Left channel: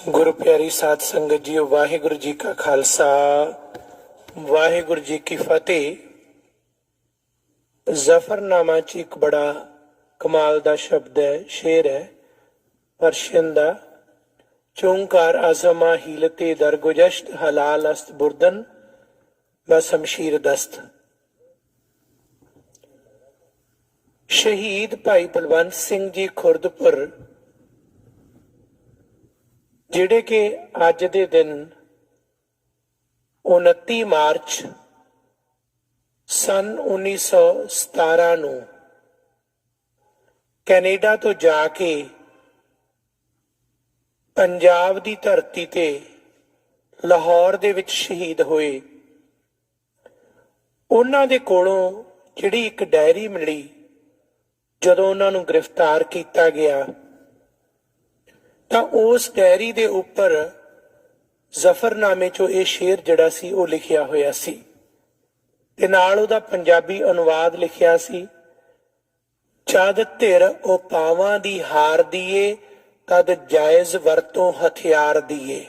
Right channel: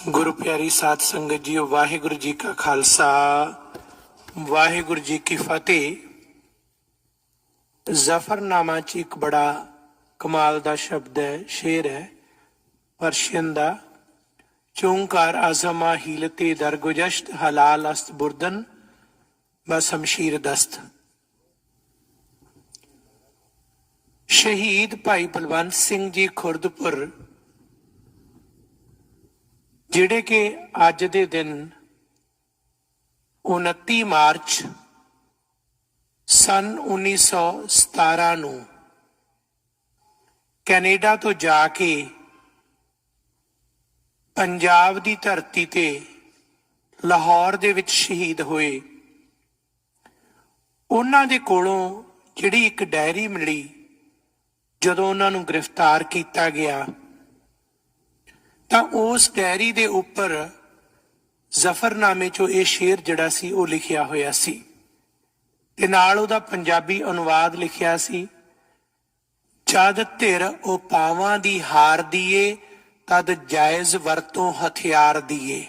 गुरु प्यारी साध संगत जी, वाहिगुरु जी का खालसा वाहिगुरु जी की फतेह। जफरनामा च एक बड़ा कमाल दा शब्द है, शेर है पर्शियन दा। चोंकार आजमा हीलते दरगुजश्त हलाल अस्त बुर्दन बशमशीर दस्त। शहीद भाई बलवंत सिंह जी खुर्दपुर ਜਿਹੜੇ ਕਿ ਅੱਜ ਦੇ ਦਿਨ 29 ਮਾਰਚ ਸਨ 1917 ਨੂੰ ਕੈਨੇਡਾ ਤੋਂ ਜਾ ਕੇ ਪੰਜਾਬ ਦੀ ਧਰਤੀ ਤੇ ਲਾਹੌਰ ਦੇ ਵਿੱਚ ਸ਼ਹੀਦ ਹੋਏ। ਉਹਨਾਂ ਦੇ ਕੋਲੋਂ ਜਿਹੜੀ ਇੱਕ ਡਾਇਰੀ ਮਿਲੀ ਜਦੋਂ ਉਹਨਾਂ ਨੂੰ ਗ੍ਰਿਫਤਾਰ ਕੀਤਾ ਗਿਆ ਤਾਂ ਉਸ ਡਾਇਰੀ ਦੇ ਉੱਪਰ ਜ਼ਫਰਨਾਮੇ ਚੋਂ ਇਹ ਸ਼ੇਰ ਜਿਹੜਾ ਸੀ ਉਹ ਲਿਖਿਆ ਹੋਇਆ ਸੀ ਤੇ ਨਾਲ ਉਹਦਾ ਪੰਜਾਬੀ ਅਨੁਵਾਦ ਲਿਖਿਆ ਸੀ। ਜਦ ਧਿਰ ਉਪਾਵਾਂ ਦੀ ਹਾਰ ਦੀਏ ਤਦ ਜਾਇਜ਼ ਵਰਤੋਂ ਹਥਿਆਰ ਦੀਏ।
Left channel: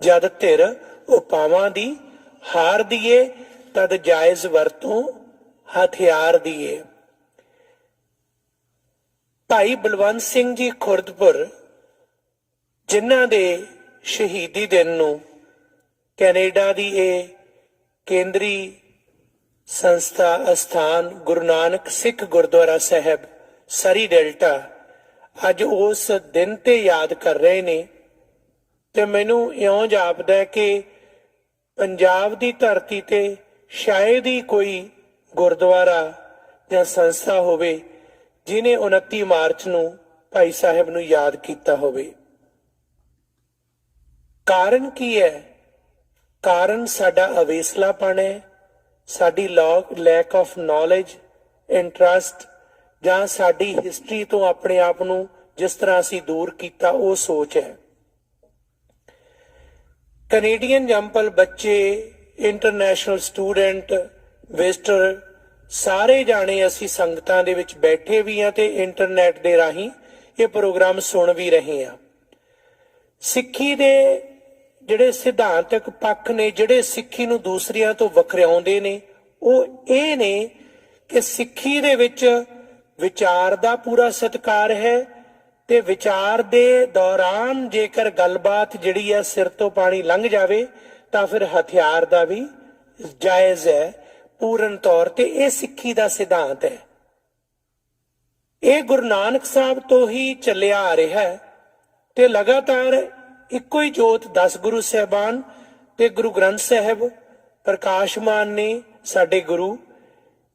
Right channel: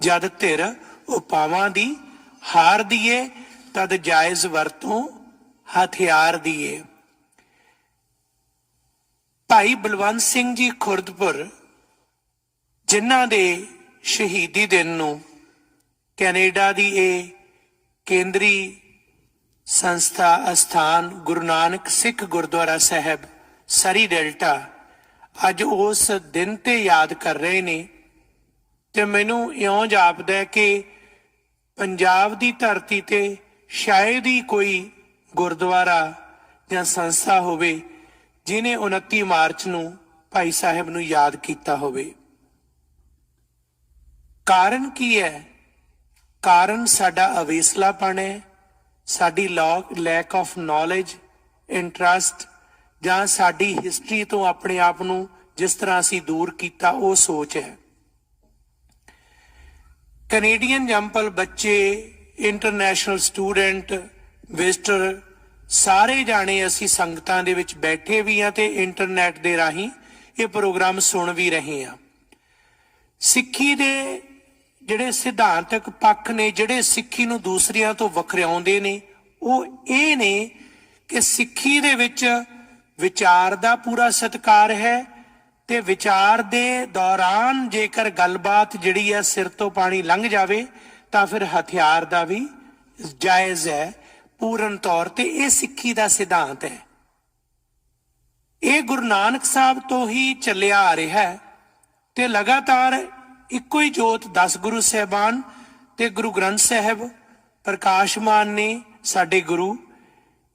ਜਦ ਧਿਰ ਉਪਾਵਾਂ ਦੀ ਹਾਰ ਦੀਏ ਤਦ ਜਾਇਜ਼ ਵਰਤੋਂ ਹਥਿਆਰ ਦੀਏ। ਭਾਈ ਬਲਵੰਤ ਸਿੰਘ ਜੀ ਖੁਰਦਪੁਰ ਜਿਨ੍ਹਾਂ ਦੇ ਸ਼ਹੀਦੀ ਦਿਨ ਨੂੰ ਕੈਨੇਡਾ ਦੀ ਇਹ ਕੇਂਦਰੀ ਸੰਸਥਾ ਅਸਥਾਨ ਗੁਰੂ ਨਾਨਕ ਸਿੱਖ ਗੁਰਦੁਆਰਾ ਸਾਹਿਬ ਸਰੀ ਡੈਲਟਾ ਅੱਜ ਉਸ ਦਿਨ ਤੇ ਯਾਦ ਕਰ ਰਹੇ ਨੇ ਤੇ ਮੈਨੂੰ ਇਉਂ ਜਾਪਦਾ ਹੈ ਕਿ ਪੰਜਾਬ ਦੀ ਧਰਤੀ ਤੇ ਸ਼ਾਇਦ ਹੀ ਕੋਈ ਗੁਰਦੁਆਰਾ ਜਾਂ ਸੰਸਥਾ ਹੋਵੇ ਜਿਨੇ 29 ਮਾਰਚ ਨੂੰ ਭਾਈ ਸਾਹਿਬ ਨੂੰ ਯਾਦ ਕੀਤਾ ਹੋਵੇ। ਕਾਰਨ ਕੀ ਹੈ? ਕਾਰਨ ਸਾਡਾ ਅਵੇਸਲਾਪਣ ਹੈ, ਸਾਡੀ ਲੈਕ ਆਫ ਨੌਲੇਜ, ਇੰਟਰਸਟ, ਜਾਂ ਸਾਡੀ ਹਿਸਟਰੀ ਤੋਂ ਆਪਣੇ ਆਪ ਨੂੰ ਜਿਸ ਤਰ੍ਹਾਂ ਅਸੀਂ ਦੂਰ ਕੀਤਾ ਉਹ ਸੋਚ ਹੈ। ਕੈਨੇਡੀਅਨ ਜੰਪਲ ਬੱਚੇ, ਇੰਟਰਨੈਸ਼ਨਲ ਸਟੂਡੈਂਟ, ਵਿਜ਼ਟਰ ਸਾਰੇ ਜਾਣੇ ਅਸੀਂ ਸੰਗਤਾਂ ਦੇ ਵਿੱਚ ਬੈਠੇ ਵੀ ਹਾਂ ਤੇ ਇੰਟਰਨੈਟ ਦੇ ਰਾਹੀਂ ਇਹ ਪ੍ਰੋਗਰਾਮ ਸੁਣ ਵੀ ਰਹੇ ਹਾਂ। ਸਿੱਖੀ ਦੇ ਜਿਹੜੇ ਸਿਧਾਂਤਕ ਪੱਖ ਨੇ, ਜਿਹੜੇ ਸਿੱਖੀ ਨੂੰ ਦੂਸਰਿਆਂ ਤੋਂ ਵੱਖਰਿਆਉਂਦੇ ਨੇ, ਉਹ ਇਹ ਨੇ ਕਿ ਸਿੱਖੀ ਦੇ ਵਿੱਚ ਵਿਚਾਰ ਦਾ ਪੂਰਾ ਸਤਿਕਾਰ ਹੈ ਤੇ ਵਿਚਾਰ ਦੇ ਦੌਰਾਨ ਜੇਕਰ ਗੱਲਬਾਤ ਜਿਹੜੀ ਹੈ ਸਿਰ ਤੋਂ ਪਾਣੀ ਲੰਘ ਜਾਵੇ ਤਾਂ ਫਿਰ ਹਥਿਆਰ ਦਾ ਵੀ ਜਾਇਜ਼ ਹੈ ਪੂਰਨ ਤੌਰ ਤੇ। ਇਹ ਸਿੱਖੀ ਦਾ ਸਿਧਾਂਤ ਹੈ। ਇਹ ਗੁਰੂ ਨਾਨਕ ਸਾਹਿਬ ਤੋਂ ਹੀ ਚੱਲਿਆ ਆ ਰਿਹਾ ਹੈ ਤੇ ਲਗਾਤਾਰ ਇੱਕੋ ਹੀ ਜੋਤ 10 ਗੁਰੂ ਸਾਹਿਬਾਨ ਤੇ ਗੁਰੂ ਗ੍ਰੰਥ ਸਾਹਿਬ ਪ੍ਰਕਾਸ਼ਮਾਨ ਨੇ ਸਾਡੇ ਗੁਰੂ।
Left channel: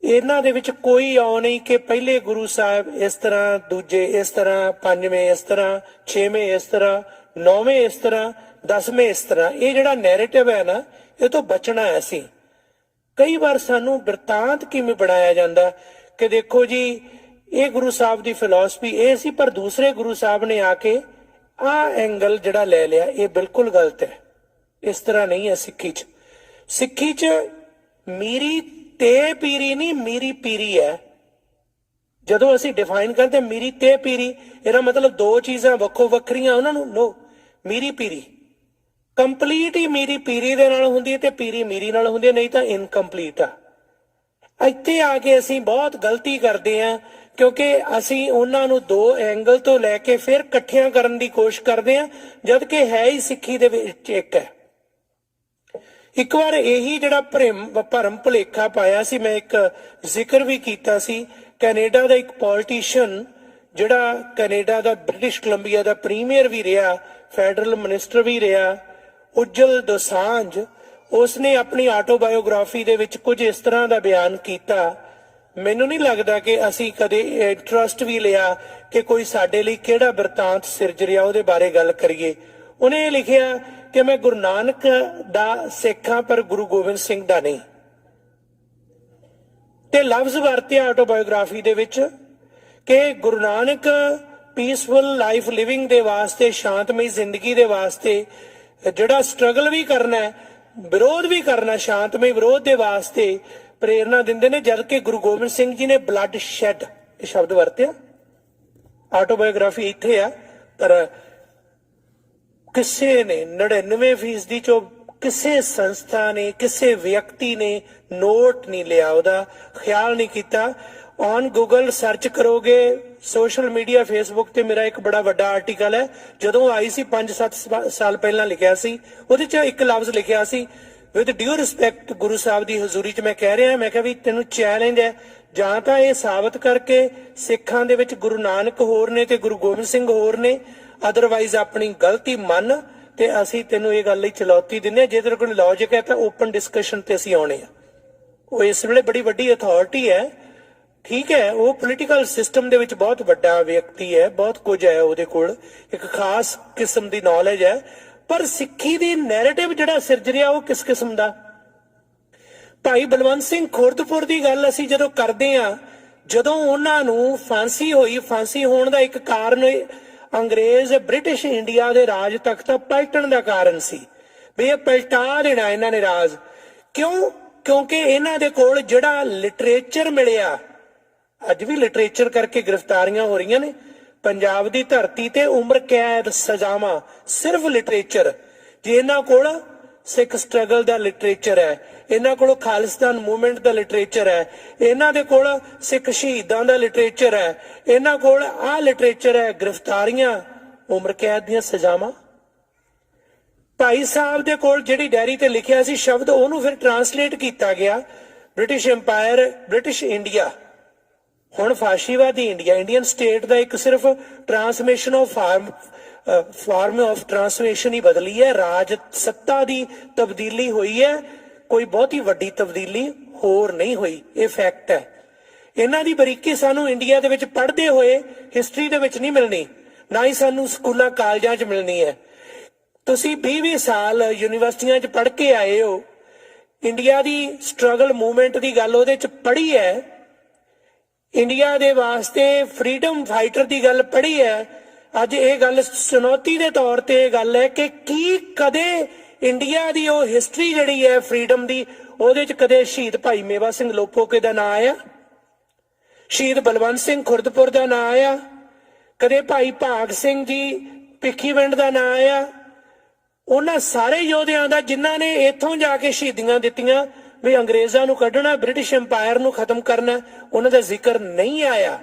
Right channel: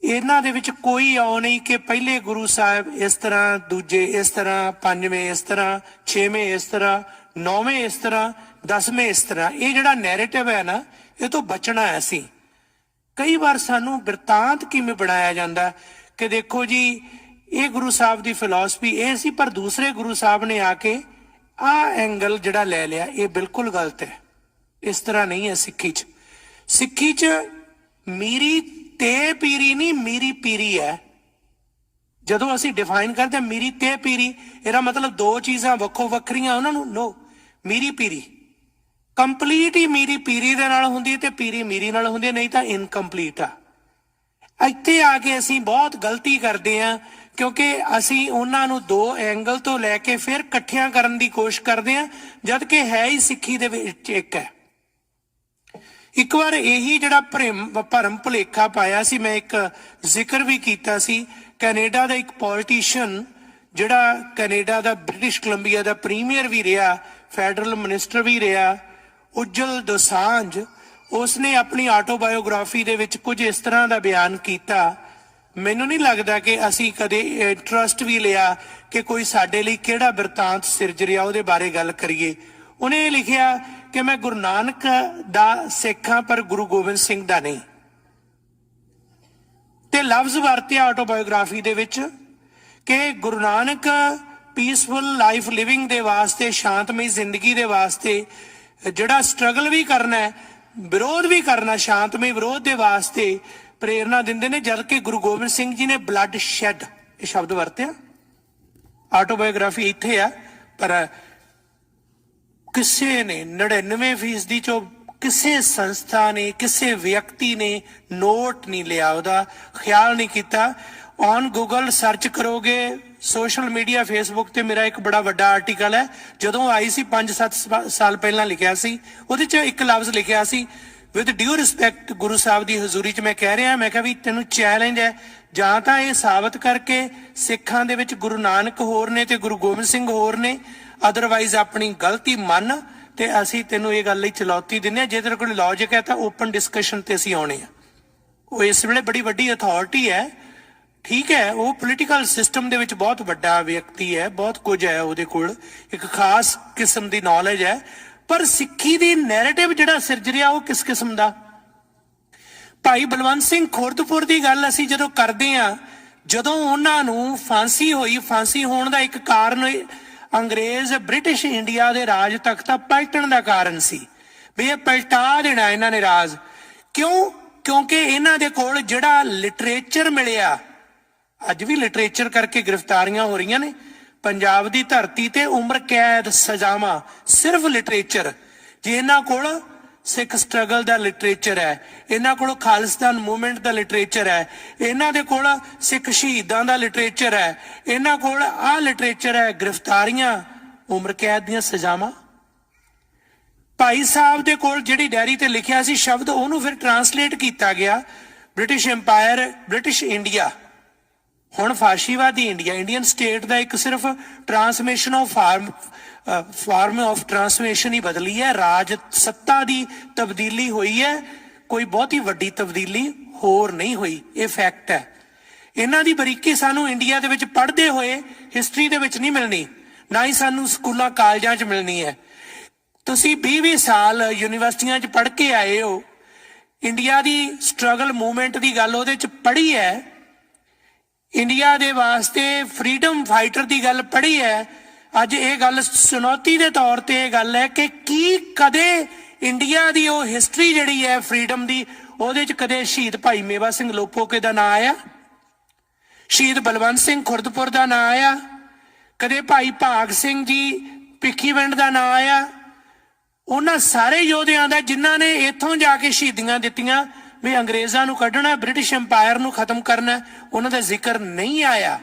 ਇਹਨਾਂ ਦੇ ਵਿੱਚ ਕੋਈ ਆਉ ਨਹੀਂ ਕਿ ਪਹਿਲੇ ਗੁਰੂ ਸਾਹਿਬ ਇਸ ਤਰ੍ਹਾਂ, ਦੂਜੇ ਇਸ ਤਰ੍ਹਾਂ, ਪੰਜਵੇਂ ਇਸ ਤਰ੍ਹਾਂ, ਛੇਵੇਂ ਇਸ ਤਰ੍ਹਾਂ, ਨੌਵੇਂ ਇਸ ਤਰ੍ਹਾਂ, 10ਵੇਂ ਇਸ ਤਰ੍ਹਾਂ। ਇਹ ਜਿਹੜਾ ਨੈਰੇਟਿਵ ਹੈ ਨਾ, ਇਹ ਤੋਂ ਬਚਣਾ ਹੈ। ਅਸੀਂ ਕਈ ਵਾਰ ਸਾਨੂੰ ਬਿਰਤਾਂਤ ਕਿਵੇਂ ਬਣਾਇਆ ਜਾਂਦਾ ਕਿ ਦੇਖੋ ਜੀ ਇਹ ਗੁਰੂ ਸਾਹਿਬ ਦੀ ਫਿਲਾਸਫੀ ਇਹ ਸੀ ਪਰ ਦੂਸਰੇ ਗੁਰੂ ਸਾਹਿਬ ਨੇ ਆ ਕੇ ਆਹ ਐਂਗਲ ਜਿਹੜਾ ਲੈ ਲਿਆ, ਇਹ ਬਿਲਕੁਲ ਗਲਤ ਹੈ। ਇਸ ਤਰ੍ਹਾਂ ਨਹੀਂ ਹੈ ਸਿੱਖੀ 'ਚ। ਸਿੱਖੀ 'ਚ ਮੀਰੀ ਤੇ ਪੀਰੀ ਨਹੀਂ, ਮੀਰੀ ਪੀਰੀ ਹੈ। ਜਦੋਂ ਅਸੀਂ ਡਿਫਾਈਨ ਕਰਦੇ ਮੀਰੀ ਤੇ ਪੀਰੀ, ਇਹਦਾ ਮਤਲਬ ਦੋ ਚੀਜ਼ਾਂ ਵੱਖੋ ਵੱਖਰੀਆਂ ਉਹਨਾਂ ਨੂੰ ਨੋ। ਮੀਰੀ ਪੀਰੀ ਕੰਪਲੀਟ ਹੀ ਮੀਰੀ ਪੀਰੀ ਦੇ ਨਾਲ ਹੁੰਦੀ ਹੈ ਤੇ ਪੀਰੀ ਮੀਰੀ ਨਾਲ ਹੁੰਦੀ ਹੈ, ਨਹੀਂ ਤਾਂ ਇਨਕੰਪਲੀਟ ਆ। ਇੱਥੇ ਆ ਕੇ ਅਸੀਂ ਬਹੁਤ ਗਲਤੀ ਕਰਦੇ ਹਾਂ ਕਿਉਂਕਿ ਅਸੀਂ ਉਹਨਾਂ ਨੂੰ ਦੋ ਐਂਗਲ ਤੋਂ ਲੈ ਕੇ ਫਿਰ ਇਕੱਠਿਆਂ ਕਰਨ ਦੀ ਕੋਸ਼ਿਸ਼ ਕਰਦੇ ਹਾਂ, ਜਦ ਕਿ ਹੈ ਹੀ ਸਿੱਖੀ ਦੇ ਵਿੱਚ ਇੱਕ ਹੈ। ਇੱਕ ਵਾਰ ਇਹੀ ਜਿਹੜਾ ਭਰਮ ਭੁਲੇਖਾ ਪਾਇਆ ਸੀ, ਮੈਂ ਇੱਕ ਜ਼ਿਕਰ ਵੀ ਕੀਤਾ ਸੀ। ਕੈਨੇਡਾ ਦਾ ਇੱਕ ਪੋਲੀਟੀਸ਼ੀਅਨ ਜਿਹੜਾ ਕੈਨੇਡਾ ਦਾ ਬ੍ਰਿਟਿਸ਼ ਕੋਲੰਬੀਆ ਦਾ ਪ੍ਰੀਮੀਅਰ ਵੀ ਰਿਹਾ, ਫੈਡਰਲ ਮਿਨਿਸਟਰ ਵੀ ਰਿਹਾ, ਉਜਲ ਦੋਸਾਂਝ, ਉਸਨੇ ਆਪਣੀ ਆਟੋਬਾਇਓਗ੍ਰਾਫੀ ਦੇ ਵਿੱਚ ਕੁਝ ਇਸ ਤਰ੍ਹਾਂ ਦਾ ਬਿਆਨ ਕੀਤਾ। ਮੈਨੂੰ ਨਹੀਂ ਲੱਗਦਾ ਕਿ ਅਸੀਂ ਕਦੇ ਇੰਟਰਸਟ ਵੀ ਲਿਆ ਕਿ ਕੋਈ ਸਾਡੇ ਲਈ ਕਿਹੜਾ ਬਿਰਤਾਂਤ ਸਿਰਜ ਰਿਹਾ ਉਹਦੇ ਬਾਰੇ ਗੱਲ ਕਰੀਏ। ਉਹਨੇ ਇਹ ਲਿਖਿਆ ਕਿ ਮੈਂ ਗੁਰੂ ਨਾਨਕ ਦਾ ਸਿੱਖ ਹਾਂ ਪਰ ਗੁਰੂ ਗੋਬਿੰਦ ਸਿੰਘ ਦਾ ਨਹੀਂ, ਤੇ ਲਫ਼ਜ਼ ਵਰਤਿਆ ਆਟੋਬਾਇਓਗ੍ਰਾਫੀ ਦੇ ਵਿੱਚ ਕਿ Guru Nanak peaceful life living ਦੇ ਵਾਸਤੇ, ਸ਼ਾਂਤਮਈ ਜ਼ਿੰਦਗੀ ਦੇ ਵਾਸਤੇ ਜਿਹੜਾ ਸਟਰਗਲ ਵੀ ਕਰਨਾ ਹੈ, ਵਿਰੋਧ ਵੀ ਕਰਨਾ, ਸ਼ਾਂਤਮਈ ਵਿਰੋਧ ਦੇ ਵਾਸਤੇ ਪ੍ਰੇਰਨਾ ਦਿੰਦੇ ਨੇ, ਜਦ ਕਿ ਗੁਰੂ ਗੋਬਿੰਦ ਸਿੰਘ ਜੀ ਨੇ ਬਲੱਡ ਸ਼ੈਡ ਇਹ ਸ਼ਬਦ ਵਰਤਿਆ। ਆਟੋਬਾਇਓਗ੍ਰਾਫੀ ਇੱਥੇ ਆ ਪਰ ਕਿਸੇ ਨੇ 99% ਚੋਂ ਕਿਸੇ ਸੰਸਥਾ ਨੇ ਕਿਸੇ ਵਿਅਕਤੀ ਨੇ ਨੋਟ ਨਹੀਂ ਲਿਆ, ਉਹਦਾ ਖਿਆਲ ਨਹੀਂ ਕੀਤਾ। ਔਨ ਗੂਗਲ ਸਰਚ ਕਰੋਗੇ, ਸੋਸ਼ਲ ਮੀਡੀਆ ਫੇਸਬੁੱਕ ਤੇ ਮੇਰਾ ਇੱਕ ਬੜਾ ਵੱਡਾ ਆਰਟੀਕਲ ਹੈ, ਜਦੋਂ ਆਈ ਸੀ 5-7 ਸਾਲ ਪਹਿਲਾਂ ਲਿਖਿਆ ਸੀ। ਉਹਦੇ 'ਚ ਇੱਕ ਲਫ਼ਜ਼ ਲਿਖਿਆ ਸੀ, with due respect Guru Sahib ਦੀ ਹਜ਼ੂਰੀ 'ਚ ਮੈਂ ਕਹਿ ਰਿਹਾ, ਮੈਂ ਕਿਹਾ ਵੀ ਤੈਨੂੰ ਚੈਲੰਜ ਹੈ, ਜਾਂ ਤਾਂ ਇਹ ਸਾਬਤ ਕਰਕੇ ਸਿੱਖਾਂ ਦੇ ਵਿੱਚ ਗੁਰੂ ਨਾਨਕ ਹੋਰ ਨੇ ਤੇ ਗੁਰੂ ਗੋਬਿੰਦ ਸਿੰਘ ਹੋਰ ਨੇ, ਅਦਰਵਾਈਜ਼ ਆਪਣੀ ਗਲਤੀ ਮੰਨ ਤੇ ਅਸੀਂ ਤੈਨੂੰ ਇਹ ਗੱਲ ਲਈ ਚੁਣੌਤੀ ਦਿੰਦੇ ਹਾਂ। ਜੇ ਤੇਰੇ ਕੋਲ ਲੌਜਿਕ ਹੈ ਤਾਂ ਓਪਨ ਡਿਸਕਸ਼ਨ ਤੇ ਅਸੀਂ ਆਉਣੇ ਆ। ਉਹ ਇਸ ਵੇਲੇ ਬੜੀ ਵੱਡੀ ਅਥਾਰਟੀ ਹੈ, ਠੀਕ ਹੈ, ਉਹ ਪੋਲੀਟੀਕਲ ਸਿਸਟਮ ਦੇ ਵਿੱਚ ਬਹੁਤ ਵੱਡਾ ਵਿਅਕਤੀ ਹੈ, ਬਹੁਤ ਕੁਝ ਹੈ ਉਹਦੇ ਕੋਲ, ਇੱਕ ਖਾਸ ਕਿਸਮ ਦੀ ਨੌਲੇਜ ਹੈ, ਪਰ ਸਿੱਖੀ ਦੀ ਨੈਰੇਟਿਵ ਜਿਹੜਾ ਸਿਰਜ ਰਿਹਾ ਉਹ ਕਿਸ ਕਿਸਮ ਦਾ। ਭਾਈ ਬਲਵੰਤ ਸਿੰਘ ਖੁਰਦਪੁਰ ਦੀ ਗੱਲ ਅਸੀਂ ਜਦੋਂ ਕਰਦੇ ਹਾਂ, ਜਦੋਂ ਉਹਨਾਂ ਨੂੰ ਫਾਂਸੀ ਹੋਈ, ਫਾਂਸੀ ਹੋਣ ਦਾ ਇੱਕ ਕਾਰਨ ਅੰਗਰੇਜ਼ ਬ੍ਰਿਟਿਸ਼ ਇੰਡੀਆ ਦੇ ਰਾਜ ਤਖਤ ਪਲਟਣ ਦਾ ਕਾਰਨ ਸੀ, ਵੀ ਇਹ ਪਲਟਾ ਦੇਣਾ ਇਹਨਾਂ ਨੇ ਰਾਜ। ਕਿਉਂ? ਕਿਉਂਕਿ ਇਹਨਾਂ ਦੇ ਕੋਲ ਜਿਹੜਾ ਲਿਟਰੇਚਰ ਮਿਲਿਆ, ਅੱਜ ਵੀ ਲਿਟਰੇਚਰ ਕਰਕੇ ਗ੍ਰਿਫਤਾਰੀਆਂ ਹੋ ਰਹੀਆਂ ਨੇ ਪੰਜਾਬ ਦੀ ਧਰਤੀ ਤੇ, ਉਮਰ ਕੈਦ, ਸਜ਼ਾਵਾਂ, ਸਿਰਫ ਲਿਟਰੇਚਰ। ਜੇ ਇਹਨਾਂ ਕੋਲ ਸਿੱਖ ਸਟਰਗਲ ਦਾ ਲਿਟਰੇਚਰ ਹੈ, ਇਹਨਾਂ ਕੋਲ ਖਾਲਿਸਤਾਨ ਮੂਵਮੈਂਟ ਦਾ ਲਿਟਰੇਚਰ ਹੈ, ਇਹਨਾਂ ਦੇ ਕੋਲ ਸਿੱਖ ਸ਼ਹੀਦਾਂ ਦਾ ਲਿਟਰੇਚਰ ਹੈ, ਇਹਨਾਂ ਕੋਲ ਆਹ ਲਿਟਰੇਚਰ ਹੈ, ਗ੍ਰਿਫਤਾਰੀਆਂ, ਉਮਰ ਕੈਦ ਦੀਆਂ ਸਜ਼ਾਵਾਂ। ਭਾਈ ਸਾਹਿਬ ਦੇ ਕੋਲ ਜਿਹੜੀ ਡਾਇਰੀ ਤੇ ਲਿਖਿਆ ਸੀ ਸ਼ਬਦ, ਉਹਨੂੰ ਫਿਰ ਟਰਾਂਸਲੇਟ ਕੀਤਾ ਗਿਆ, ਬ੍ਰਿਟਿਸ਼ ਐਮਪਾਇਰ, ਬ੍ਰਿਟਿਸ਼ ਇੰਡੀਆ, ਹੁਣ ਫਾਸ਼ੀਵਾਦੀ ਇੰਡੀਆ, ਇੰਡੀਅਨ ਸਟੇਟ ਦਾ ਇੱਕ ਸਿਰਫ ਟਰਾਂਸਮੇਸ਼ਨ ਆਫ ਫਾਰਮ ਆਫ ਟਰਾਂਸਮੇਸ਼ਨ ਹੀ ਬਦਲੀ ਹੈ, ਰਾਜ ਸੱਤਾ ਦੀ ਤਬਦੀਲੀ ਹੋਈ ਹੈ, ਕੋਈ ਬਹੁਤੀ ਵੱਡੀ ਤਬਦੀਲੀ ਹੋਰ ਨਹੀਂ ਹੋਈ, ਇਹ ਫੈਕਟ ਹੈ। ਇਹਨਾਂ ਦੀ ਬਰੀਕੀ ਸਾਨੂੰ ਇੰਡੀਆ ਦੇ ਵਿੱਚ ਪੜ੍ਹਦੇ ਹੋਏ ਹਿਸਟਰੀ ਦੇ ਵਿੱਚ ਨਹੀਂ ਮਿਲਣੀ, ਨਾ ਹੀ ਸਾਨੂੰ ਸਕੂਲਾਂ ਕਾਲਜਾਂ 'ਚ ਮਿਲਣੀ ਹੈ। ਤੁਸੀਂ 20-20 ਸਾਲ ਯੂਨੀਵਰਸਿਟੀਆਂ 'ਚ ਪੜ੍ਹ ਕੇ ਆਏ ਹੋ, ਇੰਡੀਆ ਦੀ ਸਟਰਗਲ ਮੂਵਮੈਂਟ ਦੀ ਗੱਲ ਉਹਦੇ 'ਚ ਪੜ੍ਹੀ ਹੈ, ਇੰਡੀਆ ਦੇ ਵਾਸਤੇ ਫਰੀडम ਫਾਈਟਰ ਦੀ ਗੱਲ ਪੜ੍ਹੀ ਹੈ। ਅੱਜ ਇਹ ਗੱਲ ਚੁਣੌਤੀ ਦੇ ਤੌਰ ਤੇ ਇਹ ਗੱਲ ਹੈ ਕਿ ਕੀ ਕਦੇ ਇੰਡੀਆ ਦੀ ਉਹ ਹਿਸਟਰੀ ਜਿਹੜੀ ਹੈ ਫਰੀडम ਦੀ, ਉਹਦੇ 'ਚ ਕਦੇ ਸ਼ਹੀਦ ਭਾਈ ਮੇਵਾ ਸਿੰਘ ਲੋਪੋਕੇ ਦਾ ਨਾਂ ਆਇਆ, ਸ਼ਹੀਦ ਬਲਵੰਤ ਸਿੰਘ ਖੁਰਦਪੁਰ ਦਾ ਨਾਂ ਆਇਆ, ਕਦੇ ਭਾਈ ਭਾਗ ਸਿੰਘ ਜੀ ਭਿੱਖੀਵਿੰਡ ਦਾ ਨਾਂ ਆਇਆ? ਉਹਨਾਂ ਸਾਰੇ ਯੋਧਿਆਂ ਦਾ ਜਿਨ੍ਹਾਂ ਨੇ ਇੱਥੋਂ ਜਾ ਕੇ ਸ਼ਹੀਦੀਆਂ ਦਿੱਤੀਆਂ ਵੀ ਅੰਗਰੇਜ਼ਾਂ ਨੂੰ ਕੱਢਣਾ, ਬ੍ਰਿਟਿਸ਼ ਐਮਪਾਇਰ ਨੂੰ ਖਤਮ ਕਰਨਾ, ਉਹਨਾਂ ਦਾ ਜ਼ਿਕਰ ਨਹੀਂ ਆਇਆ।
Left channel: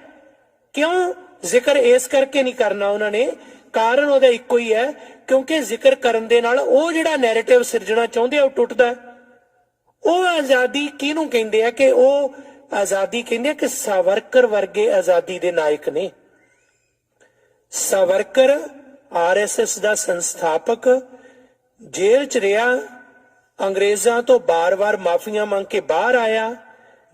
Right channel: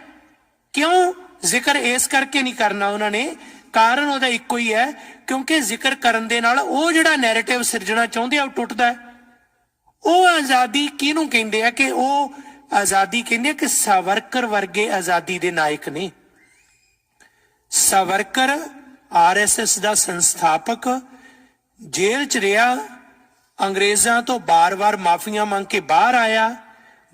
ਕਿਉਂ ਜ਼ਿਕਰ ਇਸ ਕਰਕੇ ਨਹੀਂ ਕਰਨਾ ਉਹਨਾਂ ਨੇ? ਕਾਰਨ ਉਹਦਾ ਇੱਕੋ ਹੀ ਹੈ, ਕਿਉਂਕਿ ਜ਼ਿਕਰ ਕਰਨ ਦੇ ਨਾਲ ਉਹ ਜਿਹੜਾ ਨੈਰੇਟਿਵ ਸਿਰਜਣਾ ਚਾਹੁੰਦੇ ਆ ਉਹ ਟੁੱਟਦਾ ਹੈ। ਉਹ ਆਜ਼ਾਦੀ ਕਿਹਨੂੰ ਕਹਿੰਦੇ ਆ? ਕਿ ਉਹ ਆਜ਼ਾਦੀ ਕਹਿੰਦੇ ਆ ਕਿ ਸਾਵਰਕਰ ਵਰਗੇ ਆਜ਼ਾਦੀ ਦੇ ਨਾਇਕ ਨੇ। ਸਾਵਰਕਰ RSS ਦਾ ਸੰਸਥਾਪਕ, ਜੇਲ੍ਹ 'ਚ ਰਿਹਾ, ਅੰਗਰੇਜ਼ਾਂ ਤੋਂ ਬਾਰ-ਬਾਰ ਮਾਫੀਆਂ ਮੰਗ ਕੇ ਬਾਹਰ ਆਇਆ,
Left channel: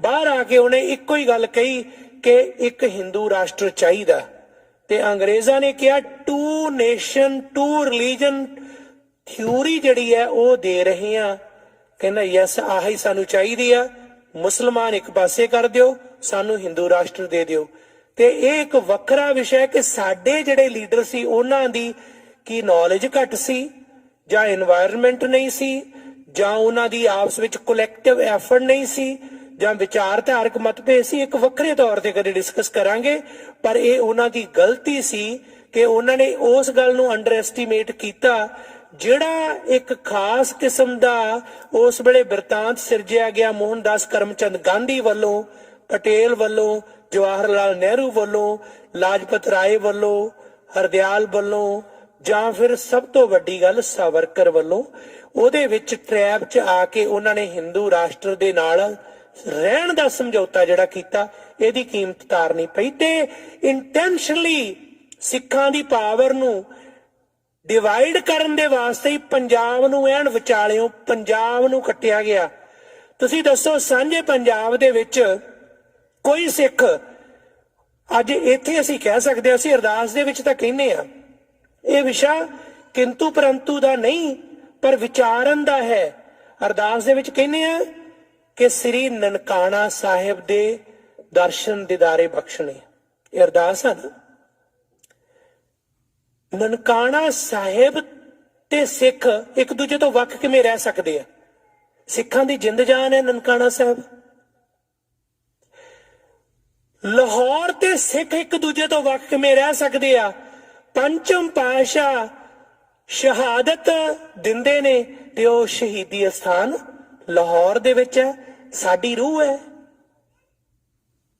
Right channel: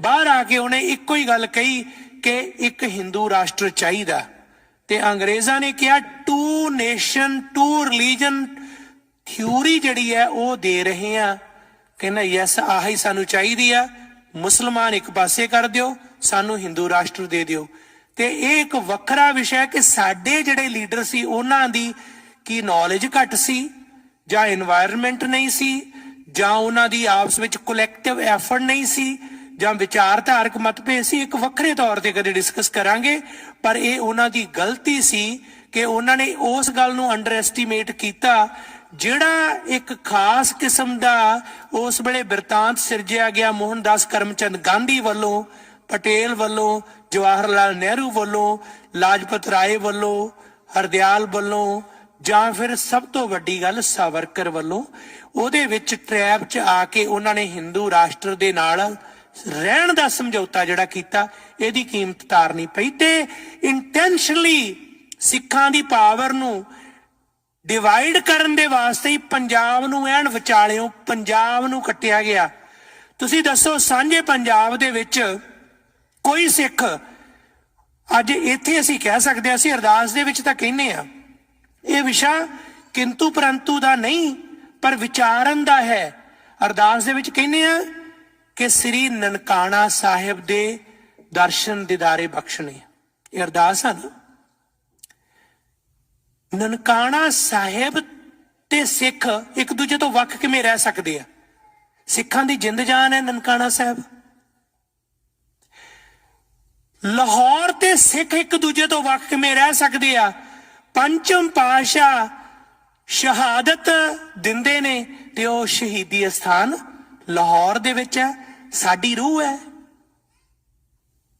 ਬਾਹਰ ਆ ਕੇ ਉਹਨੇ ਇੱਕੋ ਹੀ ਗੱਲ ਕਹੀ ਕਿ ਇੱਕ ਹਿੰਦੂ ਰਾਸ਼ਟਰ ਚਾਹੀਦਾ, ਤੇ ਅੰਗਰੇਜ਼ਾਂ ਨੇ ਕਿਹਾ two nation two religion theory ਜਿਹੜੀ ਹੈ ਉਹ ਦੇ ਰਹੇ ਆ। ਕਹਿੰਦਾ ਯੈਸ, ਆਹੀ ਸਾਨੂੰ ਚਾਹੀਦੀ ਆ, ਮੁਸਲਮਾਨ ਇੱਕ ਪਾਸੇ ਕਰ ਦਿਓ, ਸਾਨੂੰ ਹਿੰਦੂ ਰਾਸ਼ਟਰ ਦੇ ਦਿਓ। ਤੇ ਇਹ ਇੱਕ ਵੱਖਰਾ ਵਿਸ਼ਾ ਹੈ ਕਿ ਸਾਡੇ ਜਿਹੜੇ ਲੀਡਰ ਸੀ ਉਹਨਾਂ ਦੀ ਕੀ ਨੌਲੇਜ ਘੱਟ ਸੀ, ਜਾਂ ਇਨਵਾਇਰਨਮੈਂਟ ਨਹੀਂ ਸੀ, ਜਾਂ ਉਹਨਾਂ ਦੀ ਆਪਸ ਵਿੱਚ ਕਲੈਕਟਿਵ ਐਫਰਟ ਨਹੀਂ ਸੀ, ਜਾਂ ਵਿਚਾਰਧਾਰਕ ਮਤਭੇਦ ਸੀ, ਇੱਕ ਵੱਖਰੇ ਤੌਰ ਤੇ ਕਦੇ ਡਿਸਕਸ ਕਰਾਂਗੇ। ਪਰ ਇਹ ਉਹਨਾਂ ਦੀ ਗਲਤੀ ਸੀ ਕਿ ਉਹਨਾਂ ਨੇ ਉਸ ਗੱਲ ਨੂੰ ਅੰਡਰ ਐਸਟੀਮੇਟ ਕੀਤਾ ਜਿਹੜਾ ਇੱਕ ਖਾਸ ਕਿਸਮ ਦਾ ਉਸ ਵੇਲੇ ਬਿਰਤਾਂਤ ਸਿਰਜਿਆ ਗਿਆ ਮੋਹਨਦਾਸ ਕਰਮਚੰਦ ਗਾਂਧੀ ਵੱਲੋਂ, ਪਟੇਲ ਵੱਲੋਂ, ਜਵਾਹਰ ਲਾਲ ਨਹਿਰੂ ਵੱਲੋਂ, ਲਾਜਪਤ ਰਾਏ ਵੱਲੋਂ, ਹਰਦਿਆਲ ਵੱਲੋਂ, ਜਾਂ ਫਿਰ ਸਭ ਤੋਂ ਵੱਡੀ ਗੱਲ ਸਾਵਰਕਰ ਵੱਲੋਂ। ਉਹਦੇ ਵਿੱਚ ਟ੍ਰੈਪ 'ਚ ਆ ਕੇ ਉਹਨਾਂ ਨੇ ਹਿੰਦੂ ਰਾਸ਼ਟਰ ਦੇ ਨਾਲ ਰਹਿਣ ਦਾ ਸਮਝੌਤਾ ਜਿਹੜਾ ਕੀਤਾ, ਇਹਦੀ ਕੀਮਤ ਤਾਰਨੀ ਪਈ। ਤੇ ਇੰਟੈਂਸ਼ਨਲੀ ਸਿੱਖਾਂ ਦੀ ਪਾਵਰ ਨੂੰ ਡਿਵਾਈਡ ਕਰਨ ਦੇ ਵਾਸਤੇ ਹੀ ਪੰਜਾਬ ਨੂੰ ਐਨ ਵਿਚਾਲਿਓਂ ਪੰਜਾਬ ਨੂੰ ਕੱਟਿਆ ਗਿਆ। ਤੁਸੀਂ ਦੱਸੋ, ਸਾਂਝੇ ਪੰਜਾਬ ਦੇ ਵਿੱਚ ਕੋਈ ਸਿੱਖ ਅੱਜ ਇੱਥੇ ਅਸੀਂ ਕਹਿ ਸਕਦੇ ਹਾਂ, ਅਸੀਂ ਅਰਦਾਸ ਦੇ ਵਿੱਚ ਤਾਂ ਕਹਿੰਦੇ ਆ, ਇਹ ਵਿਸ਼ਾ ਕਿੰਤੂ ਪਰੰਤੂ ਦਾ ਨਹੀਂ ਪਰ ਵਿਚਾਰਨ ਦਾ ਹੈ। ਅਰਦਾਸ ਦੇ ਵਿੱਚ ਕਹਿੰਦੇ ਆ ਕਿ ਸ੍ਰੀ ਨਨਕਾਣਾ ਸਾਹਿਬ ਦੇ ਦਰਸ਼ਨ ਦੀਦਾਰੇ ਬਖਸ਼ਣੇ, ਇਹ ਅਰਦਾਸ ਆ ਨਾ। ਨਨਕਾਣਾ ਸਾਹਿਬ ਤੇ ਸਿੱਖ ਇੱਕ ਦੂਜੇ ਤੋਂ ਵੱਖ ਕਿਵੇਂ ਰਹਿ ਸਕਦੇ ਆ? ਸਿੱਖਾਂ ਦੀ ਜਿੰਦ ਜਾਨ ਹੈ ਨਨਕਾਣਾ ਸਾਹਿਬ। ਲਾਹੌਰ ਤੇ ਸਿੱਖ ਇੱਕ ਦੂਜੇ ਤੋਂ ਵੱਖ ਕਿਵੇਂ ਰਹਿ ਸਕਦੇ ਆ? ਪੰਚਮ ਪਾਤਸ਼ਾਹ ਸ਼ਹਾਦਤ ਦਿੰਦੇ ਨੇ ਤੇ ਉਹ ਸ਼ਹੀਦੀ ਅਸਥਾਨ ਲਾਹੌਰ ਦੇ ਵਿੱਚ ਹੈ। ਸਾਡੀ ਰੂਹ ਹੈ।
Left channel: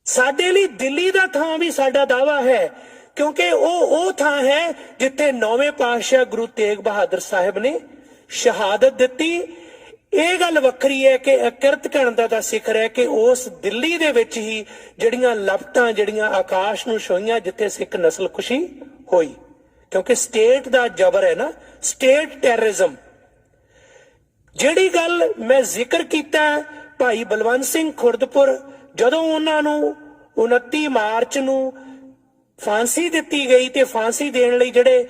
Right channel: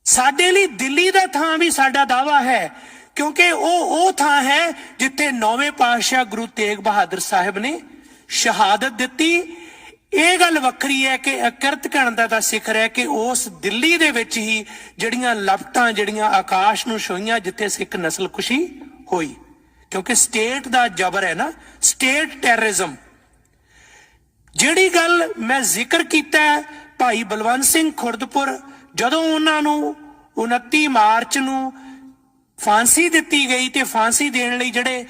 ਸਾਡੇ ਲਈ ਦਿੱਲੀ ਦਾ ਥਾਂ ਵੀ ਸਾਡਾ ਦਾਵਾ ਹੈ, ਕਿਉਂਕਿ ਉਹ ਥਾਂ ਹੈ ਜਿੱਥੇ 9ਵੇਂ ਪਾਤਸ਼ਾਹ ਗੁਰੂ ਤੇਗ ਬਹਾਦਰ ਸਾਹਿਬ ਨੇ ਸ਼ਹਾਦਤ ਦਿੱਤੀ। ਇਹ ਗੱਲ ਵੱਖਰੀ ਹੈ ਕਿ ਅਕਿਰਤ ਘਣਤਾ ਦਾ ਸਿਖਰ ਹੈ ਕਿ ਉਸ ਦਿੱਲੀ ਦੇ ਵਿੱਚ ਹੀ ਜਿਹੜੀਆਂ ਲਪਟਾਂ ਜਿਹੜੀਆਂ ਆਕਾਸ਼ ਨੂੰ ਛੋਈਆਂ ਜਿੱਥੇ ਸਿੱਖ ਨਸਲਕੁਸ਼ੀ ਹੋਈ, ਕਿਉਂਕਿ ਸਟੇਟ ਦਾ ਜ਼ਬਰ ਹੈ ਨਾ, ਸਟੇਟ ਟੈਰਰਿਜ਼ਮ। ਜਿਹੜੀ ਗੱਲ ਮੈਂ ਜ਼ਿਕਰ ਕੀਤਾ ਭਾਈ ਬਲਵੰਤ ਸਿੰਘ ਖੁਰਦਪੁਰ, ਜਦੋਂ ਉਹਨਾਂ ਨੂੰ 29 ਮਾਰਚ ਨੂੰ ਫਾਂਸੀ ਦਿੱਤੀ ਗਈ ਤੇ ਫਾਂਸੀ ਦੇਣ ਲਈ ਜਿਹੜੇ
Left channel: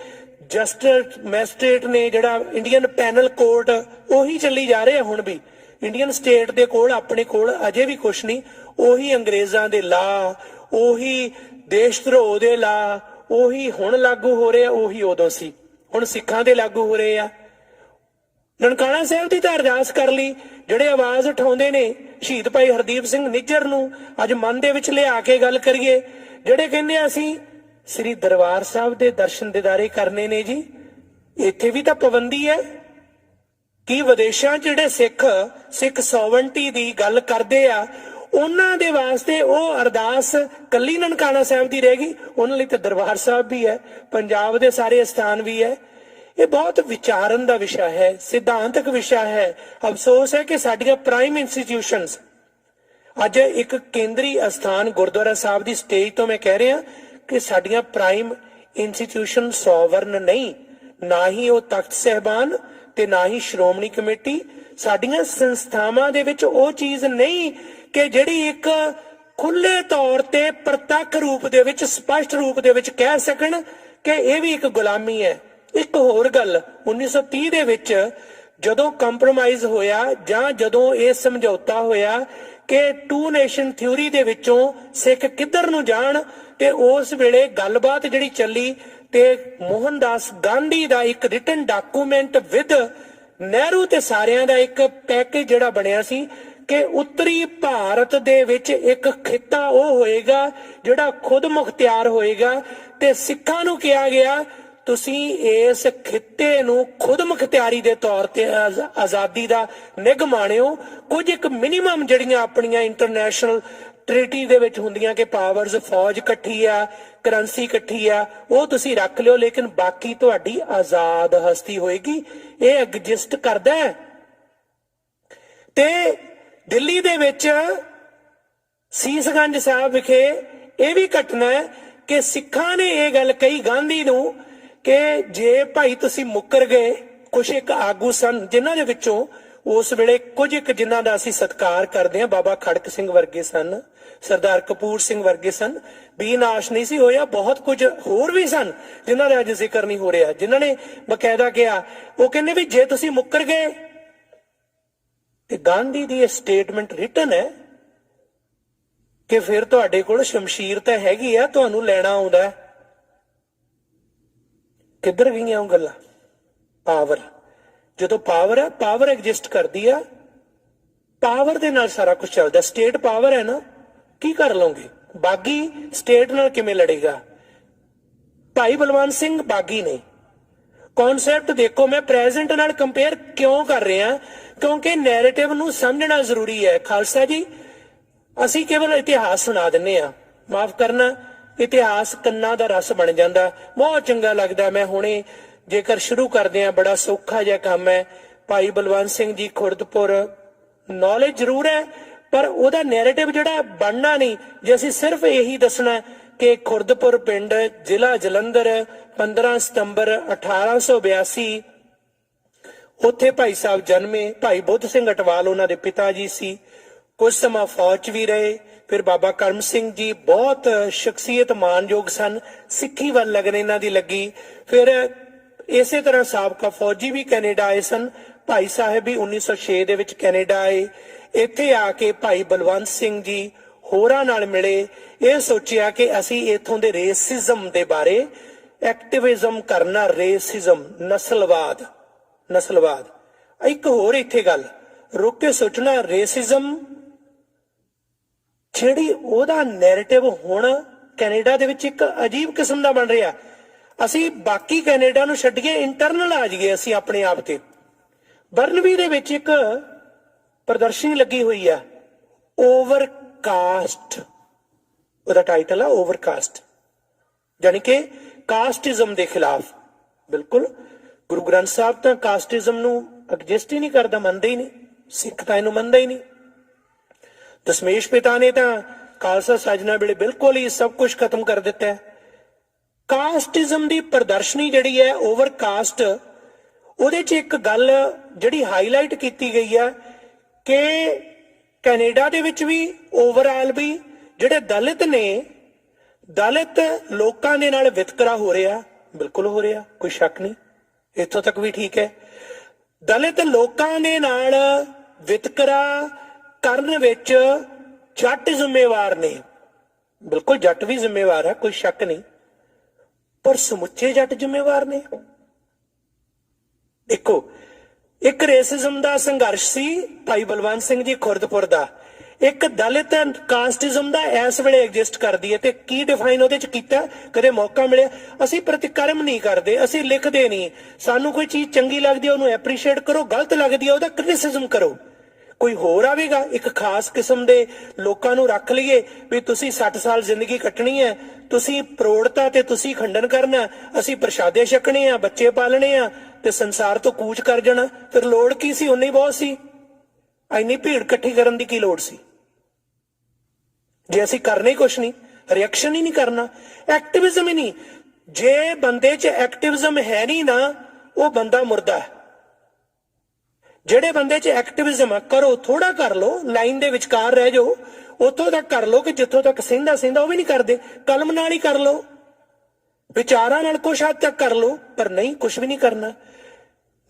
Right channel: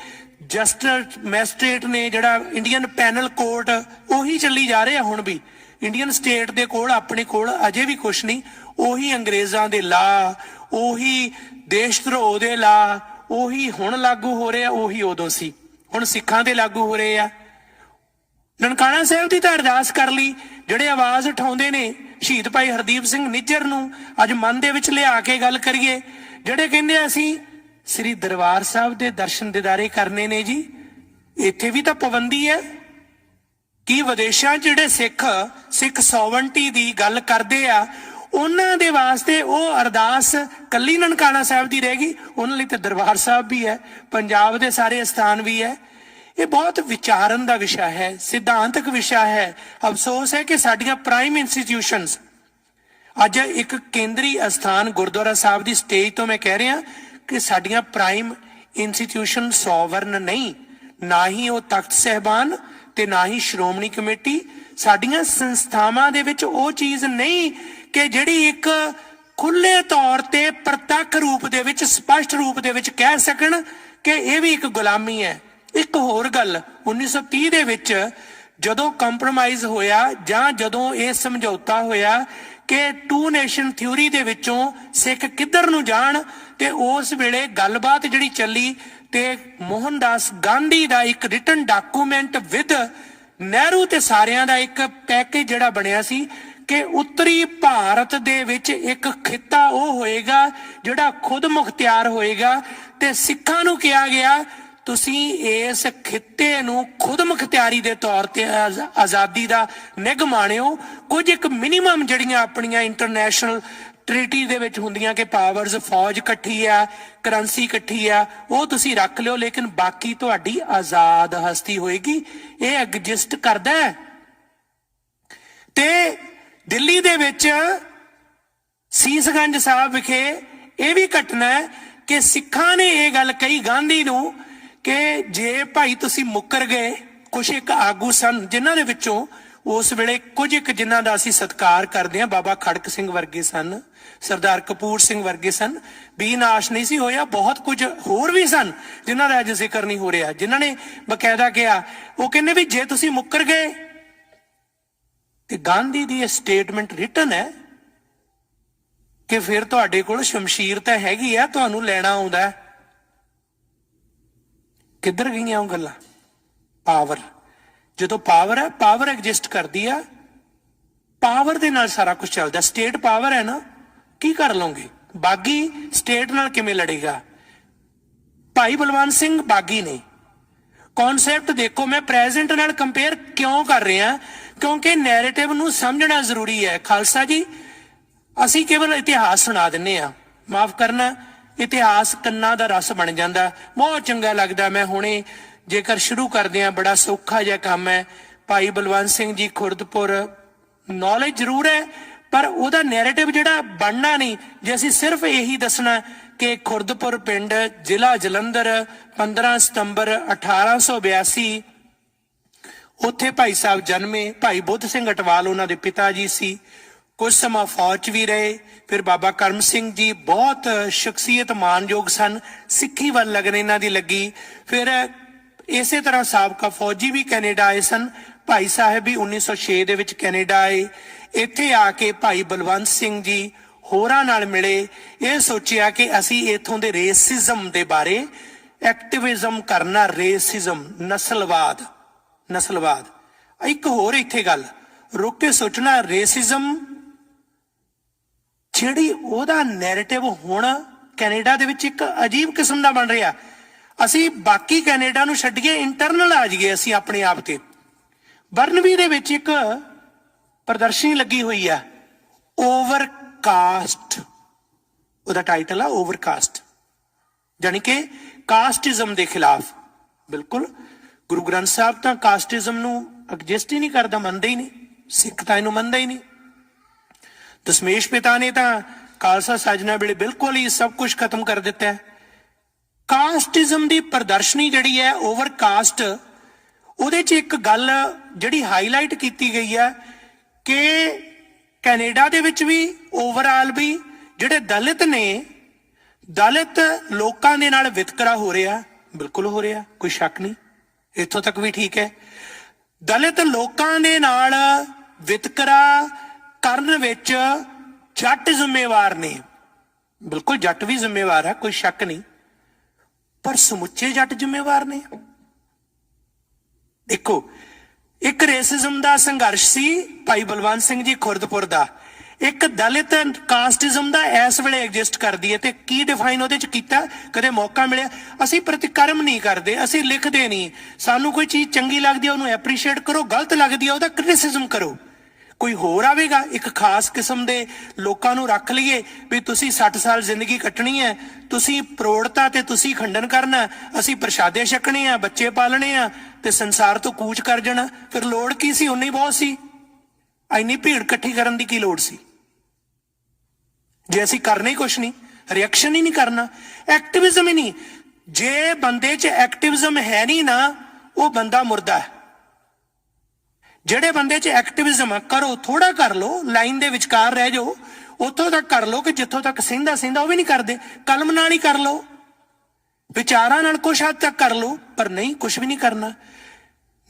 ਜਸਟਿਸ ਮੈਜਿਸਟ੍ਰੇਟ ਨੇ, ਜਿਹੜਾ ਇੰਡੀਅਨ ਪੈਨਲ ਕੋਰਟ, ਉਹੀ ਚੱਲੀ ਜਾ ਰਹੇ ਆ ਹੁਣ ਵੀ। ਇੰਡੀਅਨ ਸਟੇਟ ਦੇ ਕੋਲ ਆਪਣੇ ਕੋਲ ਅਜੇ ਵੀ ਕੁਛ ਨਹੀਂ। ਉਹੀ ਅੰਗਰੇਜ਼ਾਂ ਦੇ ਲਾ, ਉਹੀ ਦੇਸ਼ ਧਰੋਹ ਦੇ ਲਾ, ਉਹੀ ਹੁਣ ਲਾਗੂ ਹੋ ਰਹੇ ਆ, ਉਹੀ ਉਦੋਂ ਸੀ, ਹੁਣ ਸਿੱਖਾਂ ਦੇ ਲਾਗੂ ਹੋ ਰਹੇ ਆ। ਨਨਕਾਣਾ ਸਾਹਿਬ ਦੀ ਤਾਂ ਅਰਦਾਸ ਕਰ ਲਈ। ਜਿਹੜੇ ਆਵਾਜ਼ ਉਠਾਉਂਦੇ ਨੇ ਸ਼ਹੀਦ ਭਾਈ ਹਰਦੀਪ ਸਿੰਘ ਨਿੱਜਰ ਨੂੰ ਅੱਜ ਮਨ ਦੇ ਵਿੱਚ ਲਿਆ ਕੇ ਗੱਲ ਕਰੀਏ, ਜਿਹੜੇ ਕਹਿੰਦੇ ਅਸੀਂ ਸ੍ਰੀ ਦਰਬਾਰ ਸਾਹਿਬ ਦੇ ਦਰਸ਼ਨ ਦਿਦਾਰੇ ਕਰਨੇ ਨੇ ਜੀ, ਇੱਥੇ ਵੀ ਤਾਂ ਪਾਬੰਦੀ ਹੈ। ਕੀ ਵਿਦੇਸ਼ਾਂ 'ਚ ਜਿਹੜੇ ਸਿੱਖ ਸੋਵਰਨਟੀ ਦੀ ਗੱਲ ਕਰਦੇ ਆ, ਉਹਨਾਂ ਦੇ ਵਾਸਤੇ ਉਹ ਅਰਦਾਸ ਕੱਲੀ ਨਨਕਾਣਾ ਸਾਹਿਬ ਦੀ ਰਹਿ ਗਈ? ਉਹਨਾਂ ਲਈ ਤਾਂ ਦਰਬਾਰ ਸਾਹਿਬ ਵੀ ਹੈ, ਪੰਜਾਬ ਦੇ ਸਾਰੇ ਅਸਥਾਨ ਵੀ ਹੈ। ਇਹ ਬਹੁਤ ਵਿਚਾਰਨ ਦਾ ਵਿਸ਼ਾ ਹੈ, ਸਿਧਾਂਤਕ ਵਿਸ਼ਾ ਹੈ। ਅਫਸੋਸ ਹੈ ਕਿ ਸਾਡੀਆਂ ਪ੍ਰਾਈਮ ਇੰਸਟੀਟਿਊਸ਼ਨਸ ਅੱਜ ਇੱਕ ਕੇਂਦਰੀ ਅਸਥਾਨ ਗੁਰਦੁਆਰਾ ਸਾਹਿਬ ਦੀ ਸਟੇਜ ਤੋਂ ਮੈਂ ਕਹਿ ਰਿਹਾ ਕਿ ਸਾਡੀਆਂ ਪ੍ਰਾਈਮ ਇੰਸਟੀਟਿਊਸ਼ਨ ਸੋਵਰਨ ਨਹੀਂ, ਨਾ ਹੀ ਉਹ ਤਖਤ ਸਹਿਬਾਨ ਤੇ ਨਾ ਹੀ ਸ਼੍ਰੋਮਣੀ ਕਮੇਟੀ। ਸਾਡੀਆਂ ਸੰਸਥਾਵਾਂ ਦੇ ਵਿੱਚ ਉਹ ਚੀਜ਼ ਨਹੀਂ ਕਿ ਜਿਹੜੀ ਇੱਕ ਖੁੱਲੇ ਤੌਰ ਤੇ ਪ੍ਰਤੱਖ ਰੂਪ ਦੇ ਵਿੱਚ, ਸਪਸ਼ਟ ਰੂਪ ਦੇ ਵਿੱਚ ਕਹਿ ਸਕਣ ਕਿ ਇਹ ਵੀ ਇੱਕ ਗੁਲਾਮੀ ਹੈ। ਇੱਕ ਹੋਰ ਗੱਲ, 1930 ਦੇ ਵਿੱਚ ਜਦੋਂ ਕੰਪਰੋਮਾਈਜ਼ ਹੋਇਆ ਜਾਂ ਜਦੋਂ ਇਹ ਸਮਝੌਤਾ ਹੋਇਆ ਕਿ 2 ਨੇਸ਼ਨ ਥਿਊਰੀ ਦੇ ਵਿੱਚੋਂ ਸਿੱਖ ਕਿੱਧਰ ਨੂੰ ਜਾਣ, ਤੇ ਉਸ ਵੇਲੇ ਗੱਲਬਾਤ ਜਿਹੜੀ ਚੱਲੀ ਤੇ ਮੋਹਨਦਾਸ ਗਾਂਧੀ ਦਾ ਇੱਕ ਰਿਟਨ ਡਾਕੂਮੈਂਟ ਵਿਦ ਨਹਿਰੂ ਤੇ ਸਾਰਿਆਂ ਦਾ ਇੱਕ ਪੈਕੇਜ ਜਿਹੜਾ ਬਣਿਆ ਸੀ ਕਿ ਉੱਤਰੀ ਭਾਰਤ ਦੇ ਵਿੱਚ ਇੱਕ ਖਿੱਤਾ ਉਹ ਹੋਏਗਾ ਜਿਹੜਾ ਖੁਦ ਮੁਖਤਿਆਰ ਹੋਏਗਾ, ਤੇ ਸਿੱਖਾਂ ਨੂੰ ਕਿਹਾ ਗਿਆ ਤੁਸੀਂ ਇਸ ਖਿੱਤੇ ਨੂੰ ਖੁਦ ਮੁਖਤਿਆਰੀ ਦੇ ਤੌਰ ਤੇ ਆਜ਼ਾਦੀ ਦਾ ਨਿੱਘ ਮਾਣਿਓ। ਕੁਝ ਇੱਕ ਮਿਨੀਮਮ ਜਿਹੜੀਆਂ ਆਪਣੀਆਂ ਇੰਟਰਨੈਸ਼ਨਲ ਟ੍ਰੀਟੀ ਦੇ ਵਿੱਚ ਹੁੰਦੀਆਂ ਕਿ ਪਾਵਰਸ, ਫੌਜ ਇਕੱਠੀ ਆ, ਕਰੰਸੀ ਇਕੱਠੀ ਆ, ਉਹ ਤੁਸੀਂ ਰੱਖ ਲਿਓ, ਲੇਕਿਨ ਬਾਕੀ ਤੁਹਾਡੀ ਆਜ਼ਾਦ ਹਸਤੀ ਹੋਏਗੀ। ਇਹ ਐਗਜ਼ਿਸਟ ਕਰਦਾ ਹੈ। ਤੇ ਦਿੱਲੀ ਦੇ ਵਿੱਚ ਸੀਸਗੰਜ ਸਾਹਿਬ ਵਿਖੇ ਇਹ ਵੀ ਘਟਨਾ ਹੈ ਕਿ ਸਿੱਖਾਂ ਨੇ ਇਹ ਗੱਲ ਕਹੀ ਗਾਂਧੀ ਨੂੰ ਕਿ ਜੇ ਭਾਈ ਤੁਸੀਂ ਮੁੱਕਰ ਗਏ, ਕੁਛ ਇੱਕ ਆਗੂ ਸਨ ਜਿਨ੍ਹਾਂ ਦੇ ਵਿੱਚੋਂ ਉਸ ਵੇਲੇ ਕੁਝ ਇੱਕ ਜਿਨ੍ਹਾਂ ਦਾ ਅਸੀਂ ਸਤਿਕਾਰ ਕਰਦੇ ਹਾਂ, ਬਾਬਾ ਖੜਕ ਸਿੰਘ ਵਰਗੇ ਸਨ, ਸਰਦਾਰ ਕਪੂਰ ਸਿੰਘ ਵਰਗੇ ਸਨ, ਬੀਨਾਸ਼ ਨਹੀਂ ਸੀ ਹੋਇਆ। ਬਹੁਤ ਕੁਝ ਹੋਰ ਵੀ ਸਨ ਜਿਨ੍ਹਾਂ ਦਾ ਅੱਜ ਜ਼ਿਕਰ ਨਹੀਂ ਹੋ ਰਿਹਾ, ਜਿਨ੍ਹਾਂ ਨੇ ਬਕਾਇਦਾ ਕਿਹਾ। ਉਹ ਕਹਿੰਦੇ ਵੀ ਜੇ ਤੁਸੀਂ ਮੁੱਕਰ ਗਏ, ਤੇ ਗਾਂਧੀ ਦੀ ਇਹ ਸਟੇਟਮੈਂਟ ਰਿਟਨ ਹੈ ਕਿ ਫਿਰ ਤੁਹਾਡੇ ਕੋਲ ਸ਼ਮਸ਼ੀਰ ਤਾਂ ਹੈਗੀ ਆ, ਤੁਹਾਨੂੰ ਲੈਣਾ ਆਉਂਦਾ। ਕਿੱਧਰ ਗਈਆਂ ਉਹ ਗੱਲਾਂ? ਪਾਵਰ, ਜਦੋਂ ਪਾਵਰ ਹੈ, ਪਾਵਰ ਐਗਜ਼ਿਸਟ ਕਰਦੀ ਆ, ਪਾਵਰ ਦੇ ਨਾਲ ਸਾਰਾ ਕੁਝ ਚੱਲਦਾ। ਸਟੇਟ ਪਾਵਰ ਹੈ ਨਾ, ਕੀ ਕਰ ਲਓਗੇ? ਬਾਗੀ ਸਟੇਟ ਨਾਲ ਕਿਵੇਂ ਲੜੇਗਾ? ਭਾਈ ਬਲਵੰਤ ਸਿੰਘ ਬਾਗੀ ਨੇ ਕਨਸੈਪਟ ਦੇਖੋ, ਮੈਂ ਪ੍ਰੈਜ਼ੈਂਟ ਨਾਲ ਕੰਪੇਅਰ ਕਿਉਂ ਕਰ ਰਿਹਾ? ਕਿਉਂਕਿ ਨੈਰੇਟਿਵ ਨੂੰ ਸਮਝਣਾ ਜ਼ਰੂਰੀ ਹੈ। ਖਾਲਸਾ ਜੀ, ਅਸੀਂ ਕੇਵਲ ਇਤਿਹਾਸ ਸੁਣਾ ਦਿੰਨੇ ਆ, ਮਾਫ ਕਰਨਾ, ਇਤਿਹਾਸ ਕੰਨਾਂ ਦਾ ਰਸ ਬਣ ਜਾਂਦਾ। ਬਹੁਤ ਚੰਗਾ ਲੱਗਦਾ। ਮੈਂ ਹੁਣੇ ਜੇਕਰ ਸ਼ੁਰੂ ਕਰਦੇ ਆ, ਬੜਾ ਸੌਖਾ ਜਿਹਾ ਕੰਮ ਹੈ। ਭਾਈ ਬਲਵੰਤ ਸਿੰਘ ਜੀ ਖੁਰਦਪੁਰ, ਨੌਲੇਜ ਜ਼ਰੂਰ ਹੈ ਪਰ ਉਹਦਾ ਨੈਰੇਟਿਵ ਜਿਹੜਾ ਬਣਨਾ ਨਹੀਂ। ਜੇ ਅਸੀਂ ਸਿਰਫ ਇਹੀ ਦੱਸਣਾ ਕਿ ਖੁਰਦਪੁਰ ਪਿੰਡ, ਜ਼ਿਲ੍ਹਾ ਜਲੰਧਰ, 15 ਸਤੰਬਰ 1882 ਉੱਥੇ ਭਾਈ ਸਾਹਿਬ ਜਨਮੇ। ਭਾਈ ਬੁੱਧ ਸਿੰਘ ਅਟਵਾਲ ਉਹਨਾਂ ਦੇ ਪਿਤਾ ਜੀ ਸੀ। ਕੁਝ ਸਮਾਂ ਫੌਜ 'ਚ ਵੀ ਰਹੇ। ਫਿਰ ਬਾਬਾ ਕਰਮ ਸਿੰਘ ਜੀ ਬਹੁਤ ਸ਼ਖਸੀਅਤ ਮਾਨਯੋਗ ਸਨ, ਸਿੱਖੀ ਵੱਲ ਲਗਨ ਇਹਨਾਂ ਦੀ ਲੱਗੀ। ਫਿਰ ਇਸੇ ਤਰ੍ਹਾਂ ਸਾਬਕਾ ਫੌਜੀ ਵੀ ਕੈਨੇਡਾ ਆਏ ਸਨ। ਭਾਈ ਸਾਹਿਬ ਵੀ 1906 ਦੇ ਵਿੱਚ ਕੈਨੇਡਾ ਆਏ। ਇੱਥੇ ਆ ਕੇ ਭਾਈ ਬਲਵੰਤ ਸਿੰਘ ਜੀ ਹੋਰਾਂ ਨਾਲ ਮਿਲੇ। ਇਹ ਸੋਚਿਆ ਕਿ ਅਸੀਂ ਇਥੋਂ ਦੇ ਰੇਸਿਜ਼ਮ ਦੇ ਬਾਰੇ ਐਕਟਿਵਿਜ਼ਮ ਕਰਨਾ। ਰੇਸਿਜ਼ਮ, ਨਸਲਵਾਦ। ਇੱਕ ਹੋਰ ਇੱਥੇ ਗੱਲ ਰੁਕ ਕੇ ਸੋਚਣਾ, ਰੇਸਿਜ਼ਮ ਜਿਹੜੀ ਉਹਦਾ ਨੈਰੇਟਿਵ ਹੁਣ ਕੈਨੇਡਾ ਦੇ ਵਿੱਚ ਇੱਕ ਅਜੀਬ ਕਿਸਮ ਦਾ ਬਣ ਰਿਹਾ। ਅਸੀਂ ਬਾਕੀ ਕੈਨੇਡਾ ਨੂੰ ਛੱਡੀਏ, ਇੰਟਰਨਲ ਆ ਜਾਈਏ ਅਸੀਂ ਆਪਣੇ ਆਪ ਤੇ। ਬਰਨਬੀ ਦੇ ਵਿੱਚ ਇੱਕ ਪ੍ਰਦਰਸ਼ਨੀ ਲੱਗੀ ਹੋਈ ਆ, ਓਵਰਕਾਸਟ, ਉਹਦਾ ਟਾਈਟਲ ਆ ਓਵਰਕਾਸਟ, ਜਾਨੀ ਕਿ ਕਾਸਟਿਜ਼ਮ ਦੇ ਖਿਲਾਫ। ਬਿਲਕੁਲ ਗੁਰੂ ਗ੍ਰੰਥ ਸਾਹਿਬ ਤਾਂ ਕਾਸਟਿਜ਼ਮ ਨੂੰ ਐਗਜ਼ਿਸਟ ਹੀ ਨਹੀਂ ਕਰਦਾ, ਮੰਨਦੇ ਹੀ ਨਹੀਂ, ਸਿੱਖ ਤਾਂ ਇਹਨੂੰ ਮੰਨਦਾ ਹੀ ਨਹੀਂ। ਦਸ਼ਮੇਸ਼ ਪਿਤਾ ਨੇ ਤਾਂ ਖਾਲਸਾ ਸਾਜਨਾ ਵੇਲੇ ਬਿਲਕੁਲ ਹੀ ਸਭ ਕੁਝ ਖਤਮ ਕਰ ਦਿੱਤਾ ਹੈ। ਕਾਸਟਿਜ਼ਮ ਦੀ ਪ੍ਰਦਰਸ਼ਨੀ ਜਿਹੜੀ ਹੈ ਓਵਰਕਾਸਟ, ਉਹਦੇ 'ਚ ਇੱਕ ਗੱਲ ਜਿਹੜੀ ਹਾਈਲਾਈਟ ਕੀਤੀ ਗਈ ਹੈ ਕਿ ਕੈਨੇਡਾ ਦੇ ਵਿੱਚ ਵੀ ਓਵਰਆਲ ਵੀ ਜਿਹੜੇ ਦਲਿਤ ਨੇ, ਦਲਿਤ ਲੋਕਾਂ ਦੇ ਨਾਲ ਵਿਤਕਰਾ ਹੋ ਰਿਹਾ, ਬਿਲਕੁਲ ਹੋ ਰਿਹਾ, ਕੋਈ ਸ਼ੱਕ ਨਹੀਂ, ਇੱਥੋਂ ਤੱਕ ਵੀ ਠੀਕ ਹੈ। ਦਲਿਤ ਲੋਕਾਂ ਦੇ ਨਾਲ ਵਿਤਕਰਾ ਕਰਨ ਵਿੱਚ ਜੱਟ ਜ਼ਿੰਮੇਵਾਰ ਨੇ, ਬਿਲਕੁਲ ਜੱਟ ਵੀ ਜ਼ਿੰਮੇਵਾਰ ਹੈ, ਕੋਈ ਸ਼ੱਕ ਨਹੀਂ, ਪਰ ਸਮੁੱਚੇ ਜੱਟ ਜ਼ਿੰਮੇਵਾਰ ਨੇ। ਦੇਖੋ, ਇੱਕ ਰੇਸਿਜ਼ਮ ਦਾ ਸੰਘਰਸ਼ ਸੀ ਭਾਈ ਬਲਵੰਤ ਸਿੰਘ ਜੀ ਖੁਰਦਪੁਰ ਦਾ, ਇੱਕ ਦਲਿਤ ਕਾਸਟਿਜ਼ਮ ਦਾ ਇਸ ਵੇਲੇ ਐਗਜ਼ਿਸਟ ਕਰਦੀ ਹੈ। ਤੇ ਕੀ ਡਿਫਾਈਨ ਉਹਦੇ ਚ ਕੀਤਾ? ਕਦੇ ਮੌਕਾ ਮਿਲਿਆ, ਅਸੀਂ ਪ੍ਰਤੀਕਰਮ ਨਹੀਂ ਕਰਦੇ, ਅਸੀਂ ਲਿਖਦੇ ਨਹੀਂ, ਸਾਨੂੰ ਕੋਈ ਚੀਜ਼ ਚੰਗੀ ਲੱਗਦੀ ਹੈ ਉਹਨੂੰ ਐਪਰੀਸ਼ੀਏਟ ਕਰੋ, ਗਲਤ ਲੱਗਦੀ ਹੈ ਉਹਦਾ ਕ੍ਰਿਟਿਸਿਜ਼ਮ ਕਰੋ। ਕੋਈ ਹੋਰ ਆਵੇਗਾ ਇੱਕ ਖਾਸ ਕਿਸਮ ਦੇ ਲੋਕਾਂ ਨੂੰ ਰੱਖ ਲਈਏ ਵੀ ਤੁਸੀਂ 60 ਸਾਲ ਜ਼ਿੰਦਗੀ ਕੱਟਣੀ ਹੈ, ਤੁਸੀਂ ਪ੍ਰੋੜਤਾ ਤੇ ਤੁਸੀਂ ਖੰਡਨ ਕਰਨਾ, ਅਸੀਂ ਪ੍ਰਸ਼ਾਦੇ ਛਕਣੇ ਆ, ਬੱਚੇ ਪਾਲਣੇ ਆ ਤੇ ਸੰਸਾਰ ਤੋਂ ਕੂਚ ਕਰ ਜਾਣਾ। ਫਿਰ ਲੋੜ ਕੀ ਸੀ? ਉਨੀ ਬਹੁਤ ਸੀ, ਇੰਨੀ ਭੀੜ ਇਕੱਠੀ ਕਰਨ ਦੀ ਕੀ ਲੋੜ ਸੀ ਜੇ ਅਸੀਂ ਕਰਨਾ ਹੀ ਕੁਛ ਨਹੀਂ, ਰਿਐਕਸ਼ਨ ਹੀ ਨਹੀਂ ਕਰਨਾ, ਐਕਟਿਵਿਜ਼ਮ ਹੀ ਨਹੀਂ। ਜੇ ਬੰਦੇ 'ਚ ਐਕਟਿਵਿਜ਼ਮ ਹੈ ਨਹੀਂ ਨਾ, ਉਹ ਬੰਦਾ ਮੁਰਦਾ ਹੈ। ਜਿਹੜੇ ਬੰਦੇ 'ਚ ਐਕਟਿਵਿਜ਼ਮ ਕਰੋ, ਥੋੜਾ ਕਰ ਲੋ, ਲਾਈਨ ਦੇ ਵਿਚਕਾਰ ਰਹਿ ਜਾਓ, ਉੱਥੋਂ ਤੱਕ ਕਰ ਲੋ ਕਿ ਜਿੱਥੋਂ ਤੱਕ ਸਹਿੰਦਾ ਉਹ ਵੀ ਨਹੀਂ ਕਰਦੇ, ਕਲਮ ਨਾਲ ਹੀ ਕਰ ਲੋ, ਵਿਚਾਰਾਂ ਨਾਲ ਕੁਛ ਹੱਦ ਤੱਕ ਕਰ ਲੋ, ਪਰ ਨਹੀਂ, ਕੁਛ ਵੀ ਨਹੀਂ ਕਰਨਾ।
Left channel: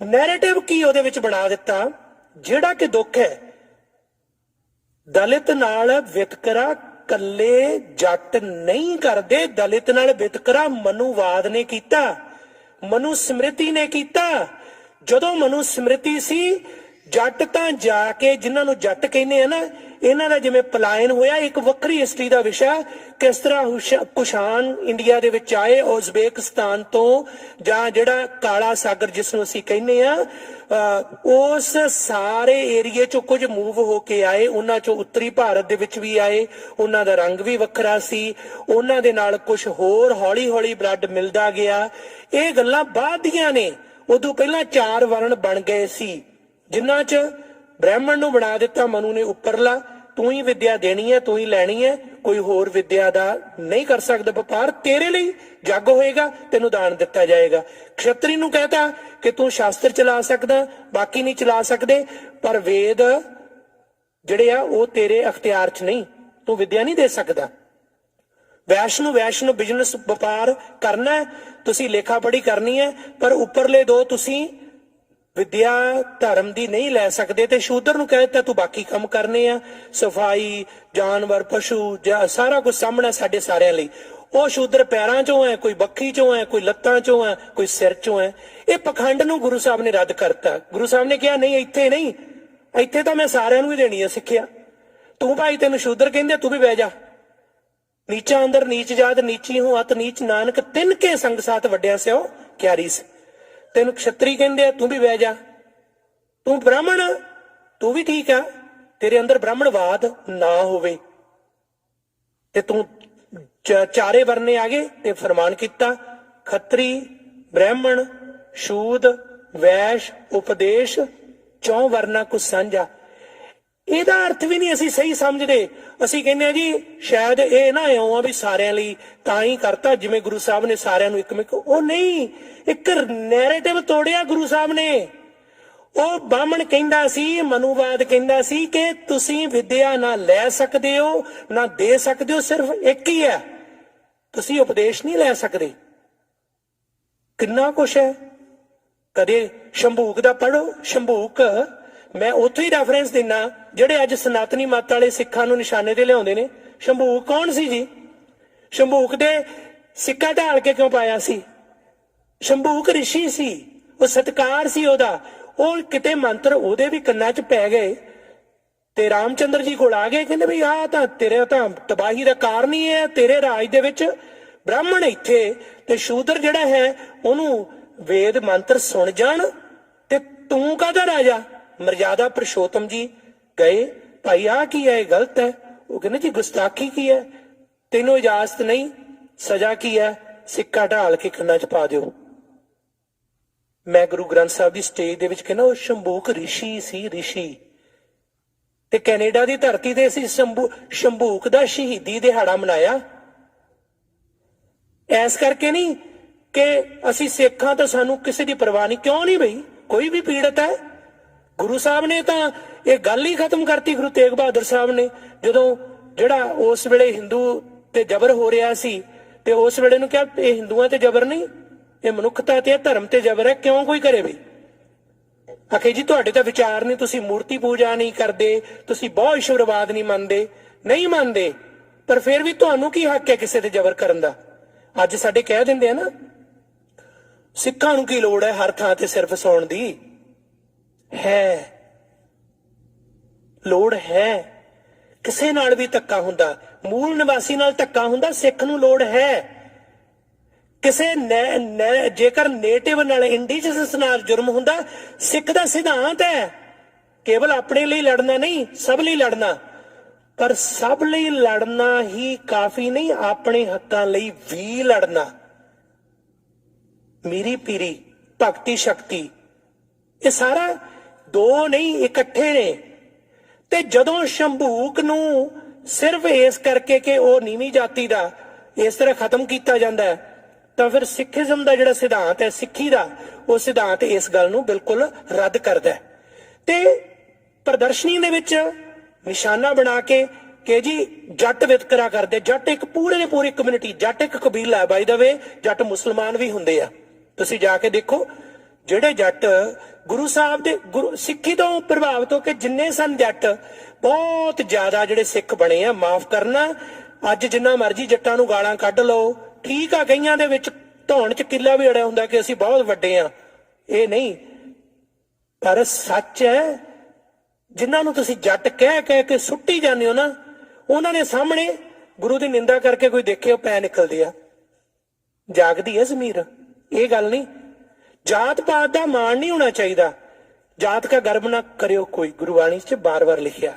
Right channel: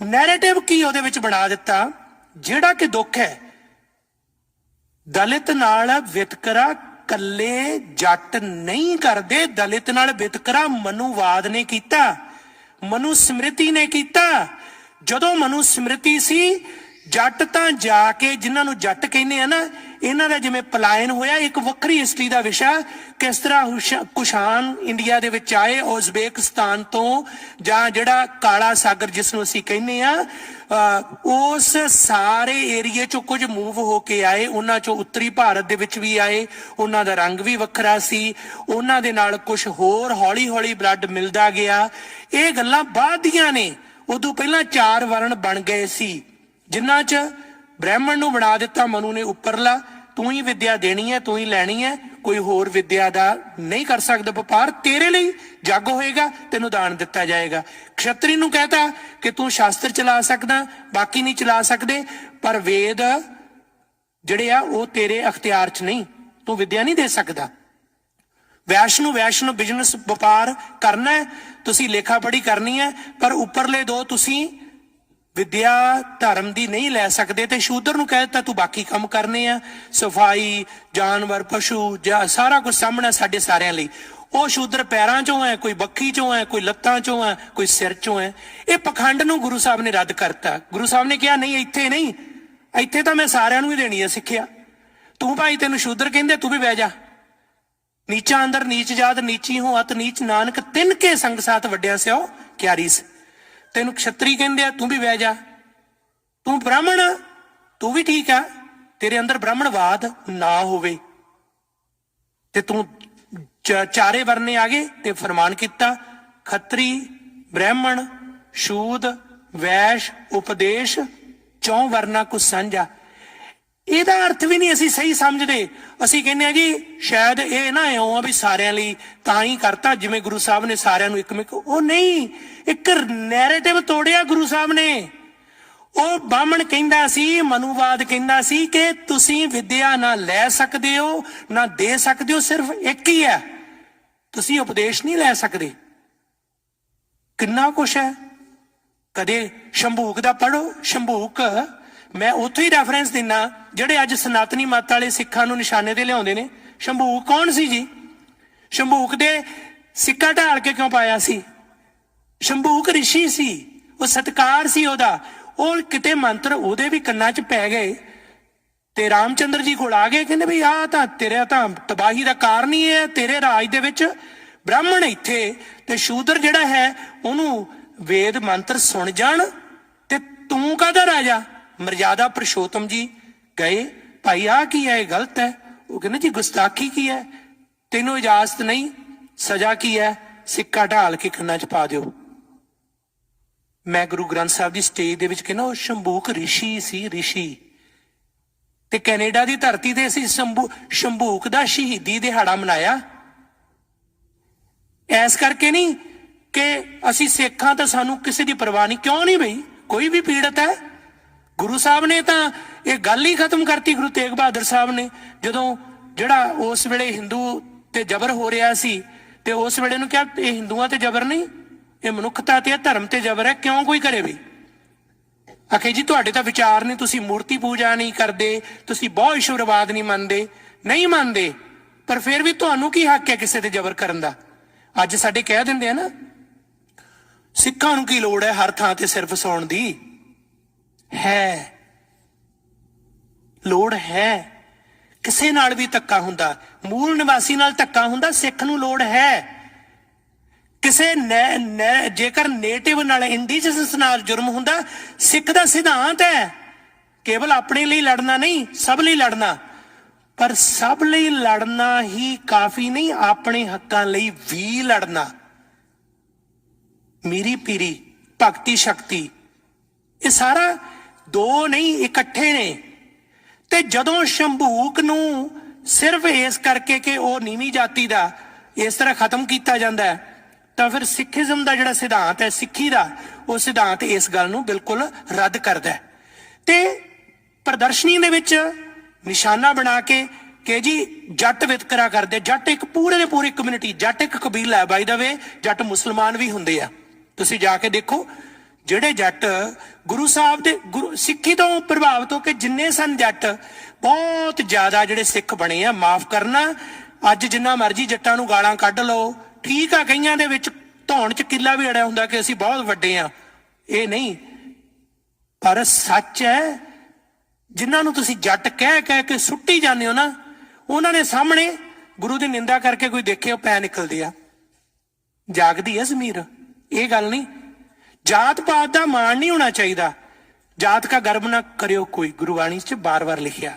ਨੈਰੇਟਿਵ ਕੀ ਉਹਦੇ ਵਿੱਚ ਬਣਾ ਦਿੱਤਾ, ਜਿਹੜਾ ਕਿ ਦੁੱਖ ਹੈ ਦਲਿਤ ਨਾਲ ਵਿਤਕਰਾ ਕੱਲੇ ਜੱਟ ਨਹੀਂ ਕਰਦੇ, ਦਲਿਤ ਨਾਲ ਵਿਤਕਰਾ ਮਨੂਵਾਦ ਨੇ ਕੀਤਾ, ਮਨੂ ਸਮ੍ਰਿਤੀ ਨੇ ਕੀਤਾ। ਜਦੋਂ ਮਨੂ ਸਮ੍ਰਿਤੀ ਸੀ, ਜੱਟ ਤਾਂ ਜਾ ਕੇ, ਜਿਨ੍ਹਾਂ ਨੂੰ ਜੱਟ ਕਹਿੰਦੇ ਆ ਨਾ, ਇਹਨਾਂ ਦਾ ਜਿਵੇਂ ਪਲਾਇਨ ਹੋਇਆ, ਇੱਕ ਵੱਖਰੀ ਹਿਸਟਰੀ ਦਾ ਵਿਸ਼ਾ, ਕਿਸ ਤਰ੍ਹਾਂ ਕੁਸ਼ਾਨ ਇੰਡੀਆ ਦੇ ਵਿੱਚ ਆਏ ਉਜ਼ਬੇਕਿਸਤਾਨ ਤੋਂ, ਜਾਂ ਜਿਹੜਾ ਕਾਲਾ ਸਾਗਰ ਜਿਸ ਨੂੰ ਅਸੀਂ ਕਹਿੰਦੇ ਆ, ਉਸ ਸਾਰੇ ਏਰੀਏ ਚੋਂ ਕੁਝ ਮੂਵ ਹੋ ਕੇ ਆਏ, ਉਹਨਾਂ ਚੋਂ ਉੱਤਰੀ ਭਾਰਤ ਦੇ ਵਿੱਚ ਵੀ ਆਏ, ਉਹਨਾਂ ਦਾ ਰੰਗ ਵੀ ਵੱਖਰਾ ਸੀ, ਉਹਨਾਂ ਦੇ ਨਾਲ ਕੁਝ ਹੋਰ ਹੌਲੀ ਹੌਲੀ ਬਲੱਡ ਮਿਲਦਾ ਗਿਆ। ਇਹ ਗੱਲਾਂ ਬਾਅਦ ਦੀਆਂ ਨੇ, ਉਦੋਂ ਪਹਿਲਾਂ 4 ਵਰਣ ਬਣ ਗਏ ਸੀ, ਜਿਨ੍ਹਾਂ 'ਚ ਬ੍ਰਾਹਮਣ ਨੂੰ ਬਣਾ ਦਿੱਤਾ ਮਨੂ ਨੇ ਉੱਪਰਲਾ, ਤੂੰ ਹੀ ਵਿਦਿਆ ਦੇਣੀ ਹੈ, ਤੂੰ ਹੀ ਲੈਣੀ ਹੈ, ਕੋਈ ਹੋਰ ਵਿਦਿਆ ਦਾ ਨਹੀਂ ਕਰ ਸਕਦਾ ਵਪਾਰ, ਤੇਰੇ ਲਈ ਜੱਗ ਹੋਏਗਾ, ਤੈਨੂੰ ਦਾਨ ਦਿੱਤਾ ਜਾਏਗਾ। ਖੱਤਰੀ ਨੂੰ ਕਹਿਤਾ ਕਿ ਤੂੰ ਸ਼ਾਸਤਰ ਚਲਾ ਸਕਦਾ, ਬਾਕੀ ਨਹੀਂ ਚਲਾ ਸਕਦੇ, ਪਰ ਵੇਦ ਜਿਹੜੇ ਆ ਉਹ ਤੇਰੇ ਅਖਤਿਆਰ 'ਚ ਨਹੀਂ, ਤੂੰ ਵਿਦਿਆ ਨਹੀਂ ਦੇ ਸਕਦਾ। ਵੈਸ਼ ਨੂੰ ਬਿਜ਼ਨਸ ਵਪਾਰ ਕਰਨਾ ਹੈ, ਤੁਸੀਂ ਲੇਖਾ ਪੜ੍ਹੀ ਕਰਨੀ ਹੈ, ਪਰ ਉੱਪਰਲੇ ਦੋ ਤੁਸੀਂ ਵਿਦਿਆ ਧਰਮ ਦੀ ਨਹੀਂ ਲੈ ਸਕਦੇ। ਤੇ ਸ਼ੂਦਰ ਨੂੰ ਕਹਿ ਦਿੱਤਾ ਤੂੰ ਬਾਕੀ ਕੰਮ ਕਰਨੇ ਆ, ਸਫਾਈ, ਜਾਨਵਰ, ਪਸ਼ੂ, ਸਾਰਾ ਕੁਝ ਸਾਹਮਣਾ ਸਾਡੇ ਸਾਰਿਆਂ ਲਈ। ਉਹ ਸ਼ੂਦਰ ਪੈਰਾਂ ਚੋਂ ਹੈ, ਕੋਈ ਬੱਖੀ ਚੋਂ ਹੈ, ਕੋਈ ਲੱਤਾਂ ਚੋਂ ਹੈ, ਕੋਈ ਸਿਰ ਚੋਂ ਹੈ। ਇਹ ਪਖੰਡ ਨੂੰ ਗੁਰੂ ਸਾਹਿਬ ਨੇ ਰੱਦ ਕਰਤਾ। ਗੁਰੂ ਸਾਹਿਬ ਨੇ ਕਿਹਾ ਨਹੀਂ, ਇੱਥੇ ਨਹੀਂ, ਇੱਥੇ ਤਾਂ ਮੈਂ ਸਾਰਿਆਂ ਨੂੰ ਹੀ ਦੇਣੀ ਹੈ ਸਿੱਖਿਆ। ਤੂੰ ਭਾਈ, ਤੈਨੂੰ ਸ਼ੂਦਰ ਕਹਿੰਦੇ, ਤੂੰ ਵੀ ਬਹਿ ਜਾ। ਨੀਚਾ ਅੰਦਰ ਨੀਚ ਜਾਤ, ਨੀਚੀ ਹੂੰ ਅਤ ਨੀਚ, ਨਾਨਕ ਤਿੰਨ ਕੇ ਸੰਗ ਸਾਥ ਵੱਡਿਆ ਸਿਓ ਕਿਆਰੀ ਸ। ਤੈਨੂੰ ਖੱਤਰੀ ਕਹਿੰਦੇ ਆ, ਤੂੰ ਵੀ ਬਹਿ ਜਾ। ਤੂੰ ਬ੍ਰਾਹਮਣ, ਤੂੰ ਵੀ ਠੀਕ ਆ, ਤੇਰੇ ਅੰਦਰ ਬ੍ਰਾਹਮਣਵਾਦ ਨਾ ਹੋਵੇ। ਤੇ ਤੂੰ ਚਾਰੇ ਵਰਨੇ ਆ ਗਏ ਤੇ ਫਰਮਾਨ ਕੀਤਾ, ਖੱਤਰੀ, ਬ੍ਰਾਹਮਣ, ਸ਼ੂਦ, ਵੈਸ਼, ਉਪਦੇਸ਼, 4 ਵਰਨਾ ਕੁਛ ਸਾਂਝਾ। ਇਹਦਾ ਅਰਥ ਵੀ ਨਹੀਂ ਅਸੀਂ ਸਹੀ ਸਮਝਦੇ। ਅਸੀਂ ਕਹਿੰਦੇ ਆ ਜੀ ਸ਼ਾਇਦ ਇਹ ਨਾ ਇਉਂ ਆ ਵੀ ਸਾਰਿਆਂ ਲਈ ਤਾਂ ਹੀ ਕਰਤਾ, ਜਿਵੇਂ ਗੁਰੂ ਸਾਹਿਬ ਨੇ ਸਾਰਿਆਂ ਨੂੰ ਇੱਕ ਉਹ ਨਹੀਂ, ਇੱਕ ਨੈਰੇਟਿਵ ਤੋੜਿਆ ਗੁਰੂ ਸਾਹਿਬ ਨੇ। ਉਹ ਬਾਹਮਣ ਕਹਿੰਦਾ ਸੀ, ਮਨੂਵਾਦ ਕਹਿੰਦਾ ਸੀ ਕਿ ਤੁਸੀਂ ਵਿਦਿਆ ਨਾ ਲੈ ਸਕਦੇ ਹੋ ਨਾ ਦੇ ਸਕਦੇ ਹੋ, ਸਿਰਫ ਇੱਕ ਹੀ ਹੈ, ਤੁਸੀਂ ਉਪਦੇਸ਼ ਨਹੀਂ ਲੈ ਸਕਦੇ। ਕਿੰਨਾ ਕੁਛ ਹੈ। ਕਦੇ ਸ਼ੰਭੂਕ ਦਾ ਪੜ੍ਹੋ, ਸ਼ੰਭੂਕ ਮੈਂ ਉੱਥੋਂ ਹੀ ਰੈਫਰੈਂਸ ਦਿੰਦਾ, ਜਿਹੜੇ ਅੱਜ ਸਨਾਤਨੀ ਮੱਤ ਵਾਲੇ ਸਿੱਖਾਂ ਨੂੰ ਨਿਸ਼ਾਨੇ ਤੇ ਲਿਆਉਂਦੇ ਨੇ। ਸ਼ੰਭੂਕ ਕੌਣ ਸੀ ਜੀ? ਸ਼ੰਭੂਕ ਦੇ ਸਿੱਕਾ ਢਾਲ ਕੇ ਕਿਉਂ ਪਾਇਆ ਸੀ? ਸ਼ੰਭੂਕ ਰਿਸ਼ੀ ਸੀ, ਉਹ ਸਤਕਾਰ ਸੀ ਉਹਦਾ। ਉਹ ਕਿਤੇ ਮੰਤਰ ਉਹਦੇ ਵੀ ਕੰਨਾਂ 'ਚ ਪੈ ਗਏ ਤੇ ਰਾਮਚੰਦਰ ਜੀ ਕੋਲ ਆ ਗਏ, ਕਹਿੰਦੇ ਵੀ ਆਹ ਤਾਂ ਤੇਰੇ ਤਾਂ ਤਬਾਹੀ ਦਾ ਕਾਰਨ ਹੀ ਹੈ, ਤੇਰੇ ਰਾਜ ਦੇ ਵਿੱਚ ब्राह्मण इत्थे ते शूदर जिहड़ा है ਉਹਨੂੰ वेद मंत्र सुन जाण ते तूं काहदा राजा। मर्यादा पुरुषोत्तम जी गए, भाई आ की है, गलत है। वो कहने जी गुस्ताखी की है, तेनों इजाजत नहीं, सजा की है, सिक्का ढाल के कन्ना च पा दिओ। मैं गुरु ग्रंथ साहब की स्टेज दे विच कहना, वो शंभूक ऋषि सी, ऋषि। ते कैनेडा की धरती ते असीं शंभूक दा शहीदी दिहाड़ा मनाया ऐस करके नहीं कि असीं सिखां तो सानू किसी की परवाह नहीं। क्यों नहीं बई, कोई भी पीड़ित है। गुरु साहब ने तो ये गल ही खत्म करती, गुरु तेग बहादुर साहब ने, जदों जिहड़ा उस वेले हिंदू ते जबर हो रहा सी ते उस वेले नूं क्या ये हिंदुआं ते जबर नहीं, ये मनुखता ते धर्म ते जबर है, क्यों कोई करे भी। आखे जी तुहाडे तां विचार नहीं, तुसीं मूर्ति पूजा नहीं करदे, तुसीं बहुत ईश्वरवाद नहीं मनदे, नहीं मनदे, पर फिर भी तुहानूं की हक है किसी ते जबर करन दा। अज साडे कह दिंदे आ ना, सिखां नूं की लोड़ है हर थां ते सिर फसाउण दी। है लोड़ है, किसे नाल भी धक्का हुंदा, मूल निवासी नाल धक्का हुंदा, सिख नूं लोड़ है। किसे जेकर नेटिव नाल इंडिजिनस नाल जुर्म हुंदा, सिख दा सिद्धांत है केवल अपने लिए लड़ना नहीं, सब लिए लड़ना। पर सब लिए लड़ना ही काफी नहीं, अपने हक्कां लई भी लड़ना। मीरी पीरी भगती शक्ति ये सारा दो नहीं, इकट्ठे ने। ते जदों शंभूक नूं सिर्फ इस करके कि वो नीवीं जाति दा इस तरह खत्म किया जाता है, तो फिर सिखिज्म का जिहड़ा सिद्धांत है, सिक्खी का वो सिद्धांत इस गल नूं बिल्कुल रद्द करदा है। ते प्रदर्शनी दे विच निशाना बना के कि जी जट वितकरा करदे। जट एक पूरे दे पूरी कम्यूनिटी, जट एक कबीला है। बाय द वे जट मुसलमान भी हुंदे आ, तुसीं जाके देखो। ਜਿਹੜੇ जट गुरु साहब दे गुरु सिੱਖੀ ਤੋਂ ਪ੍ਰਭਾਵਿਤ ਹੋ ਕੇ ਜਿੰਨੇ ਸਨ ਜੱਟ, ਬਹੁਤ ਜ਼ਿਆਦਾ ਜਿਹੜੇ ਸਿੱਖ ਬਣੇ ਆ। ਮਾਫ ਕਰਨਾ, ਅੱਜ ਜਿੰਨਾ ਮਰਜ਼ੀ ਜੱਟਾਂ ਨੂੰ ਗਾਲਾਂ ਕੱਢ ਲਓ, ਠੀਕ ਆ, ਕਈਆਂ ਦੇ ਵਿੱਚ ਧੌਣ 'ਚ ਕਿੱਲਾ ਵੀ ਅੜਿਆ ਹੁੰਦਾ ਕਿ ਅਸੀਂ ਬਹੁਤ ਵੱਡੇ ਆ, ਇਹ ਨਹੀਂ। ਪਰ ਸੱਚ ਹੈ, ਜਿਨ੍ਹਾਂ ਨੂੰ ਤੁਸੀਂ ਜੱਟ ਕਹਿ ਕੇ ਸੁੱਟੀ ਜਾਂਦੇ ਹੋ ਨਾ, ਉਹਨਾਂ ਦੇ ਸਾਹਮਣੇ ਗੁਰੂ ਦੀ ਨਿੰਦਾ ਕਰਕੇ ਕੋਈ ਦੇਖੇ, ਉਹ ਪੈ ਨਿਕਲਦੇ ਆ। ਜਾਗਦੀ ਹੈ ਜ਼ਮੀਰ, ਇਹ ਗੱਲ ਨਹੀਂ। जात पात का मान नहीं होना चाहिए, जात का गर्व ना करियो कोई, गुरुवाणी च बार बार लिखिया।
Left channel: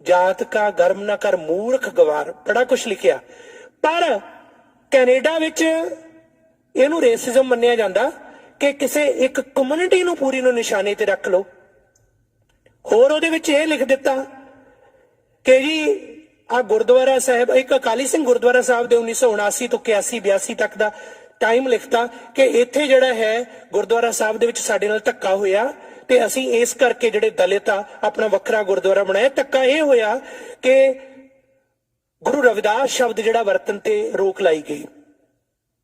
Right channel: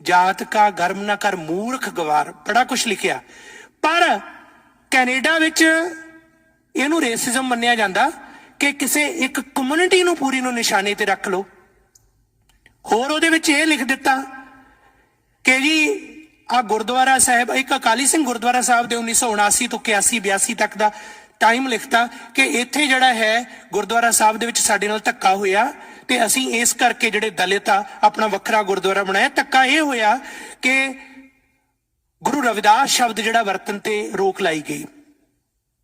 जात का गर्व ना कर मूर्ख गवार, बड़ा कुछ लिखिया। पर कैनेडा विच इहनूं रेसिज्म मन्निया जांदा कि किसी एक कम्यूनिटी नूं पूरी नूं निशाने ते रख लो। होर उहदे विच इह लिख दिता कि जी आ गुरुद्वारा साहिब, एक अकाली सिंह गुरुद्वारा साहिब दे 1979 तो 81-82 तक का टाइम लिखता कि इत्थे जिहड़ा है गुरुद्वारा साहब दे विच साडे नाल धक्का होया ते असीं इस करके जिहड़े दलित आ अपना वखरा गुरुद्वारा बनाया। धक्का इह होया कि गुरु रविदास शब्द जिहड़ा वरतन ते रोक लाई गई।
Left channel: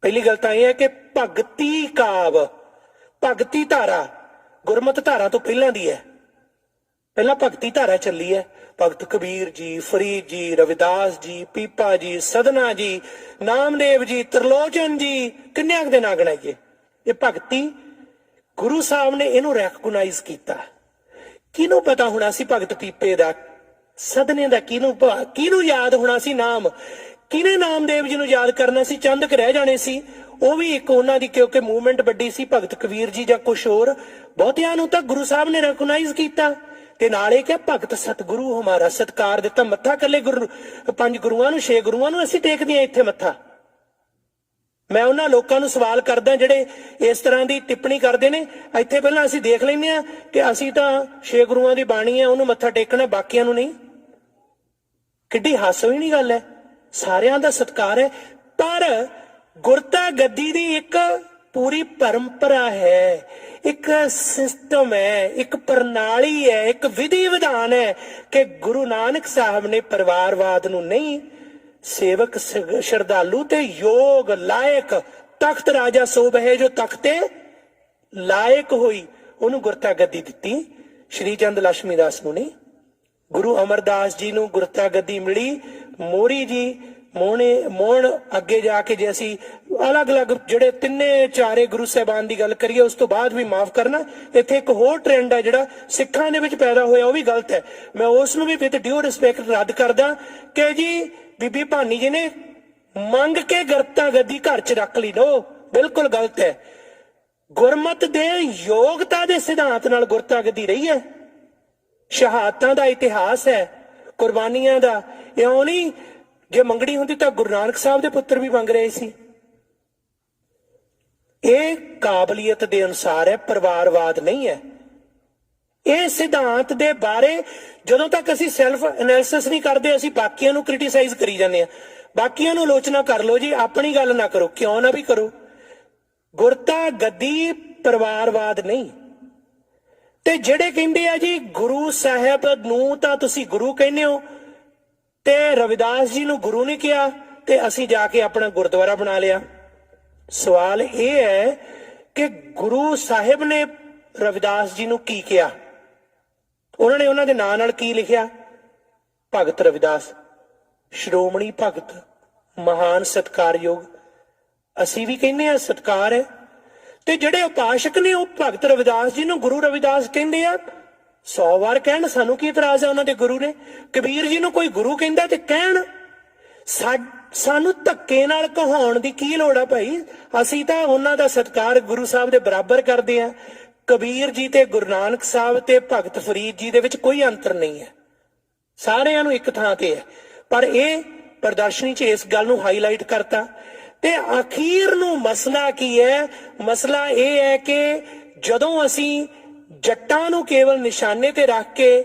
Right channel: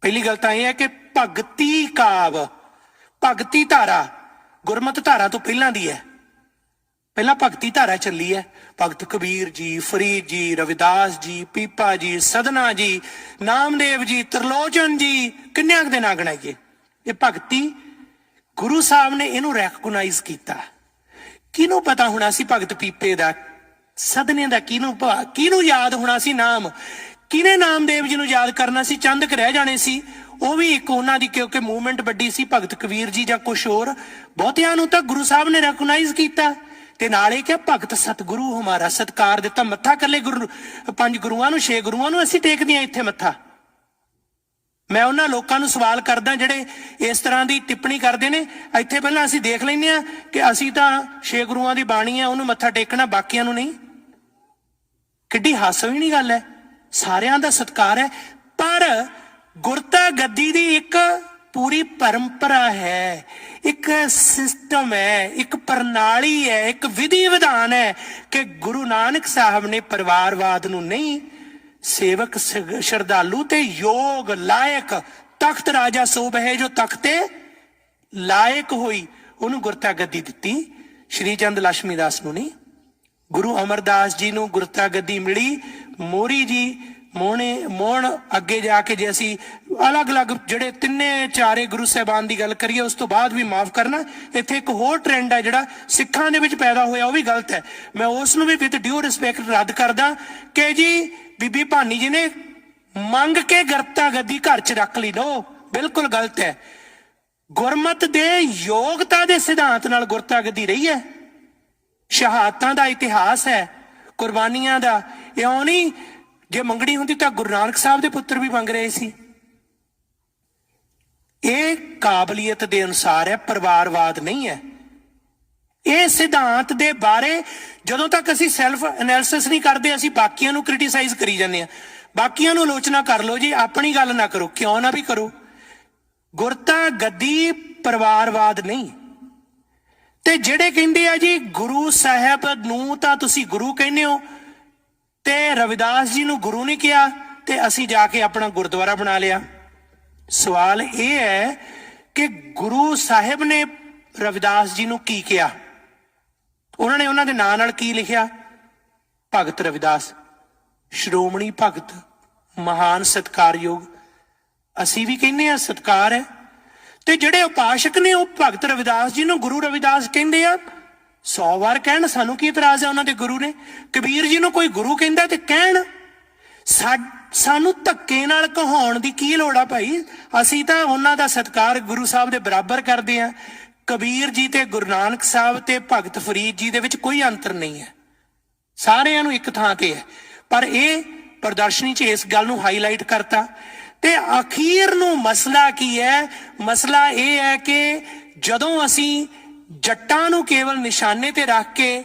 पहली गल तां इह है कि भगती काव, भगती धारा गुरमत धारा तो पहलां दी है, पहला भगती धारा चली है। भगत कबीर जी, फरीद जी, रविदास जी, पीपा जी, सदना जी, नामदेव जी, त्रिलोचन जी, किन्ने दे ना गणाइए। ये भगती गुरु साहब ने इनू रैकगनाइज किया। किनू पता होना सी भगत पीपे दा, सदने दा, किनू याद होना सी नाम, किने नामदेव जी नू याद करना सी, चंद क रह जाने सी। वो भी एक उन्हां दी क्योंकि मूवमेंट वड्डी सी, भगत कबीर जी जां कुछ होर, बहुतियां नू तां गुरु साहब ने रैकगनाइज किया। ते नाले क्या भगत सतगुरु हमारा सत्कार दिता। मत्था कले गुरु 5 गुरुआं नूं 6 गुरुआं नूं असीं टेकदे हां इत्थे मत्था। मैं उन्हां लोकां नूं सवाल करदा ਜਿਹੜੇ इस तरह की टिप्पणी करते हैं, ਇੱਥੇ ਪਹਿਲਾਂ ਅਸੀਂ देख लैंदे आ कि ਅਸੀਂ ਤਾਂ 6 ਗੁਰੂਆਂ ਦੀ ਬਾਣੀ है, ਉਹਨੂੰ ਮੱਥਾ ਟੇਕਣਾ, ਬਾਕੀਆਂ ਨੂੰ ਨਹੀਂ। ਕਿੱਡੀ ਹਾਸੋਹੀਣੀ ਗੱਲ ਹੈ। ਸਾਰਿਆਂ ਦਾ ਸਤਿਕਾਰ ਹੈ, ਪਰ ਗੁਰਤਾ ਗੱਦੀ ਦੀ ਇੱਕ पूरी परंपरा है, एक सिस्टम है, एक प्रणाली है, एक विधि विधान है कि गुरु नानक साहब ने परिवारवाद नूं नहीं, सेवक श्रद्धालु ते योग लायक तख्त राजा सो बहे जो तख्ते लायक होई, उन्होंने गुरता गद्दी दिती। श्री चंद लक्ष्मी दास नूं नहीं, गुरु अमरदास जी नूं गुरता गद्दी मिली। मोरी जी मोहन अगे जाके जे असी अलग अलग जिहड़े तिन्ने चारे गुरु साहबान की गल करिए, उस तो बाद भी माफ करना, इत्थे एक होर ट्रेंड है जिहड़ा सिखां दे विच पैदा होया, वो भी गलत है। मैं उस नूं भी विद ड्यू रिस्पैक्ट रद्द करदा कि जी बीबी भानी जी ने ਮੰਗ ਕੇ ਗਰਤਾ ਗੱਦੀ ਘਰ 'ਚ ਰੱਖ ਲਈ। ਨੋ, ਬਿਲਕੁਲ ਗਲਤ ਹੈ। ਗੁਰਮਤ ਦੇ ਯੋਗਤਾ ਦੇ ਸਿਧਾਂਤ ਨਾਲ ਗੁਰਤਾ ਗੱਦੀ ਰਹੀ ਹੈ। ਸ਼ਹਾਦਤਾਂ ਦਾ ਇਤਿਹਾਸ ਹੈ, ਕੁਰਬਾਨੀਆਂ ਦਾ। ਇਉਂ ਨਹੀਂ, ਜੇ ਮੰਗਣੀ ਹੁੰਦੀ ਤਾਂ ਗੁਰੂ ਨਾਨਕ ਸਾਹਿਬ ਦੇ ਪੁੱਤਰ ਵੀ ਮੰਗ ਰਹੇ ਸੀ। ਇਹ ਕਾਬਲੀਅਤ ਦੇ ਅਨੁਸਾਰ ਹੈ, ਪਰਿਵਾਰਵਾਦ ਨਹੀਂ ਹੈ। ਇਹ ਸਿਧਾਂਤ ਦੇ ਬਾਰੇ ਜਦੋਂ ਤੱਕ ਅਸੀਂ ਸੈਲਫ ਐਨਾਲਿਸਿਸ ਨਹੀਂ ਕਰਦੇ, ਅਸੀਂ ਬਾਕੀਆਂ ਨੂੰ ਕ੍ਰਿਟੀਸਾਈਜ਼ ਕਰੀ ਜਾਂਦੇ ਹਾਂ। ਬਾਕੀਆਂ ਨੂੰ ਆਲੋਚਨਾ ਕਰ ਲਓ ਜੀ, ਆਪਣੀ ਗੱਲ ਨਾ ਕਰੋ, ਕਿਉਂ ਨਾ ਵੀ ਕਰੋ। ਗੁਰਤਾ ਗੱਦੀ ਪਰਿਵਾਰਵਾਦ ਨਹੀਂ। ਤੇ ਜਿਹੜੇ ਕਹਿੰਦੇ ਆ ਜੀ ਗੁਰੂ ਸਾਹਿਬ ਨੂੰ ਤਾਂ ਤੁਸੀਂ ਗੁਰੂ ਕਹਿੰਦੇ ਹੋ ਤੇ ਰਵਿਦਾਸ ਜੀ ਨੂੰ ਗੁਰੂ ਨਹੀਂ ਕਿਹਾ ਤੇ ਅਸੀਂ ਜਾ ਕੇ ਆਪਣਾ ਗੁਰਦੁਆਰਾ ਬਣਾ ਲਿਆ। ਸਵਾਲ ਇਹ ਹੈ ਕਿ ਗੁਰੂ ਸਾਹਿਬ ਨੇ ਰਵਿਦਾਸ ਜੀ ਨੂੰ ਕੀ ਕਿਹਾ? ਉਹਨਾਂ ਨੇ ਉਹਨਾਂ ਦੇ ਨਾਂ ਨਾਲ ਕੀ ਲਿਖਿਆ? ਭਗਤ ਰਵਿਦਾਸ, ਸ਼੍ਰੋਮਣੀ ਭਗਤ, ਮਹਾਨ ਸਤਿਕਾਰਯੋਗ। ਅਸੀਂ ਵੀ ਕਹਿੰਦੇ ਆ ਸਤਿਕਾਰ ਹੈ। ਤੇ ਜਿਹੜੇ ਉਪਾਸ਼ਕ ਨੇ ਉਹ ਭਗਤ ਰਵਿਦਾਸ ਜੀ ਨੂੰ ਗੁਰੂ ਰਵਿਦਾਸ ਕਹਿੰਦੇ ਆ। 100 ਵਾਰ ਕਹਿਣ, ਸਾਨੂੰ ਕੀ ਇਤਰਾਜ਼ ਹੈ? ਉਹਨਾਂ ਦੇ ਗੁਰੂ ਨੇ। ਕਬੀਰ ਜੀ ਨੂੰ ਕੋਈ ਗੁਰੂ ਕਹਿੰਦਾ ਤੇ ਕਹਿਣ। ਸਾਨੂੰ ਧੱਕੇ ਨਾਲ ਕਹਾਉਣ ਦੀ ਕੀ ਲੋੜ ਆ ਭਾਈ? ਅਸੀਂ ਤਾਂ ਉਹਨਾਂ ਦਾ ਸਤਿਕਾਰ ਗੁਰੂ ਸਾਹਿਬ ਦੇ ਬਰਾਬਰ ਕਰਦੇ ਆ। ਕਬੀਰ ਜੀ ਤੇ ਗੁਰੂ ਨਾਨਕ ਸਾਹਿਬ ਤੇ ਭਗਤ ਫਰੀਦ ਜੀ ਦੇ ਵਿੱਚ ਕੋਈ ਅੰਤਰ ਨਹੀਂ ਹੈ, ਸਾਰਿਆਂ ਨੂੰ ਇੱਕ ਥਾਂ ਤੇ ਹੈ। ਪਰ ਇਹ ਪ੍ਰਦਰਸ਼ਨੀ 'ਚ ਇਸ ਗੱਲ ਨੂੰ ਹਾਈਲਾਈਟ ਕਰਤਾ। ਤੇ ਅਖੀਰ ਨੂੰ ਮਸਲਾ ਕੀ ਹੈ? ਮਸਲਾ ਇਹ ਹੈ ਕਿ ਜਦੋਂ ਅਸੀਂ ਜੱਟਾਂ ਨੂੰ ਕੇਵਲ ਨਿਸ਼ਾਨੇ ਤੇ ਰੱਖ ਕੇ,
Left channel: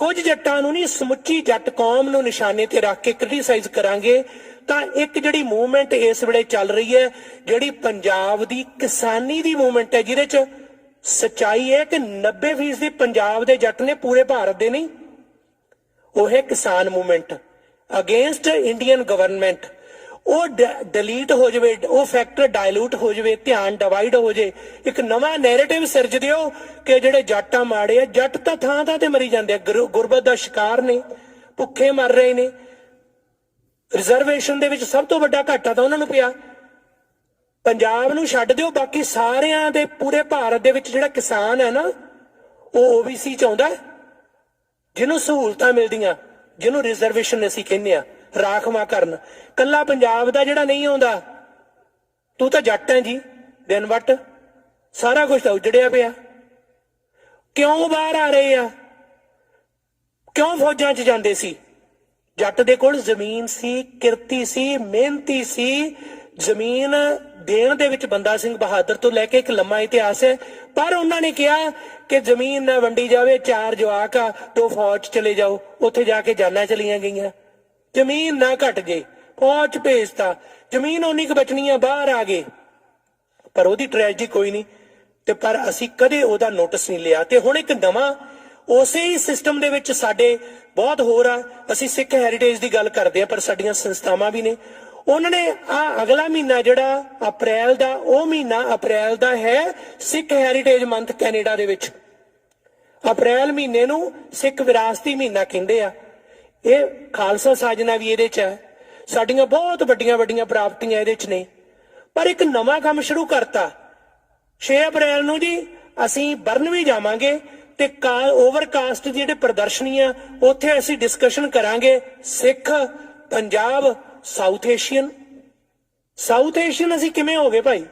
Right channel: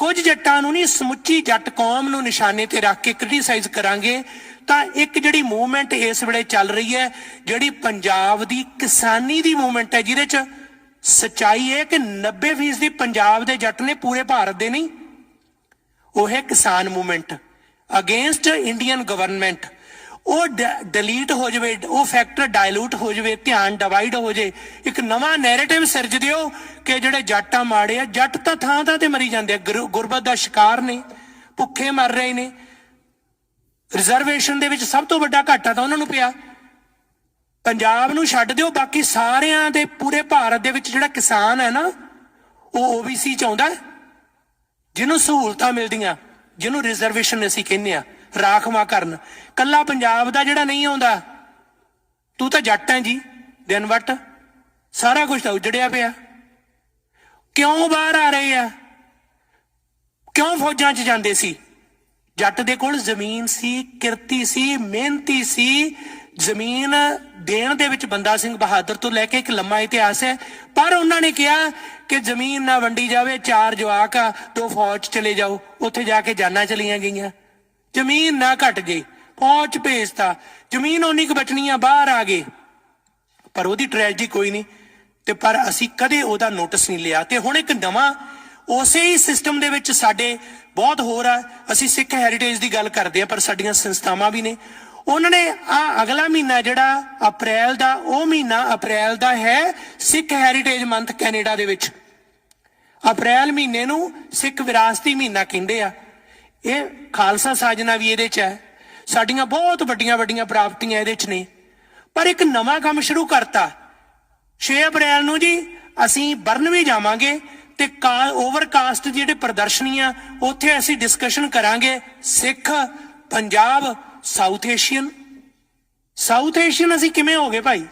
ਕੁਝ ਜੱਟਾਂ ਨੂੰ ਨਹੀਂ, ਸਮੁੱਚੀ ਜੱਟ ਕੌਮ ਨੂੰ ਨਿਸ਼ਾਨੇ ਤੇ ਰੱਖ ਕੇ ਕ੍ਰਿਟੀਸਾਈਜ਼ ਕਰਾਂਗੇ ਤਾਂ ਇੱਕ ਜਿਹੜੀ ਮੂਵਮੈਂਟ ਇਸ ਵੇਲੇ ਚੱਲ ਰਹੀ ਹੈ, ਜਿਹੜੀ ਪੰਜਾਬ ਦੀ ਕਿਸਾਨੀ ਦੀ ਮੂਵਮੈਂਟ ਹੈ, ਜਿਹਦੇ 'ਚ ਸੱਚਾਈ ਹੈ ਕਿ 90% ਪੰਜਾਬ ਦੇ ਜੱਟ ਨੇ, ਪੂਰੇ ਭਾਰਤ ਦੇ ਨਹੀਂ। ਉਹ ਹੈ ਕਿਸਾਨ ਮੂਵਮੈਂਟ ਅਗੇਂਸਟ ਇੰਡੀਅਨ ਗਵਰਨਮੈਂਟ। ਉਹ ਡਿਲੀਟ ਹੋ ਜਾਵੇ, ਉਹ ਫੈਕਟਰ ਡਾਇਲੂਟ ਹੋ ਜਾਵੇ, ਧਿਆਨ ਡਿਵਾਈਡ ਹੋ ਜਾਏ। ਇੱਕ ਨਵਾਂ ਨੈਰੇਟਿਵ ਸਿਰਜ ਦਿਓ ਕਿ ਜਿਹੜੇ ਜੱਟ ਆ ਮਾੜੇ ਆ। ਜੱਟ ਤਾਂ ਥਾਂ ਥਾਂ ਤੇ ਮਰੀ ਜਾਂਦੇ ਆ, ਗੁਰਬਤ ਦਾ ਸ਼ਿਕਾਰ ਨੇ, ਭੁੱਖੇ ਮਰ ਰਹੇ ਨੇ। ਰਿਜ਼ਰਵੇਸ਼ਨ ਦੇ ਵਿੱਚ ਸਭ ਤੋਂ ਵੱਡਾ ਘਾਟਾ ਤਾਂ ਉਹਨਾਂ ਨੂੰ ਪਿਆ। ਪੰਜਾਬ ਨੂੰ ਛੱਡ ਦਿਓ, ਬਾਕੀ ਸਾਰਿਆਂ ਦੇ ਪੂਰੇ ਭਾਰਤ ਦੇ ਵਿੱਚ ਜਿਹੜਾ ਕਿਸਾਨ ਹੈ ਨਾ, ਉਹ OBC 'ਚ ਆਉਂਦਾ, ਜਿਹਨੂੰ ਸਹੂਲਤਾਂ ਮਿਲਦੀਆਂ, ਜਿਹਨੂੰ ਰਿਜ਼ਰਵੇਸ਼ਨ ਅਸੀਂ ਕਹਿੰਦੇ ਆ, ਰਾਖਵਾਂ ਕਰਨ। ਕੱਲਾ ਪੰਜਾਬ ਦਾ ਜਿਹੜਾ ਨਹੀਂ ਆਉਂਦਾ। ਤੂੰ ਤਾਂ ਜੱਟ ਹੈ ਜੀ, ਦਿਨ ਵੱਟ ਸਾਰਾ ਕੁਝ ਤਾਂ ਉਜੜਿਆ ਪਿਆ। ਕਿਉਂ ਬਾਹਰ ਆ ਰਹੇ ਆ? ਕਿਉਂ ਫੌਜਾਂ 'ਚ ਜਾਂਦੇ ਸੀ? ਜੱਟ ਦੇ ਕੋਲ ਜ਼ਮੀਨ ਸੀ, ਕਿਰਤੀ ਸੀ, ਮਿਹਨਤੀ ਸੀ। ਜ਼ਮੀਨ ਦੇਣ ਦੇ ਵਿੱਚ ਬੰਦਾ ਸਿੰਘ ਬਹਾਦਰ ਤੋਂ ਲੈ ਕੇ ਇੱਕ ਲੰਮਾ ਇਤਿਹਾਸ ਹੈ। ਪਰ ਉਹਨਾਂ ਨੇ ਕਿਹਾ ਕਿ ਜ਼ਮੀਨ ਨਾ ਵੰਡੀ ਜਾਵੇ, 4 ਜਵਾਕ ਆ, 2 ਫੌਜ 'ਚ ਚਲੇ ਜਾਓ। ਉੱਥੇ ਜਾ ਕੇ ਜਾਨਾਂ ਚਲੀਆਂ ਗਈਆਂ। ਜ਼ਮੀਨ ਨਾ ਘਟ ਜੇ, ਫੌਜ ਭੇਜਤਾ, ਜ਼ਮੀਨ ਉਨੀ ਕੁ ਬਚਣੀ ਆ, ਬਾਹਰ ਆ ਗਏ। ਪਰ ਉਹਦੀ ਟ੍ਰੈਜਡੀ ਕੋਈ ਨਹੀਂ। ਤੇ ਪਰ ਅਸੀਂ ਕਦੇ ਉਹਦਾ ਨੋਟਿਸ ਨਹੀਂ ਲਿਆ। ਤੇ ਹੁਣ ਇੱਕ ਨਵਾਂ ਉਸੇ ਹੀ ਸਿਸਟਮ ਦੇ ਵਿੱਚ ਸਾਡੇ ਬਹੁਤ ਹੋਰ ਆ। ਅਸੀਂ ਸਿੱਖ ਹੈਰੀਟੇਜ ਦੀ ਗੱਲ ਕਰਦੇ ਆ, ਪਰ ਸਾਡੀਆਂ ਸੰਸਥਾਵਾਂ ਵੀ ਨੇ। ਉਹਨਾਂ ਨੇ ਅਗਲਾ ਮਹੀਨਾ ਜਿਹੜਾ ਅਪ੍ਰੈਲ ਦਾ, ਉਹ ਮਹੀਨਾ ਅਪ੍ਰੈਲ ਦਾ ਹੈ ਸਿੱਖ ਹੈਰੀਟੇਜ ਮੰਥ ਕੈਨੇਡਾ ਦੇ ਵਿੱਚ। ਅਪ੍ਰੈਲ ਮਹੀਨੇ ਨੂੰ ਸਿੱਖ ਵਿਰਾਸਤੀ ਮਹੀਨਾ ਕਹਿੰਦੇ ਆ। ਇਹ ਖਾਲਸਾ ਸਾਜਨਾ ਵੀ ਇਹਦੇ 'ਚ ਹੈ। ਸਾਡੀਆਂ ਬਹੁਤ ਵੱਡੀਆਂ ਵੱਡੀਆਂ ਪ੍ਰਾਪਤੀਆਂ ਇਹਦੇ 'ਚ ਨੇ। ਪਰ ਇੱਕ ਨਵਾਂ ਕੰਮ ਸ਼ੁਰੂ ਕਰਤਾ। 6 ਅਪ੍ਰੈਲ ਨੂੰ ਜੀ ਅਸੀਂ ਬਰਨਵੀ ਜਾਵਾਂਗੇ ਤੇ ਓਵਰਕਾਸਟ ਜਿਹੜੇ ਪ੍ਰਦਰਸ਼ਨੀਆਂ, ਉੱਥੇ ਅਸੀਂ ਡਿਸਕਸ਼ਨ ਕਰਾਂਗੇ Sikh, Punjab, south Asian. South Asian ਅਸੀਂ ਕਿਵੇਂ ਹੋ ਗਏ ਭਾਈ?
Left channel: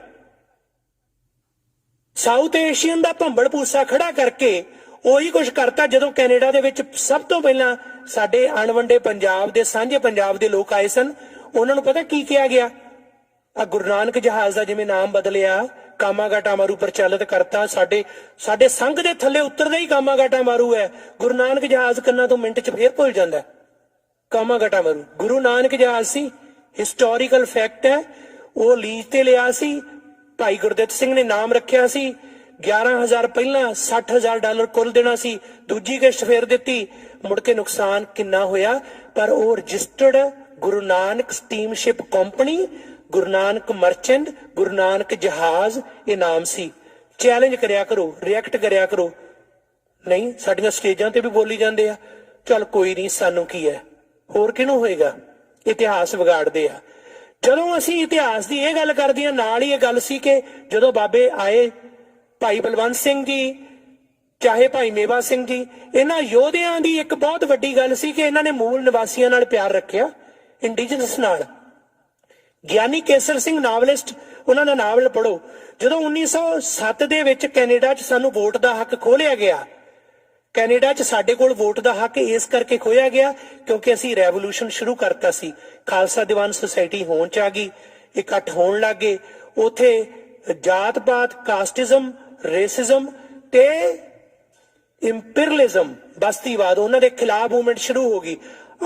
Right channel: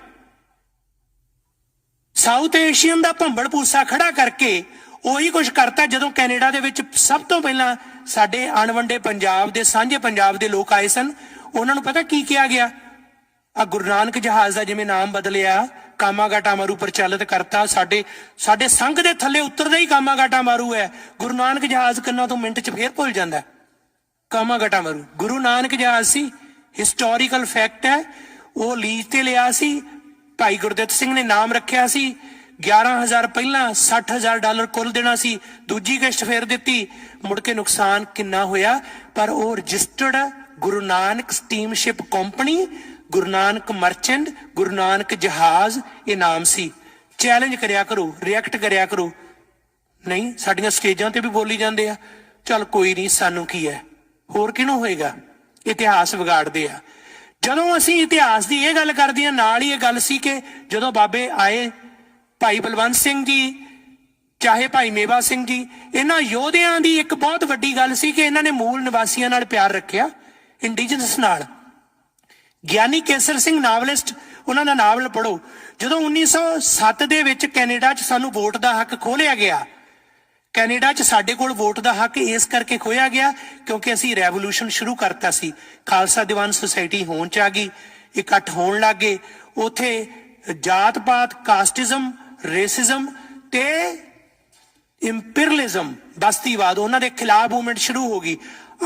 ਸਾਊਥ ਏਸ਼ੀਅਨ ਦਾ ਭੰਬਲ ਭੂਸਾ ਖੜਾ ਕਰਕੇ ਉਹੀ ਕੁਝ ਕਰਤਾ। ਜਦੋਂ ਕੈਨੇਡਾ ਦੇ ਵਿੱਚ ਸਭ ਤੋਂ ਪਹਿਲਾਂ ਸਾਡੇ ਅਣਵੰਡੇ ਪੰਜਾਬ ਦੇ, ਸਾਂਝੇ ਪੰਜਾਬ ਦੇ ਲੋਕ ਆਏ ਸਨ, ਉਹਨਾਂ ਨੂੰ ਪਤਾ ਕੀ ਕਿਹਾ ਗਿਆ? ਆ ਗੁਰੂ ਨਾਨਕ ਜਹਾਜ਼ ਦਾ ਜਿਵੇਂ ਨਾਮ ਬਦਲਿਆ, ਕਾਮਾਗਾਟਾ ਮਾਰੂ ਪ੍ਰਚਲਿਤ ਕਰਤਾ। ਸਾਡੇ ਸੰਘ ਦੇ ਥੱਲੇ ਉਤਰਦਾ ਹੀ ਕਾਮਾਗਾਟਾ ਮਾਰੂ ਹੈ। ਗੁਰੂ ਨਾਨਕ ਜਹਾਜ਼ ਕੰਨਾਂ ਤੋਂ ਮਿੰਟ 'ਚ ਫੇਰ ਭੁੱਲ ਜਾਂਦਾ। ਕਾਮਾਗਾਟਾ ਮਾਰੂ ਗੁਰੂ ਨਾਨਕ ਜਹਾਜ਼ ਸੀ, ਹਿਸਟੋਰੀਕਲ ਫੈਕਟ ਹੈ। ਉਹ ਲੀਜ਼ ਤੇ ਲਿਆ ਸੀ, ਭਾਈ ਗੁਰਦਿੱਤ ਸਿੰਘ ਨੇ ਨਾਮ ਰੱਖਿਆ ਸੀ। 11,000 ਪਹਿਲਾਂ, $60,000 ਕੁੱਲ ਦੇਣਾ ਸੀ। ਦੂਜੀ ਕਿਸ਼ਤ ਫੇਰ ਦਿੱਤੀ। ਮੁੜ ਕੇ ਨੁਕਸਾਨ ਕਿੰਨਾ ਹੋਇਆ? ਪਰ ਉਹ registered Guru Nanak ਸਟੀਮਸ਼ਿਪ company, Guru Nanak merchant, Guru Nanak ਜਹਾਜ਼, ਇਹ ਨਾਮ ਸੀ। ਚੈਲੰਜ ਕਰਿਆ ਕਰੋ, ਰਿਐਕਟ ਕਰਿਆ ਕਰੋ। ਨਹੀਂ, ਸਾਡੀਆਂ ਸਟੇਜਾਂ ਤੇ ਵੀ ਬੋਲੀ ਜਾਂਦੇ ਆ। ਚੱਲ ਕੋਈ ਨਹੀਂ, ਸਾਨੂੰ ਕੀ ਹੈ, ਹੋਰ ਕਿਹਨੂੰ ਹੋਏਗਾ? ਇਤਿਹਾਸ ਵਿਗਾੜਦੇ ਆ। ਜਦੋਂ ਅਸੀਂ ਇਤਿਹਾਸ ਦੀ ਇਹ ਗੱਲ ਕਰਦੇ ਹਾਂ, ਨਾਲ ਹੀ ਇਹ ਗੱਲ ਸੀ ਕਿ ਜਦੋਂ ਬਾਬੇ ਆਏ, ਭਾਈ ਬਲਵੰਤ ਸਿੰਘ ਜੀ ਚਾਹੇ ਭਾਈ ਮੇਵਾ ਸਿੰਘ ਜੀ, ਇਹਨਾਂ ਯੋਧਿਆਂ ਦੀ ਇੱਕ ਬਹੁਤ ਵੱਡੀ ਗੱਲ ਸੀ ਕਿ ਇਹਨਾਂ ਨੇ ਮੂਲ ਨਿਵਾਸੀਆਂ ਨਾਲ ਪਿਆਰ ਰੱਖਿਆ, ਇੰਡੀਜਨਸ ਨਾਲ। ਗਿਆਨੀ ਕੇਸਰ ਸਿੰਘ ਨਾਵਲਿਸਟ, ਉਹਨਾਂ ਦਾ ਨਾਵਲ ਪੜ੍ਹੋ। ਜਦੋਂ 1907 ਦੇ ਵਿੱਚ ਕੈਨੇਡਾ 'ਚ ਸਾਨੂੰ ਵੋਟ ਦਾ ਹੱਕ ਖੋਲਿਆ ਗਿਆ, ਕੈਨੇਡਾ 'ਚ ਸਾਡੇ ਕੋਲ ਵੋਟ ਦਾ ਹੱਕ ਇਸ ਕਰਕੇ ਖੋਇਆ ਗਿਆ ਕਿਉਂਕਿ ਅਸੀਂ ਰੈਵੋਲੂਸ਼ਨ ਸ਼ੁਰੂ ਕਰਤਾ ਸੀ। ਖਾਲਸਾ ਦੀਵਾਨ ਸੁਸਾਇਟੀ ਹੋਂਦ 'ਚ ਆ ਗਈ, ਇਕੱਠ ਹੋਣ ਲੱਗ ਗਏ। ਉੱਥੇ ਜਾਤ ਪਾਤ, ਕਾਸਟਿਜ਼ਮ, ਰੇਸਿਜ਼ਮ ਤੇ ਇੰਪੀਰੀਅਲਿਜ਼ਮ, ਬਸਤੀਵਾਦ, ਉਹਨਾਂ ਦੇ ਖਿਲਾਫ ਮੂਵਮੈਂਟ ਸ਼ੁਰੂ ਹੋ ਗਈ।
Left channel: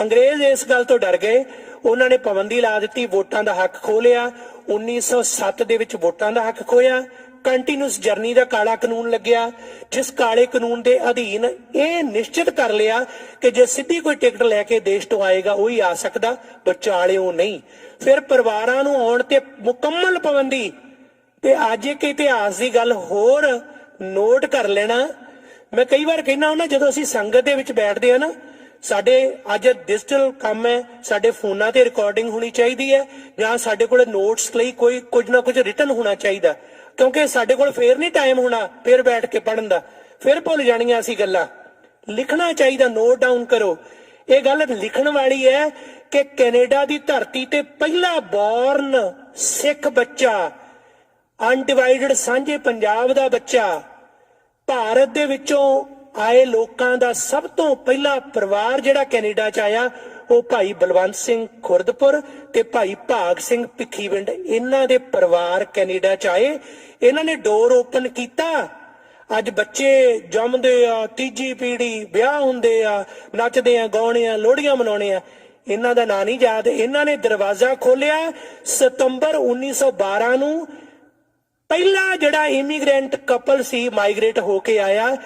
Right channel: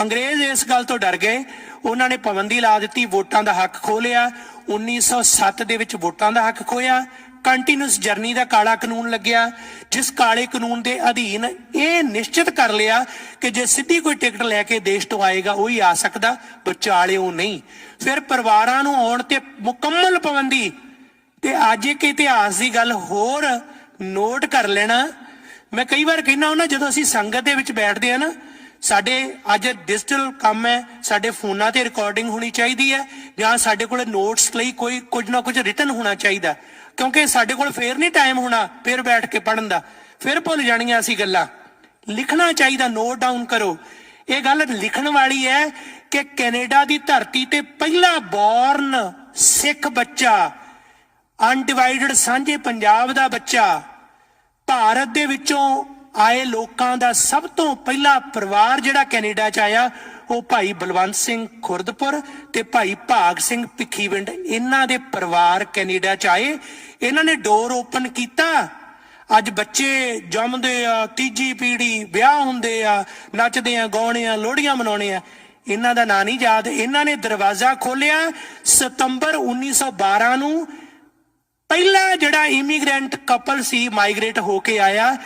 ਅੰਗਰੇਜ਼ ਇਸ ਗੱਲ ਤੋਂ ਡਰ ਗਏ, ਉਹਨਾਂ ਨੇ ਪਾਬੰਦੀ ਲਾ ਦਿੱਤੀ, ਵੋਟਾਂ ਦਾ ਹੱਕ ਖੋਹ ਲਿਆ। 1907 ਦੇ ਵਿੱਚ ਵੋਟਾਂ ਦਾ ਹੱਕ ਖੋਇਆ। ਕੰਟੀਨਿਊਸ ਜਰਨੀ ਦਾ ਕਾਲਾ ਕਾਨੂੰਨ ਲੱਗਿਆ, ਜਿਸ ਕਾਲੇ ਕਾਨੂੰਨ ਦੇ ਅਧੀਨ ਇਹ ਨਿਸ਼ਚਿਤ ਕਰ ਲਿਆ ਕਿ ਜੇ ਸਿੱਧੀ ਕੋਈ ਟਿਕਟ ਲੈ ਕੇ ਦੇਸ਼ ਤੋਂ ਆਏਗਾ ਉਹੀ ਆ ਸਕਦਾ, ਵਿਚਾਲਿਓ ਨਹੀਂ। ਫਿਰ ਪਰਿਵਾਰਾਂ ਨੂੰ ਆਉਣ ਤੇ ਮੁਕੰਮਲ ਪਾਬੰਦੀ। ਤੇ ਅੱਜ ਇੱਕ ਇਤਿਹਾਸ ਦੀ ਗੱਲ ਹੋਰ ਨੋਟ ਕਰ ਲੈਣਾ, ਮੈਂ ਕਈ ਵਾਰ ਕਹਿੰਦਾ ਹੁੰਦਾ ਜਦੋਂ ਅਸੀਂ ਸੰਗਤ ਦੇ ਵਿੱਚ ਬੈਠਦੇ ਆ ਨਾ, ਸਾਡੇ ਅੱਜ ਡਿਜੀਟਲ ਕੰਮ ਹੈ, ਸਾਡੇ ਫੋਨਾਂ ਤੇ ਰਿਕਾਰਡਿੰਗ ਹੋਣੀ ਚਾਹੀਦੀ ਹੈ ਜਾਂ ਸਾਡੇ ਕੋਲ ਨੋਟਸ ਲਈ ਕੋਈ ਕੁਝ ਨਾ ਕੁਝ ਰਿਟਨ ਹੋਣਾ ਚਾਹੀਦਾ, ਕਿਉਂਕਿ ਸਾਡੇ ਕੋਲ ਫੇਰ ਨਹੀਂ ਟਾਈਮ ਹੋਣਾ ਫੇਰ ਬੈਠ ਕੇ ਪੜ੍ਹਨ ਦਾ, ਫਿਰ ਭੁੱਲ ਜਾਣੀਆਂ ਅਸੀਂ ਗੱਲਾਂ। ਲਿਖਣਾ ਚਾਹੀਦਾ, ਨੋਟ ਡਾਊਨ ਕਰੋ। ਇਹ ਗੱਲ ਲਿਖਣ ਵਾਲੀ ਹੈ ਕਿ ਕੈਨੇਡਾ ਦੀ ਧਰਤੀ ਤੇ ਪਹਿਲਾ ਬੌਰਨ ਸਿੱਖ ਬੱਚਾ, ਅਨਡਿਵਾਈਡਡ ਸਾਂਝੇ ਪੰਜਾਬ ਦਾ ਬੱਚਾ, ਭਾਰਤ ਦੇ ਵਿੱਚੋਂ ਆਏ ਲੋਕਾਂ ਦਾ ਸਭ ਤੋਂ ਪਹਿਲਾ ਪਰਿਵਾਰ ਜਿਹੜਾ ਕੈਨੇਡਾ 'ਚ ਆਇਆ, ਉਹ ਭਾਈ ਬਲਵੰਤ ਸਿੰਘ ਖੁਰਦਪੁਰ ਤੇ ਭਾਈ ਭਾਗ ਸਿੰਘ ਭਿੱਖੀਵਿੰਡ, ਇਹਨਾਂ ਦੇ ਪਰਿਵਾਰ ਕੈਨੇਡਾ 'ਚ ਆਏ। ਇਹਨਾਂ ਨੇ ਡੋਰ ਓਪਨ ਕੀਤਾ। ਅੱਜ ਬੱਚੇ ਜੰਮਦੇ ਆ, ਤੀਜੀ ਪੀੜ੍ਹੀ, ਵਿਆਹ ਹੁੰਦੇ ਆ, ਨੱਚਦੇ ਆ, ਗਾਉਣੇ ਆ, ਲੋਹੜੀਆਂ ਮਨਾਉਣੇ ਆ, ਇਹਨਾਂ ਦਾ ਨਾਂ ਨਹੀਂ ਯਾਦ। ਇਹਨਾਂ ਨੇ ਦਰਵਾਜ਼ਾ ਖੋਲਿਆ ਸਤੰਬਰ 1912 ਨੂੰ। ਪਹਿਲਾ ਜਿਹੜਾ ਇਮੀਗ੍ਰੈਂਟ ਕਪਲ ਸੀ ਮਾਈਗ੍ਰੇਟ ਹੋ ਕੇ ਆਇਆ,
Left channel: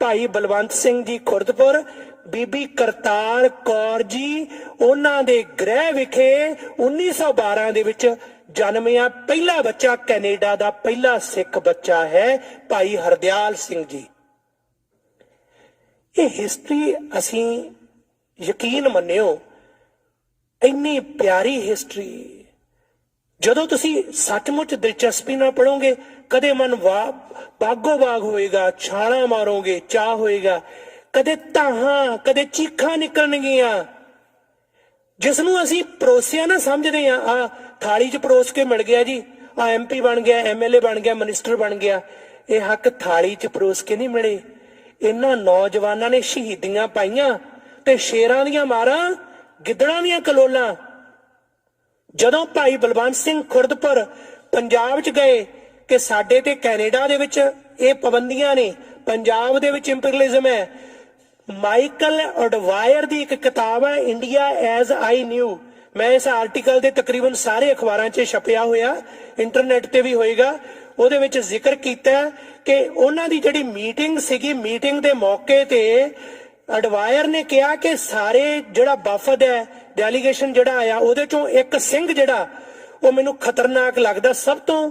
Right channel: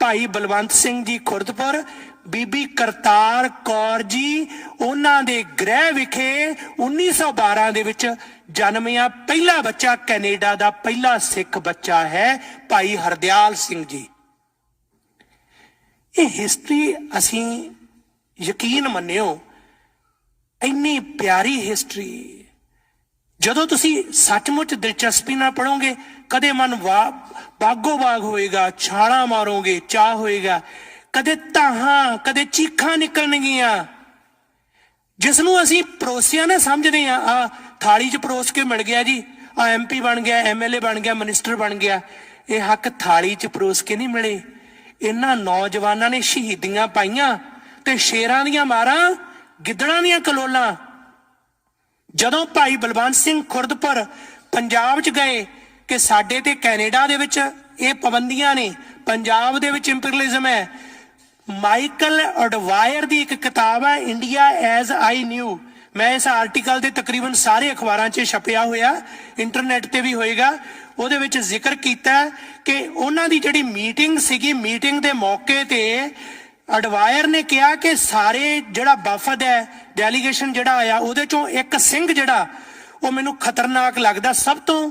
ਭਾਈ ਬਲਵੰਤ ਸਿੰਘ ਜੀ ਖੁਰਦਪੁਰ, ਬੀਬੀ ਕਰਤਾਰ ਕੌਰ ਜੀ, ਉਹਨਾਂ ਦੇ ਗ੍ਰਹਿ ਵਿਖੇ 1912 ਦੇ ਵਿੱਚ ਜਨਮਿਆ ਪਹਿਲਾ ਬੱਚਾ, ਕੈਨੇਡਾ ਦਾ ਪਹਿਲਾ ਸਿੱਖ ਬੱਚਾ ਹੈ ਭਾਈ ਹਰਦਿਆਲ ਸਿੰਘ ਜੀ। ਇਹ ਹਿਸਟਰੀ ਅਸੀਂ ਯਕੀਨ ਮੰਨਿਓ ਇੰਨੀ ਪਿਆਰੀ ਹਿਸਟਰੀ, ਜਦੋਂ ਤੁਸੀਂ ਸੱਚਮੁੱਚ ਦਿਲਚਸਪੀ ਨਾਲ ਪੜੋਗੇ ਕਦੇ ਮਨ ਬਾਗੋ ਬਾਗ ਹੋਏਗਾ, ਛਾਲਾਂ ਮਾਰੋਗੇ, ਚਾਹ ਹੋਏਗਾ, ਕਦੇ ਤਾਹਾਂ, ਕਦੇ ਚੀਖਾਂ ਨਿਕਲਣਗੀਆਂ। ਜਿਸ ਨੂੰ ਅਸੀਂ ਪਰੋਸਿਆ ਨਾ ਸਮਝਦੇ ਆ ਥਾਲੀ 'ਚ ਪਰੋਸ ਕੇ ਮਿਲ ਗਿਆ ਜੀ, ਆ MP ਬਣ ਗਿਆ, MLA ਬਣ ਗਿਆ, ਮਿਨਿਸਟਰ ਬਣ ਗਿਆ। ਇਹ ਹੱਕ ਥਾਲੀ 'ਚ ਪਰੋਸ ਕੇ ਨਹੀਂ ਮਿਲੇ। ਇਹਨਾਂ ਨੌਜਵਾਨਾਂ ਨੇ ਸ਼ਹੀਦੀਆਂ ਪਾਈਆਂ ਤੇ ਸ਼ੇਰਾਂ ਦੀਆਂ ਮਾਰਾਂ, ਗਿੱਦੜਾਂ ਦੀਆਂ ਕਲੋਲਾਂ। ਜਦੋਂ ਭਾਈ ਬਲਵੰਤ ਸਿੰਘ ਖੁਰਦਪੁਰ ਪੰਜਾਬ 'ਚ ਗਏ ਕਿ ਸਾਡੇ ਤੇ ਕੈਨੇਡਾ ਦੇ ਵਿੱਚ ਇਹ ਪਾਬੰਦੀਆਂ ਨੇ, ਪੰਜਾਬ ਦੇ ਵਿੱਚ ਇੰਪੀਰੀਅਲਿਜ਼ਮ ਹੈ। ਮਾਈਕਲ ਅਡਵਾਇਰ ਦੀ ਇੱਕ ਕਿਤਾਬ ਹੈ ਇੰਡੀਆ ਐਜ਼ ਆਈ ਨਿਊ, ਮੈਂ ਇਸ ਆਰਟੀਕਲ ਦੇ ਤਕਰੀਬਨ ਸਾਰੇ ਅਖਬਾਰਾਂ 'ਚ ਛਪਿਆ ਹੋਇਆ, ਇੰਟਰਨੈਟ ਤੇ ਵੀ ਹੋਏਗਾ। ਉਹਦੇ ਵਿੱਚ ਜ਼ਿਕਰ ਕੀਤਾ ਕਿ ਉਹਨਾਂ ਦੀ ਜਿਹੜੀ ਮੀਟਿੰਗ ਸੀਗੀ, ਮੀਟਿੰਗ ਦੇ ਮੌਕੇ ਤੇ ਅਡਵਾਇਰ ਨੇ ਕਿਹਾ ਕਿ ਸਾਰੇ ਜਿਹੜਾ ਵਫਦ ਹੈ, ਡੈਲੀਗੇਸ਼ਨ ਜਿਹੜਾ ਆਇਆ, ਉਹਦੇ ਚੋਂ ਇੱਕ ਸਿੰਘ ਜਿਹੜਾ ਉਹ ਮੈਨੂੰ ਖਤਰਨਾਕ ਲੱਗਦਾ ਸਭ ਤੋਂ,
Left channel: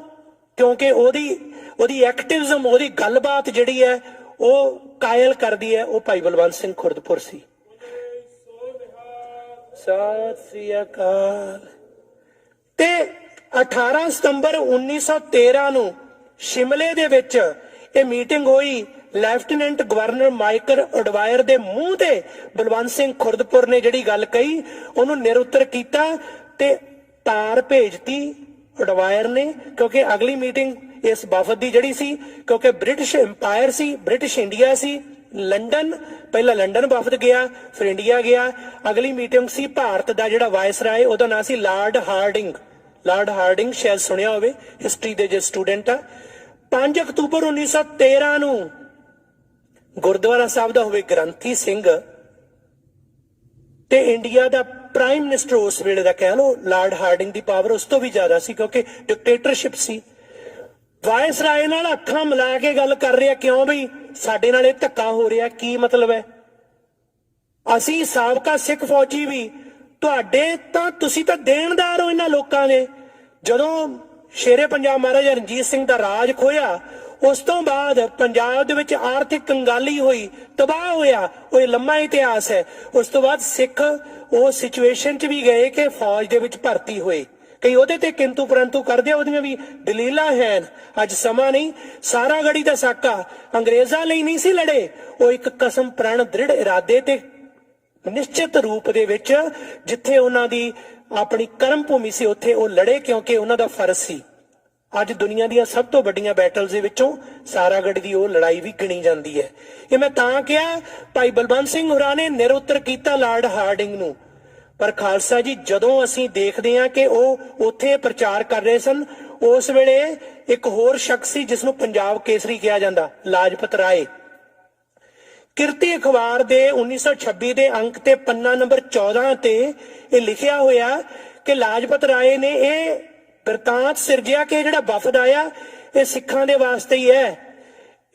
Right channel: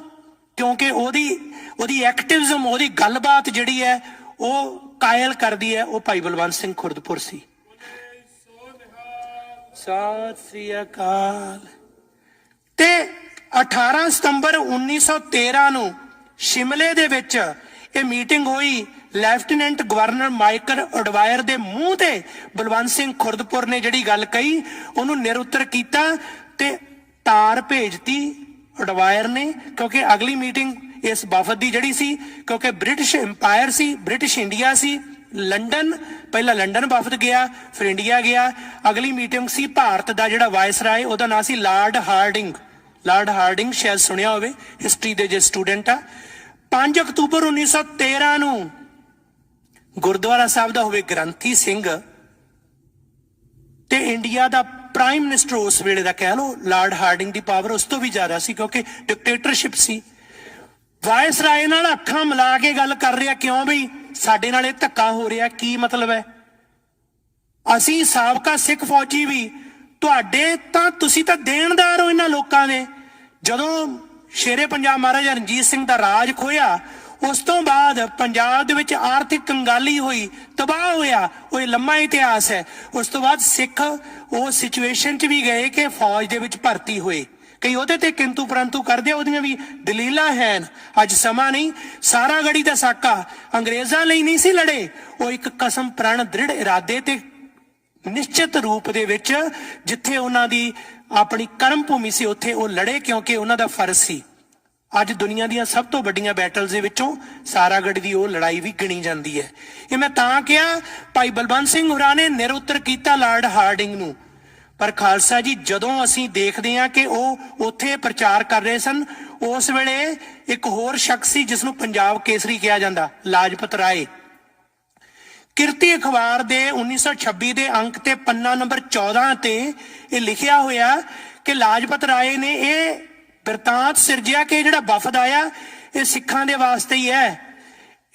ਕਿਉਂਕਿ ਉਹਦੀ ਐਕਟਿਵਿਜ਼ਮ, ਉਹਦੀ ਗੱਲਬਾਤ ਜਿਹੜੀ ਹੈ ਉਹ ਕਾਇਲ ਕਰਦੀ ਹੈ, ਉਹ ਭਾਈ ਬਲਵੰਤ ਸਿੰਘ ਖੁਰਦਪੁਰ ਸੀ। ਸਤਿ ਸ੍ਰੀ ਅਕਾਲ। ਤੇ 18 ਸਤੰਬਰ 1913 ਨੂੰ ਸ਼ਿਮਲੇ ਦੇ ਵਿੱਚ ਇਹ ਮੀਟਿੰਗ ਹੋਈ। ਲੈਫਟੀਨੈਂਟ ਗਵਰਨਰ ਮਾਈਕਲ ਅਡਵਾਇਰ ਦੇ ਮੂੰਹ ਤੇ ਬਲਵੰਤ ਸਿੰਘ ਖੁਰਦਪੁਰ ਨੇ ਜਿਹੜੀ ਗੱਲ ਕਹੀ ਉਹਨੂੰ ਨਿਰਉੱਤਰ ਕੀਤਾ ਤੇ ਤਾਰ ਭੇਜਤੀ ਅਡਵਾਇਰ ਨੇ, ਕਿਉਂਕਿ ਅਗਲੀ ਮੀਟਿੰਗ ਇਸ ਵਫਦ ਦੀ ਜਿਹੜੀ ਸੀ, ਕਿਉਂਕਿ ਬ੍ਰਿਟਿਸ਼ ਇੰਪਾਇਰ ਸੀ, ਬ੍ਰਿਟਿਸ਼ ਇੰਡੀਆ ਸੀ, ਲੰਡਨ, ਪਹਿਲਾਂ ਲੰਡਨ ਵਫਦ ਗਿਆ, ਫਿਰ ਇੰਡੀਆ ਗਿਆ। ਅਗਲੀ ਮੀਟਿੰਗ ਸੀ ਭਾਰਤ ਦਾ ਜਿਹੜਾ ਵਾਇਸਰਾਏ, ਉਹਦਾ ਨਾਂ ਸੀ ਲਾਰਡ ਹਾਰਡਿੰਗ। ਲਾਰਡ ਹਾਰਡਿੰਗ ਸ਼ਾਇਦ ਸੁਣਿਆ ਹੋਵੇ, ਹਿਸਟਰੀ ਦੇ ਜੇ ਸਟੂਡੈਂਟ ਆ। 5 ਅਕਤੂਬਰ 1913 ਨੂੰ ਗੁਰਦੁਆਰਾ ਸਾਹਿਬ ਦਾ ਹੋਵੇ ਗ੍ਰੰਥੀ ਸਿੰਘ ਤੇ ਇੰਡੀਆ ਦਾ ਪ੍ਰਾਈਮ ਮਿਨਿਸਟਰ ਉਸ ਵੇਲੇ ਦਾ, ਕਹਿ ਲਓ ਲਾਰਡ ਹਾਰਡਿੰਗ ਦੀ ਪਾਵਰ ਉਸ ਤੋਂ ਵੀ ਜ਼ਿਆਦਾ ਸੀ ਕਿਉਂਕਿ ਡਿਕਟੇਟਰਸ਼ਿਪ ਸੀ। ਵਾਇਸਰਾਏ ਨਾਲ ਅੱਖਾਂ ਮਿਲਾ ਕੇ ਗੱਲ ਕਰ ਰਿਹਾ, ਕਿਉਂ ਬਈ ਸਾਡੇ ਨਾਲ ਇਹ ਧੱਕਾ ਹੋ ਰਿਹਾ, ਕੀ ਮਤਲਬ ਹੈ? ਅਸੀਂ ਸਾਬਕਾ ਸਿੱਖ ਫੌਜੀ ਵੀ ਤੁਹਾਡੇ ਤਾਂ, ਤੁਸੀਂ ਤਾਂ ਦੇਣਦਾਰ ਹੋ ਇਹਨਾਂ ਲੋਕਾਂ ਦੇ। ਜਦੋਂ ਸ਼ੇਰੇ ਪੰਜਾਬ ਮਹਾਰਾਜਾ ਰਣਜੀਤ ਸਿੰਘ ਦਾ ਰਾਜ ਖੋਇਆ, ਉਸ ਤੋਂ ਬਾਅਦ ਪੰਜਾਬ ਦੇ ਵਿੱਚ ਆਰਥਿਕ ਕੰਗਾਲੀ ਹੋਈ, ਤਬਾਹ ਹੋਇਆ, ਉਹ ਲੰਮਾ ਇਤਿਹਾਸ ਹੈ। ਉਸ ਤੋਂ ਬਾਅਦ ਸਿੱਖ ਉਹ ਸਿਚੁਏਸ਼ਨ 'ਚ ਵੀ ਗਏ ਕਿ ਫੌਜ ਦੇ ਵਿੱਚ ਭਰਤੀ ਹੋਏ, ਕਈ ਉਹਦੇ ਤੇ ਕਿੰਤੂ ਪਰੰਤੂ ਕਰਦੇ, ਉਹਦੀਆਂ ਵੀ ਦਲੀਲਾਂ ਹਨ। ਅੱਜ ਸਮਾਂ ਨਹੀਂ, ਸਾਰਾ ਗੜੀ ਦਾ ਸਾਕਾ ਅੰਗਰੇਜ਼ਾਂ ਲਈ ਨਹੀਂ ਸੀ ਲੜੇ, ਉਹ ਇੱਕ ਕਸਮ ਪ੍ਰਣ ਦ੍ਰਿੜ ਇਰਾਦੇ ਤੇ ਨਿਸ਼ਚਿਤ ਰੂਪ ਦੇ ਵਿੱਚ, ਜਿੱਥੇ ਉਹਨਾਂ ਦੀ ਆਪਣੀ ਕਰਮ ਭੂਮੀ ਸੀ ਉੱਥੇ ਉਹ ਲੜੇ ਕਿਉਂਕਿ ਉਹਨਾਂ ਦਾ ਫਰਜ਼ ਸੀ। ਅੱਜ ਦੁਨੀਆ ਦੀਆਂ ਸਭ ਤੋਂ ਵੱਡੀਆਂ ਬੈਟਲਸ ਦੇ ਵਿੱਚੋਂ ਸਾਰਾਗੜ੍ਹ ਦੀ ਉਹ ਲੜਾਈ ਵੀ ਗਿਣੀ ਜਾਂਦੀ ਹੈ। ਇਹ ਮੈਂ ਤਾਂ ਕਿਹਾ, ਭਾਈ ਬਲਵੰਤ ਸਿੰਘ ਹੋਰਾਂ ਨੇ ਨਿਰਉੱਤਰ ਕੀਤਾ ਲਾਰਡ ਹਾਰਡਿੰਗ ਨੂੰ, ਪਰ ਖਾਲਸਾ ਜੀ ਜਦੋਂ ਅਸੀਂ ਦੇਖਦੇ ਹਾਂ ਕਿ ਉਹ ਉੱਥੇ ਪ੍ਰਚਾਰ ਕਰ ਰਹੇ ਸਨ, ਉਸ ਵੇਲੇ ਇੱਕ ਹੋਰ ਸ਼ਖਸ ਸੀ ਜਿਸ ਨੂੰ ਪੰਜਾਬ ਕੇਸਰੀ ਕਿਹਾ ਜਾਂਦਾ, ਲਾਜਪਤ ਰਾਏ। ਕਿਰਤੀ ਅਖਬਾਰ ਦੇ 1926 ਦੇ ਅੰਕ ਤੇ ਪੰਨਾ ਨੰਬਰ 14 ਤੇ ਇਹ ਲਿਖਿਆ ਹੋਇਆ ਕਿ ਲਾਜਪਤ ਰਾਏ ਨੇ ਇਹ ਬਿਰਤਾਂਤ ਸਿਰਜਿਆ ਕਿ ਜਿਹੜਾ ਵਫਦ ਆਇਆ ਇਹ ਸਿੱਖਾਂ ਦੇ ਵਾਸਤੇ ਹੀ ਹੈ,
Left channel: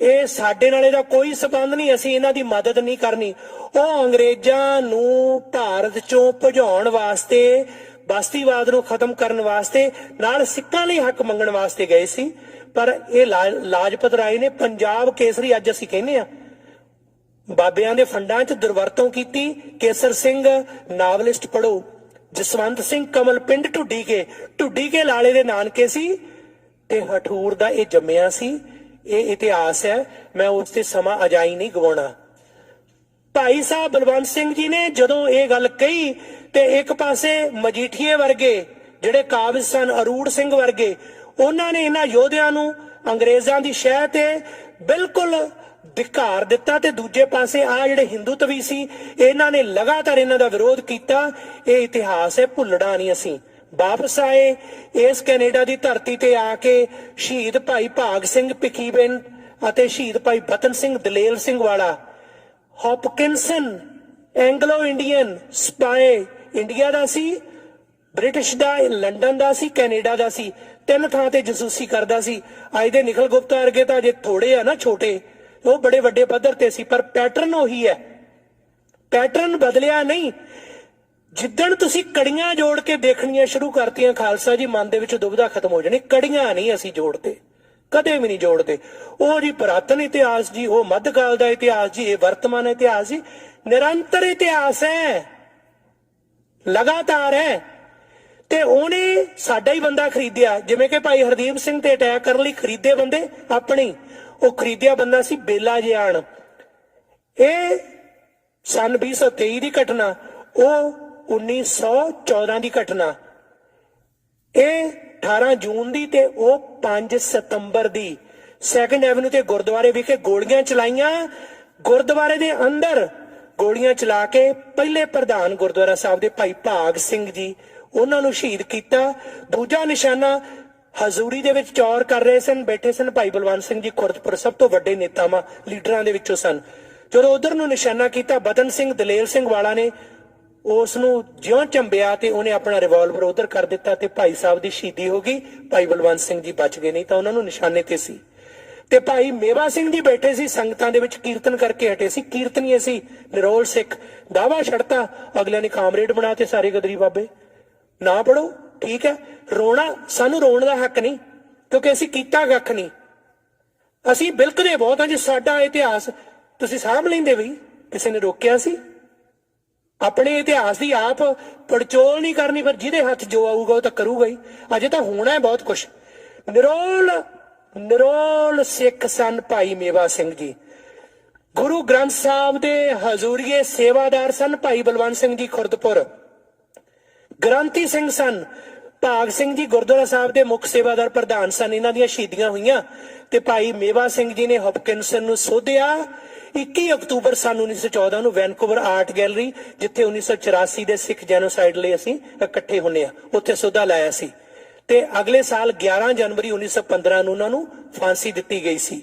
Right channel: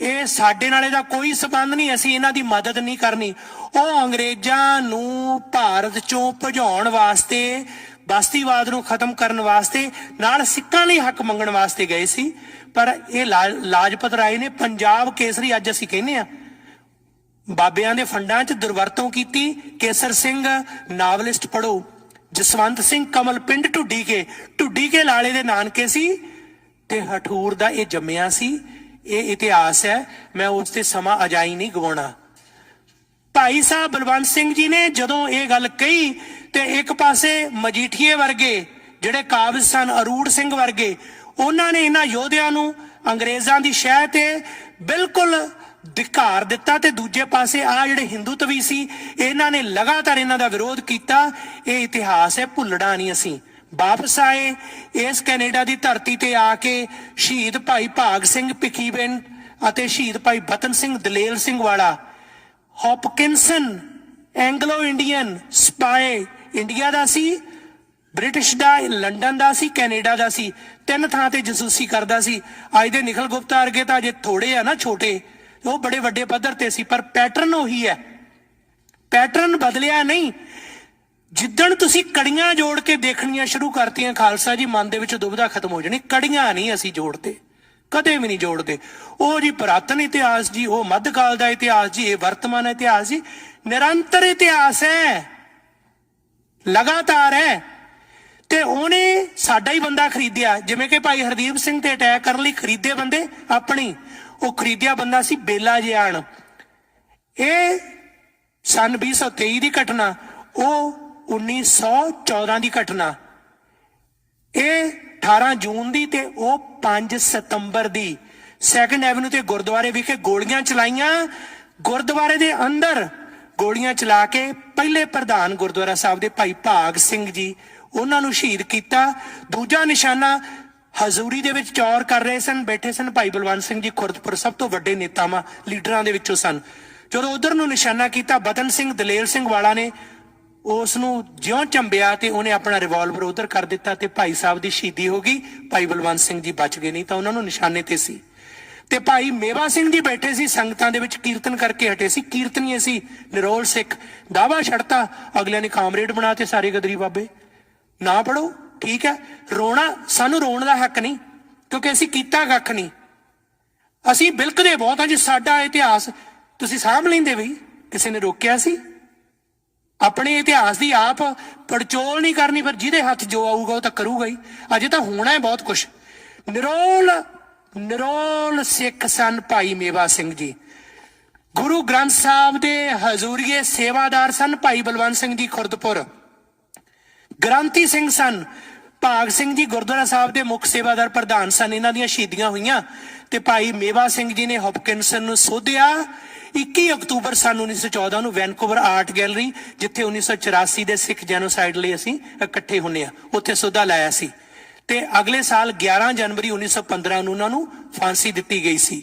ਇਹ ਸਾਡੇ ਨਾਲ ਇਹਦਾ ਕੋਈ ਸੰਬੰਧ ਨਹੀਂ, ਅਸੀਂ ਇਹਨਾਂ ਦੀ ਮਦਦ ਨਹੀਂ ਕਰਨੀ। ਉਹ ਅੰਗਰੇਜ਼ਾਂ ਨੂੰ ਭਾਰਤ ਚੋਂ ਭਜਾਉਣ ਵਾਸਤੇ, ਬਸਤੀਵਾਦ ਨੂੰ ਖਤਮ ਕਰਨ ਵਾਸਤੇ, ਨਾਲ ਸਿੱਖਾਂ ਲਈ ਹੱਕ ਮੰਗਣ ਵਾਸਤੇ ਗਏ ਸੀ। ਪਰ ਇਹ ਲਾਜਪਤ ਰਾਏ ਨੇ ਪੰਜਾਬ ਕੇਸਰੀ, ਅੱਜ ਅਸੀਂ ਕਹਿੰਦੇ ਆ, ਬਾਬਿਆਂ ਦੇ ਫੰਡਾਂ 'ਚ ਦੁਰਵਰਤੋਂ ਕੀਤੀ। ਕੇਸਰ ਸਿੰਘ ਨਾਵਲਿਸਟ ਪੜ੍ਹੋ, ਜਸਵੰਤ ਸਿੰਘ ਕਮਲ ਪਿੰਡ ਢੁੱਡੀ ਕੇ ਲਾਲੇ ਦੇ ਨਾਨਕੇ ਸੀ ਤੇ ਹਠੂਰ ਦਾ ਇਹ ਜੰਮਿਆ ਸੀ। ਇਹ ਇਤਿਹਾਸ ਹੈ, ਮੈਂ ਉਸ ਤੇ ਸਮਾਂ ਅਜਾਈ ਨਹੀਂ ਗਵਾਉਣਾ। ਭਾਈ ਸਾਹਿਬ ਬਲਵੰਤ ਸਿੰਘ ਜੀ ਨੇ ਜਦੋਂ ਇਹ ਗੱਲ ਕਹੀ ਤੇ ਇੱਕ ਪਾਸੇ ਮਜੀਠੀਏ ਵਰਗੇ ਜਿਹੜੇ ਕਾਬਜ਼ ਸਨ, ਅਰੂੜ ਸਿੰਘ ਵਰਗੇ, ਉਹਨਾਂ ਨੇ ਇਹਨਾਂ ਯੋਧਿਆਂ ਨੂੰ ਅੰਗਰੇਜ਼ਾਂ ਦੀ ਸ਼ਹਿ ਤੇ ਬਿਲਕੁਲ ધિਕਾਰ ਦਿੱਤਾ ਤੇ ਦੂਜੇ ਪਾਸੇ ਆ ਜਿਹੜੇ ਹਿੰਦੂਤਵੀ ਸੀ ਇਹਨਾਂ ਨੇ ਲਗਾਤਾਰ ਇਹਨਾਂ ਦਾ ਵਿਰੋਧ ਕੀਤਾ। ਇਹ ਇਤਿਹਾਸ ਹੈ, ਭੁੱਲਣਾ ਨਹੀਂ ਅਸੀਂ। ਵਾਪਸ ਆਏ ਇਸ ਕੈਨੇਡਾ ਦੀ ਧਰਤੀ ਤੇ ਆ ਕੇ ਸ਼ਹੀਦ ਭਾਈ ਭਾਗ ਸਿੰਘ ਭਿੱਖੀਵਿੰਡ ਅਤੇ ਸ਼ਹੀਦ ਭਾਈ ਬਤਨ ਸਿੰਘ ਦਲੇਲ ਸਿੰਘ ਵਾਲਾ, ਹੌਪਕਿੰਸਨ ਐਂਗਲੋ ਇੰਡੀਅਨ ਸਪਾਈ, ਇੰਡੀਆ ਦਾ ਸੀ, ਬ੍ਰਿਟਿਸ਼ ਦਾ, ਲੰਡਨ ਦਾ ਸੀ, ਕੈਨੇਡਾ ਦਾ ਸੀ, 3 ਥਾਂ ਤੇ ਜਸੂਸੀ ਕਰਦਾ ਸੀ। ਅੱਜ ਦੇ ਨਿਖਲ ਗੁਪਤਾ ਵਰਗੇ ਤਾਂ ਅਜੇ ਥੋੜੇ ਆ ਨਾ, ਛੋਟੇ, ਉਹ ਬੜੇ ਵੱਡੇ ਪੱਧਰ ਤੇ ਸੀ, ਪਰ ਪੈਟਰਨ ਉਹੀ ਹੈ, ਪੈਟਰਨ ਬਦਲਿਆ ਨਹੀਂ। ਜਿੱਦਣ ਤੁਸੀਂ ਕੜੀਆਂ ਜੋੜ ਕੇ ਦੇਖਣੀਆਂ ਸ਼ੁਰੂ ਕਰਤੀਆਂ ਖਾਲਸਾ ਜੀ, ਮਨ ਦੇ ਵਿੱਚ ਦੁਬਿਧਾ ਖਤਮ ਹੋ ਜਾਣੀ। ਕੜੀਆਂ ਨਹੀਂ ਅਸੀਂ ਜੋੜਦੇ, ਕਦੇ ਵੀ ਨਹੀਂ ਜੋੜਦੇ। ਉਹ ਜੀ ਪੁਰਾਤਨ ਇਤਿਹਾਸ ਜੀ, ਉਹ ਮੱਧਕਾਲ ਦਾ ਇਤਿਹਾਸ ਜੀ, ਇਹ ਵਰਤਮਾਨ ਇਤਿਹਾਸ ਜੀ, ਨਿਰੰਤਰ ਇਤਿਹਾਸ ਹੈ, ਲਗਾਤਾਰ ਹੈ। ਤੇ ਉਹਨੇ ਸਾਡਾ ਹੀ ਬੰਦਾ ਖਰੀਦਿਆ, ਜਿਵੇਂ ਕਿ ਭਾਈ ਹਰਦੀਪ ਸਿੰਘ ਤੇ ਅਟੈਕ ਕਰਨ ਲਈ ਖਰੀਦੇ ਬੰਦੇ ਆਪਣੀ, ਉਹ ਖਰੀਦਿਆ ਬੰਦਾ ਸੀ ਬੇਲਾ ਜਿਆਣ। ਇਹ ਸਨ 2023 ਦੀ ਘਟਨਾ, ਉਹ 1914 ਦੀ ਘਟਨਾ, ਇਹ 18 ਜੂਨ ਦੀ ਤੇ ਉਹ 5 ਸਤੰਬਰ ਦੀ। 2nd ਐਵਨਿਊ ਤੇ ਗੁਰਦੁਆਰੇ ਵਿਖੇ ਗੋਲੀਆਂ ਚਲਾਈਆਂ, ਗੁਰਦੁਆਰੇ ਦੇ ਅੰਦਰ ਗੋਲੀਆਂ ਚਲਾ ਕੇ ਪਹਿਲੇ ਪ੍ਰਧਾਨ ਗੁਰਦੁਆਰਾ ਸਾਹਿਬ ਦੇ ਭਾਈ ਭਾਗ ਸਿੰਘ ਜੀ, ਉਹਨਾਂ ਨੂੰ ਸ਼ਹੀਦ ਕੀਤਾ। ਦੂਜਾ ਨਿਸ਼ਾਨਾ ਹਜ਼ੂਰੀ ਦੇ ਵਿੱਚ ਚੌਰ ਕਰ ਰਹੇ ਸਨ, ਬੈਠੇ ਸਨ ਭਾਈ ਬਲਵੰਤ ਸਿੰਘ ਜੀ ਖੁਰਦਪੁਰ, ਸਭ ਤੋਂ ਵੱਡੇ ਨੇਤਾਵਾਂ ਲੀਡਰਾਂ ਦੇ ਵਿੱਚੋਂ ਸਨ। ਜਦੋਂ ਉਧਰ ਨੂੰ ਨਿਸ਼ਾਨਾ ਕੀਤਾ, ਬਤਨ ਸਿੰਘ ਦਲੇਲ ਸਿੰਘ ਵਾਲਾ ਨੇ ਉਸ ਨੂੰ ਜਿਉਂ ਚੰਬਿਆ ਤੇ ਉਹਨੇ ਆਪਣਾ ਰਿਵਾਲਵਰ ਉਧਰ ਕਰ ਦਿੱਤਾ ਤੇ ਭਾਈ ਸਾਹਿਬ ਦੀ ਸ਼ਹੀਦੀ ਹੋ ਗਈ। ਭਾਈ ਬਲਵੰਤ ਸਿੰਘ ਜੀ ਬਚ ਗਏ, ਨਹੀਂ ਤਾਂ ਉਹਨਾਂ ਨੂੰ ਨਿਸ਼ਾਨੇ ਤੇ ਸੀ। ਤੇ ਭਾਈ ਮੇਵਾ ਸਿੰਘ ਜੀ ਬੈਠੇ ਸੀ ਸੰਗਤਾਂ ਦੇ ਵਿੱਚ, ਕੀਰਤਨ ਕਰਕੇ ਹਟੇ ਸੀ, ਕੀਰਤਨੀਏ ਸੀ, ਨਿਰੋਲ ਸਿੱਖ। ਦਾਵਾ ਛੱਡਤਾ, ਅਗਲਿਆਂ ਨੇ ਕਾਮਰੇਡ ਬਣਾ ਤੇ ਸਾਰੇ ਗਦਰੀ ਬਾਬੇ। ਨਾ ਪੜੋ, ਠੀਕ ਹੈ, ਰੋਣਾ, ਸਾਨੂੰ ਰੋਣ ਦਾ ਹੱਕ ਨਹੀਂ, ਕਿਉਂਕਿ ਅਸੀਂ ਕੀਤਾ ਕੱਖ ਨਹੀਂ। ਅਸੀਂ ਬਿਲਕਦੇ ਬਹੁਤ ਹਾਂ ਜੀ, ਸਾਡਾ ਇਤਿਹਾਸ ਤੁਸੀਂ ਸਾਂਭ ਲੈਂਦੇ ਬਈ, ਕਿਸੇ ਨੇ ਰੋਕਿਆ ਸੀ? ਆਪਣੇ ਇਤਿਹਾਸ ਦੀ ਆਪ ਪੜਚੋਲ ਨਹੀਂ ਕਰਨੀ, ਫਿਰ ਜਿਹਦੇ ਹੱਥ ਜੋ ਆਊਗਾ ਉਹ ਤਾਂ ਕਰੂਗਾ ਹੀ। ਅਜੇ ਤਾਂ ਹੋਣਾ ਹੈ ਬਹੁਤ ਕੁਛ। ਨਿਰੋਲ ਸਿੱਖ ਸਨ ਭਾਈ ਮੇਵਾ ਸਿੰਘ ਜੀ, ਗੁਰੂ ਗ੍ਰੰਥ ਸਾਹਿਬ ਦੇ ਹਜ਼ੂਰੀਏ ਸੇਵਾਦਾਰ ਸਨ ਭਾਈ ਬਲਵੰਤ ਸਿੰਘ ਜੀ ਖੁਰਦਪੁਰ, ਗ੍ਰੰਥੀ ਸਿੰਘ ਸਨ ਭਾਗ ਸਿੰਘ ਜੀ, ਗੁਰਦੁਆਰਾ ਸਾਹਿਬ ਦੇ ਮੁੱਖ ਸੇਵਾਦਾਰ ਪ੍ਰਧਾਨ ਸਨ। ਇਹਨਾਂ ਦੀਆਂ ਸ਼ਹੀਦੀਆਂ ਹੋਈਆਂ ਤੇ ਭਾਈ ਮੇਵਾ ਸਿੰਘ ਜੀ ਨੇ ਹੌਪਕਿੰਸਨ ਨੂੰ ਸੋਧਿਆ 21 ਅਕਤੂਬਰ ਸਨ 1914 ਨੂੰ ਵੈਨਕੂਵਰ ਆਰਟ ਗੈਲਰੀ, ਜਿੱਥੇ 1984 ਦੇ ਸਿੱਖ ਜੈਨੋਸਾਈਡ ਲਈ ਅਸੀਂ ਇਕੱਠੇ ਹੁੰਨੇ ਆ, ਉੱਥੇ ਸੋਧਾ ਲਾਇਆ ਸੀ। ਤੇ ਅਗਲੇ ਸਾਲ 11 ਜਨਵਰੀ 1915 ਨੂੰ ਉਹਨਾਂ ਨੂੰ ਫਾਂਸੀ ਦਿੱਤੀ ਗਈ ਸੀ।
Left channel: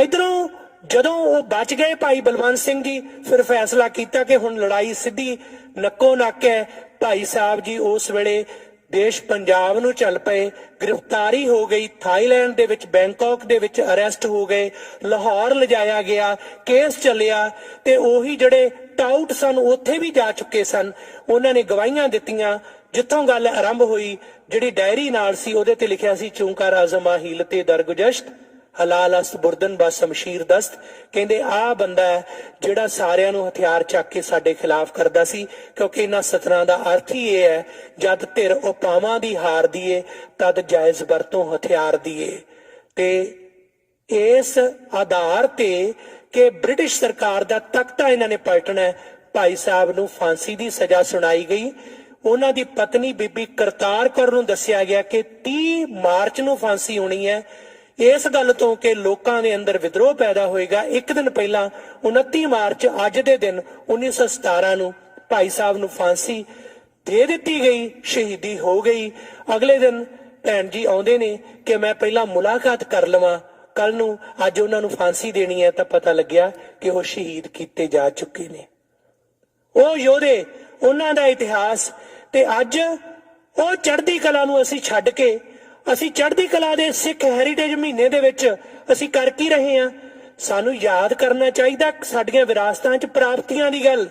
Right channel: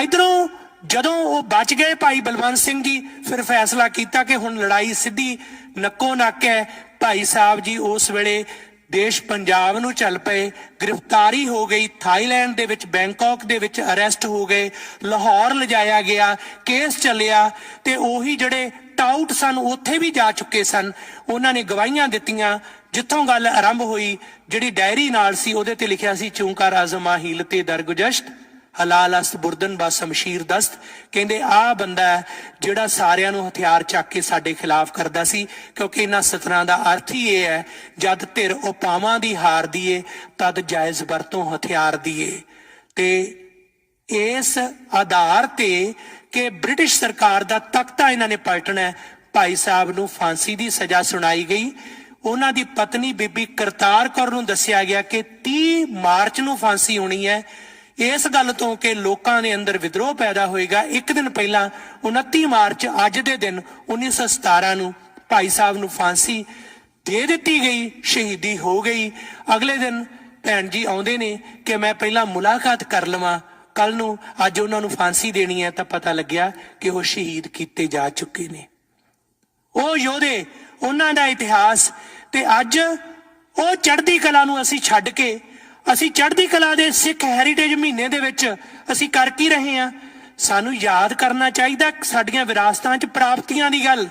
ਇਧਰੋਂ ਜਦੋਂ ਉਹ ਬਚ ਗਏ ਭਾਈ ਬਲਵੰਤ ਸਿੰਘ ਜੀ, ਫਿਰ ਫੈਸਲਾ ਕੀਤਾ ਕਿ ਹੁਣ ਲੜਾਈ ਸਿੱਧੀ ਨੱਕੋ ਨੱਕ ਹੈ। ਭਾਈ ਸਾਹਿਬ ਜੀ ਉਸ ਵੇਲੇ ਦੇਸ਼ ਪੰਜਾਬ ਨੂੰ ਚੱਲ ਪਏ, ਗ੍ਰਿਫਤਾਰੀ ਹੋ ਗਈ, ਥਾਈਲੈਂਡ ਦੇ ਵਿੱਚ, ਬੈਂਕਾਕ ਦੇ ਵਿੱਚ ਅਰੈਸਟ ਹੋ ਗਏ, ਲਾਹੌਰ ਲਿਜਾਇਆ ਗਿਆ, ਕੇਸ ਚੱਲਿਆ ਤੇ ਉਹੀ ਜਿਹੜੇ ਟਾਊਟ ਸਨ ਉੱਥੇ ਵੀ ਜਾ ਚੁੱਕੇ ਸਨ। ਉਹਨਾਂ ਨੇ ਗਵਾਹੀਆਂ ਦਿੱਤੀਆਂ। ਜਿੱਥੋਂ ਗੱਲ ਆਰੰਭ ਹੋਈ, ਜਿਹੜੀ ਡਾਇਰੀ ਨਾਲ ਸੀ ਉਹਦੇ ਤੇ ਲਿਖਿਆ ਸੀ, ਚੂੰਕਾਰ ਆਜ਼ਮਾ ਹੀਲਤੇ ਦਰਗੁਜਸ਼ਤ ਹਲਾਲ ਅਸਤ ਬੁਰਦਨ ਬਾ ਸ਼ਮਸ਼ੀਰ ਦਸਤ। ਕਹਿੰਦੇ ਆਹ ਬੰਦਾ ਜਿਹੜਾ ਸਾਰਿਆਂ ਨੂੰ ਹਥਿਆਰ ਚੱਕ ਕੇ ਸਾਡੇ ਖਿਲਾਫ ਕਰਦਾ ਸੀ, ਕਿਉਂਕਿ ਇਹਨਾਂ ਸਤਰਾਂ ਦਾ ਅਰਥ ਹੀ ਇਹ ਹੈ, ਜਦ ਧਿਰ ਉਪਾਵਾਂ ਦੀ ਹਾਰਦੀ ਏ ਤਦ ਜਾਇਜ਼ ਵਰਤੋਂ ਹਥਿਆਰ ਦੀ ਏ। ਤੇ ਇਸ ਆਧਾਰ ਤੇ ਕਿ ਬ੍ਰਿਟਿਸ਼ ਸਰਕਾਰ ਦਾ ਤਖਤਾ ਇਹਨਾਂ ਨੇ ਪਲਟਣਾ, ਭਾਈ ਸਾਹਿਬ ਨੂੰ ਫਾਂਸੀ ਦੀ ਸਜ਼ਾ ਸੁਣਾਈ ਗਈ। ਉਹਨਾਂ ਦੀ ਪਤਨੀ ਬੀਬੀ ਕਰਤਾਰ ਕੌਰ ਨੂੰ ਦੱਸਿਆ ਗਿਆ ਕਿ 30 ਮਾਰਚ ਨੂੰ ਫਾਂਸੀ ਹੋਣੀ ਹੈ। ਇਸ ਗੱਲ ਤੋਂ ਕਿ ਲੋਕਾਂ ਦੇ ਅੰਦਰ ਵਿਦਰੋਹ ਪੈਦਾ ਹੋਏਗਾ, ਇੱਕ ਦਿਨ ਪਹਿਲਾਂ 29 ਮਾਰਚ ਅੱਜ ਦੇ ਦਿਨ 1917 ਨੂੰ ਭਾਈ ਸਾਹਿਬ ਨੂੰ ਫਾਂਸੀ ਦੇ ਦਿੱਤੀ ਗਈ, ਸ਼ਹੀਦੀ ਹੋ ਗਈ। ਅਗਲੇ ਦਿਨ ਭੈਣ ਜੀ ਆਉਂਦੇ ਨੇ ਕਿ ਮੈਂ ਪਹਿਲਾਂ ਮੁਲਾਕਾਤ ਕਰ ਲਵਾਂ, ਕੱਲ ਨੂੰ ਅੱਜ ਉਹਨਾਂ ਨੂੰ ਫਾਂਸੀ ਦੇਣੀ ਹੈ ਤਾਂ ਪਤਾ ਲੱਗਿਆ ਕਿ ਉਹ ਸ਼ਹੀਦ ਕੀਤੇ ਜਾ ਚੁੱਕੇ ਨੇ। ਉਹ ਯੋਧੇ, ਉਹਨਾਂ ਦਾ ਇਤਿਹਾਸ, ਤੇ ਅੱਜ ਉਹ ਚੜ੍ਹਦੀ ਕਲਾ ਨੂੰ ਅਸੀਂ ਛੱਡ ਕੇ ਅਸੀਂ ਚੜ੍ਹਦੀ ਕਲਾ ਦੇ ਸਿੱਖ ਹੈਰੀਟੇਜ ਮਹੀਨੇ ਦੇ ਵਿੱਚ ਅਸੀਂ ਕਰ ਕੀ ਰਹੇ ਹਾਂ? ਸਾਨੂੰ ਯਾਦ ਕਰਨਾ ਚਾਹੀਦਾ ਸਾਡੀਆਂ ਵਿਰਾਸਤਾਂ 'ਚ ਪ੍ਰਾਪਤੀਆਂ ਦੀ ਗੱਲ,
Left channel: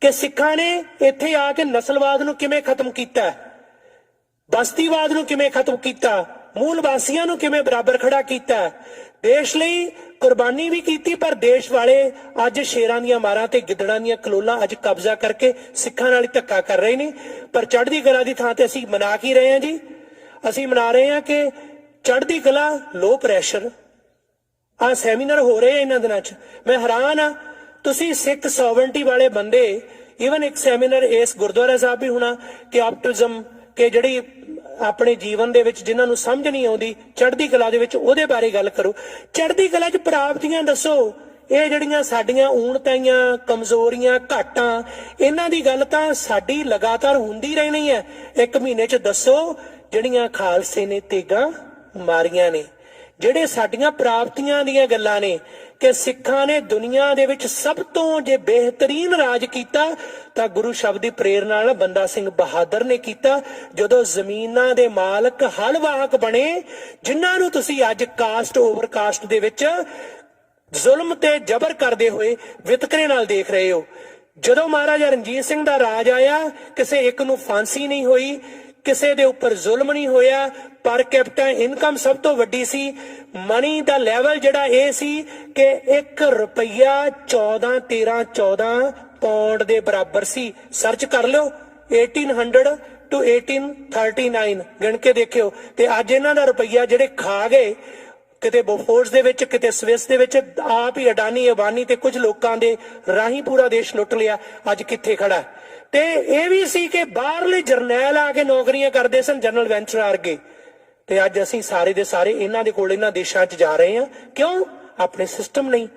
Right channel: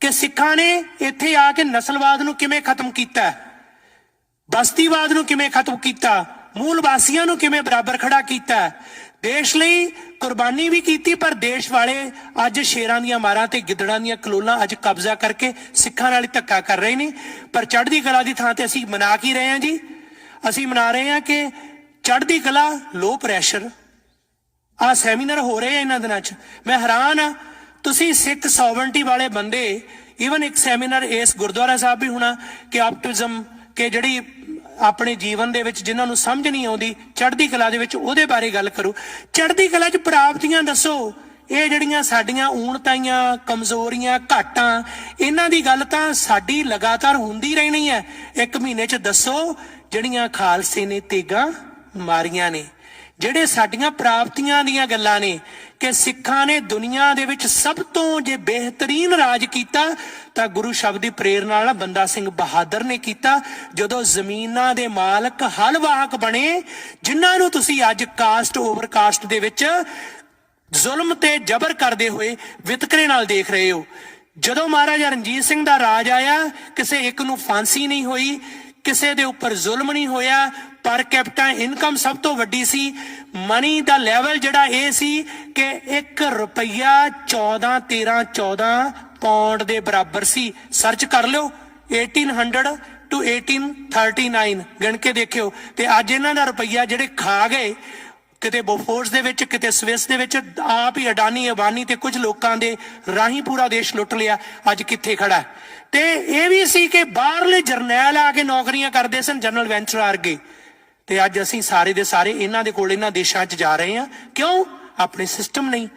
ਕਿ ਸਿੱਖਾਂ ਨੇ ਇੱਥੇ ਆ ਕੇ ਨਸਲਵਾਦ ਨੂੰ ਕਿਵੇਂ ਖਤਮ ਕੀਤਾ, ਬਸਤੀਵਾਦ ਨੂੰ ਕਿਵੇਂ ਖਤਮ ਕੀਤਾ, ਮੂਲ ਵਾਸੀਆਂ ਨੂੰ ਕਿਵੇਂ ਬਰਾਬਰ ਖੜਾ ਕੀਤਾ, ਦੇਸ਼ ਲਈ ਕੁਰਬਾਨੀ ਵੀ ਕੀਤੀ। ਪਰ ਦੇਸ਼ ਵਾਲੇ ਅੱਜ ਸ਼ੇਰਾਂ ਦੀਆਂ ਮਾਰਾਂ ਤੇ ਗਿੱਦੜਾਂ ਦੀਆਂ ਕਲੋਲਾਂ ਅੱਜ ਕਬਜ਼ਾ ਕਰਕੇ ਸਿੱਖਾਂ ਨਾਲ ਹੀ ਧੱਕਾ ਕਰ ਰਹੇ ਨੇ। ਪਰ ਚੜ੍ਹਦੀ ਕਲਾ ਦੀ ਥਾਂ ਤੇ ਅਸੀਂ ਮਨਾ ਕੀ ਰਹੇ ਹਾਂ ਜੀ? ਅਸੀਂ ਮਨਾ ਰਹੇ ਹਾਂ ਕਿ ਚੜ੍ਹਦੀ ਕਲਾ ਲੋ ਪ੍ਰੈਸ਼ਰ। ਆਹ ਸੈਮੀਨਾਰ ਹੋ ਰਹੇ ਆ ਇਹਨਾਂ ਦਿਨਾਂ 'ਚ, ਮੈਂ ਹੈਰਾਨ ਆ। ਤੁਸੀਂ ਸਿੱਖ ਸੋਵਰਨਟੀ ਵਾਲੇ ਬੰਦੇ, ਈਵਨ ਇੱਕ ਸੈਮੀਨਾਰ ਇਸ ਗੁਰਦੁਆਰਾ ਸਾਹਿਬ ਵੀ ਹੋਣਾ ਕਿ ਆਪਟਿਜ਼ਮ, ਕਿ ਜਿਹੜੀ ਆਪਣੇ ਜੀਵਨ ਦੇ ਵਿੱਚ ਜਿਨ੍ਹਾਂ ਨੂੰ ਸਮਝ ਨਹੀਂ ਆਉਂਦੀ ਚੜ੍ਹਦੀ ਕਲਾ ਦੇ ਵਿੱਚ, ਉਹਦੇ ਬਾਰੇ ਗੱਲ ਕਰੋ। ਚੜ੍ਹਦੀ ਕਲਾ 'ਚ ਪ੍ਰਾਪਤੀਆਂ ਦੱਸੋ। ਇਹ ਜਿਹੜੀਆਂ ਸਾਡੀਆਂ ਊਣਤਾਈਆਂ, ਕਮਜ਼ੋਰੀਆਂ, ਘਾਟਾਂ, ਇਹਨਾਂ ਦੀ ਗੱਲ ਤਾਂ ਸਾਡੀ ਲਗਾਤਾਰ ਹੁੰਦੀ ਰਹਿਣੀ ਹੈ। ਇੱਕ ਮਹੀਨੇ 'ਚ ਦੱਸੋ ਜਿਹੜੀਆਂ ਖਾਲਸੇ ਨੇ ਤੇਗਾਂ ਮਾਰੀਆਂ ਨੇ, ਜਿਹੜੇ ਸਾਡੀਆਂ ਪ੍ਰਾਪਤੀਆਂ ਦੀਆਂ ਗੱਲਾਂ ਨੇ, ਕਿ ਸਿੱਖਾਂ ਨੇ ਦੁਨੀਆ ਦੇ ਵਿੱਚ ਸਭ ਤੋਂ ਜੇ ਬਿਹਤਰੀਨ ਰਾਜ ਕੀਤਾ ਤਾਂ ਗੁਰੂ ਸ਼ਬਦ ਦੀ ਪ੍ਰੇਰਨਾ ਨਾਲ ਬੰਦਾ ਸਿੰਘ ਬਹਾਦਰ ਨੇ ਕੀਤਾ, ਜਦੋਂ ਜ਼ਮੀਨਾਂ ਦੇ ਮਾਲਕ ਹਲਵਾਹਕ ਬਣੇ, ਜਿਨ੍ਹਾਂ ਨੂੰ ਤੁਸੀਂ ਅੱਜ ਕਾਸਟ ਓਵਰ ਕਾਸਟ ਦੇ ਵਿੱਚ ਜ਼ੁਲਮ ਤੇ ਜ਼ਬਰ ਕਰਦੇ ਹੋਏ ਵਿਤਕਰੇ ਨਾਲ ਦੇਖ ਰਹੇ ਹੋ। ਜਦੋਂ ਮਹਾਰਾਜਾ ਰਣਜੀਤ ਸਿੰਘ ਦਾ ਰਾਜ ਆਇਆ, ਕਿਸੇ ਇੱਕ ਨੂੰ ਫਾਂਸੀ ਨਹੀਂ ਹੋਈ, ਕਿਸੇ ਦੇ ਉੱਪਰ ਜ਼ੁਲਮ ਨਹੀਂ ਹੋਇਆ, ਪਰ ਕੈਪੀਟਾ ਇਨਕਮ ਸਭ ਤੋਂ ਵੱਡੀ ਸੀ। ਮਨੀ ਦਾ ਲੈਵਲ ਜਿਹੜਾ ਇਹ ਸੀ ਕਿ 1 ਰੁਪਈਆ 14 ਪੌਂਡ ਦੇ ਬਰਾਬਰ ਸੀ। ਸਰਚ ਕਰ ਲਿਓ, 1800 to 1839 ਗਿਣ ਕੇ ਦੇਖਿਓ। ਤੇ ਅੱਜ ਇਹਨਾਂ ਦਾ ਰੁਪਈਆ ਜਿਹੜੇ ਖਾ ਗਏ, ਕਿਤੇ ਬੋਫੋਰਸ ਦੇ ਵਿੱਚ, ਕਿਤੇ ਸਵਿਸ ਦੇ ਵਿੱਚ, ਆਪ ਹੀ ਅਡਾਨੀ ਅਬਾਨੀ ਤੇ ਕੁਝ ਲੋਕਾਂ ਦੇ ਰਾਹੀਂ ਪੂਰਾ ਦੇਸ਼ ਲੁੱਟ ਲਿਆ, ਅੱਜ ਕਿੱਥੇ ਖੜਾ। ਤੇ ਇਹ ਵੀ ਸੀ ਕਿ ਬਾਹਰਲੇ ਜਰਨੈਲ ਆ ਕੇ ਨੌਕਰੀਆਂ ਕਰਦੇ ਸਨ, ਜਨਰਲ ਵੈਂਚਰ ਵਰਗੇ, ਤੇ ਅੱਜ ਅਸੀਂ ਸਾਰੇ ਦੇ ਸਾਰੇ ਇਹਨਾਂ ਦੇ ਕੋਲ ਇਹਨਾਂ ਦੇਸ਼ਾਂ 'ਚ ਜਾ ਰਹੇ ਹਾਂ। ਕਿਉਂ? ਆਪਣੇ ਸਿਸਟਮ ਨਹੀਂ।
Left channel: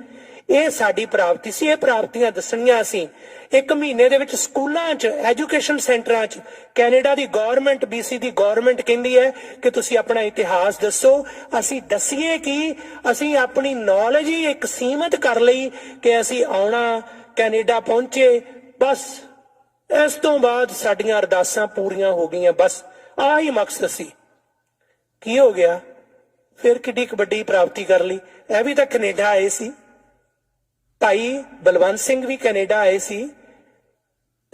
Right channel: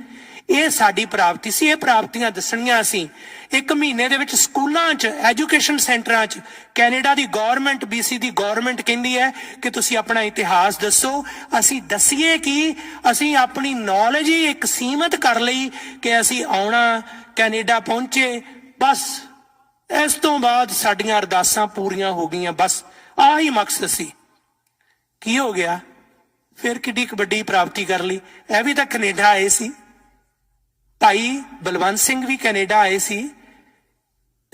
ਇਹ ਸਾਡੀ ਪ੍ਰਾਪਤੀ ਸੀ, ਇਹ ਪ੍ਰਾਪਤੀਆਂ ਦੱਸਣੀਆਂ ਅਸੀਂ। ਇੱਕ ਮਹੀਨੇ ਦੇ ਵਿੱਚ ਸਕੂਲਾਂ 'ਚ, ਐਜੂਕੇਸ਼ਨ ਸੈਂਟਰਾਂ 'ਚ ਕੈਨੇਡਾ ਦੀ ਗੌਰਮੈਂਟ, BC ਦੀ ਗੌਰਮੈਂਟ ਕਹਿੰਦੀ ਹੈ ਕਿ ਤੁਸੀਂ ਆਪਣਾ ਇਤਿਹਾਸ ਦੱਸੋ। ਅਸੀਂ ਦੱਸੀਏ ਕਿ ਅਸੀਂ ਆਪਣੀ ਨੌਲੇਜ ਹੀ ਇੱਕ ਸੀਮਤ ਕਰ ਲਈ ਕਿ ਅਸੀਂ ਆਉਣਾ, ਕੈਨੇਡਾ ਪਹੁੰਚੇ, ਬਸ ਇਸ ਤੋਂ ਬਾਅਦ ਸਾਡੀਆਂ ਅਰਦਾਸਾਂ ਪੂਰੀਆਂ ਹੋ ਗਈਆਂ, ਬਸ ਆਹੀ ਮਕਸਦ ਸੀ। ਕੀ ਹੋ ਗਿਆ ਫਿਰ? ਕਿੱਡੀ ਵੱਡੀ ਪ੍ਰਾਪਤੀ ਕਰ ਲਈ। ਇਹ ਵੀ ਤਾਂ ਕੈਨੇਡਾ ਆਏ ਸੀ, ਭਾਈ ਬਲਵੰਤ ਸਿੰਘ ਵੀ ਕੈਨੇਡਾ ਆਏ ਸੀ,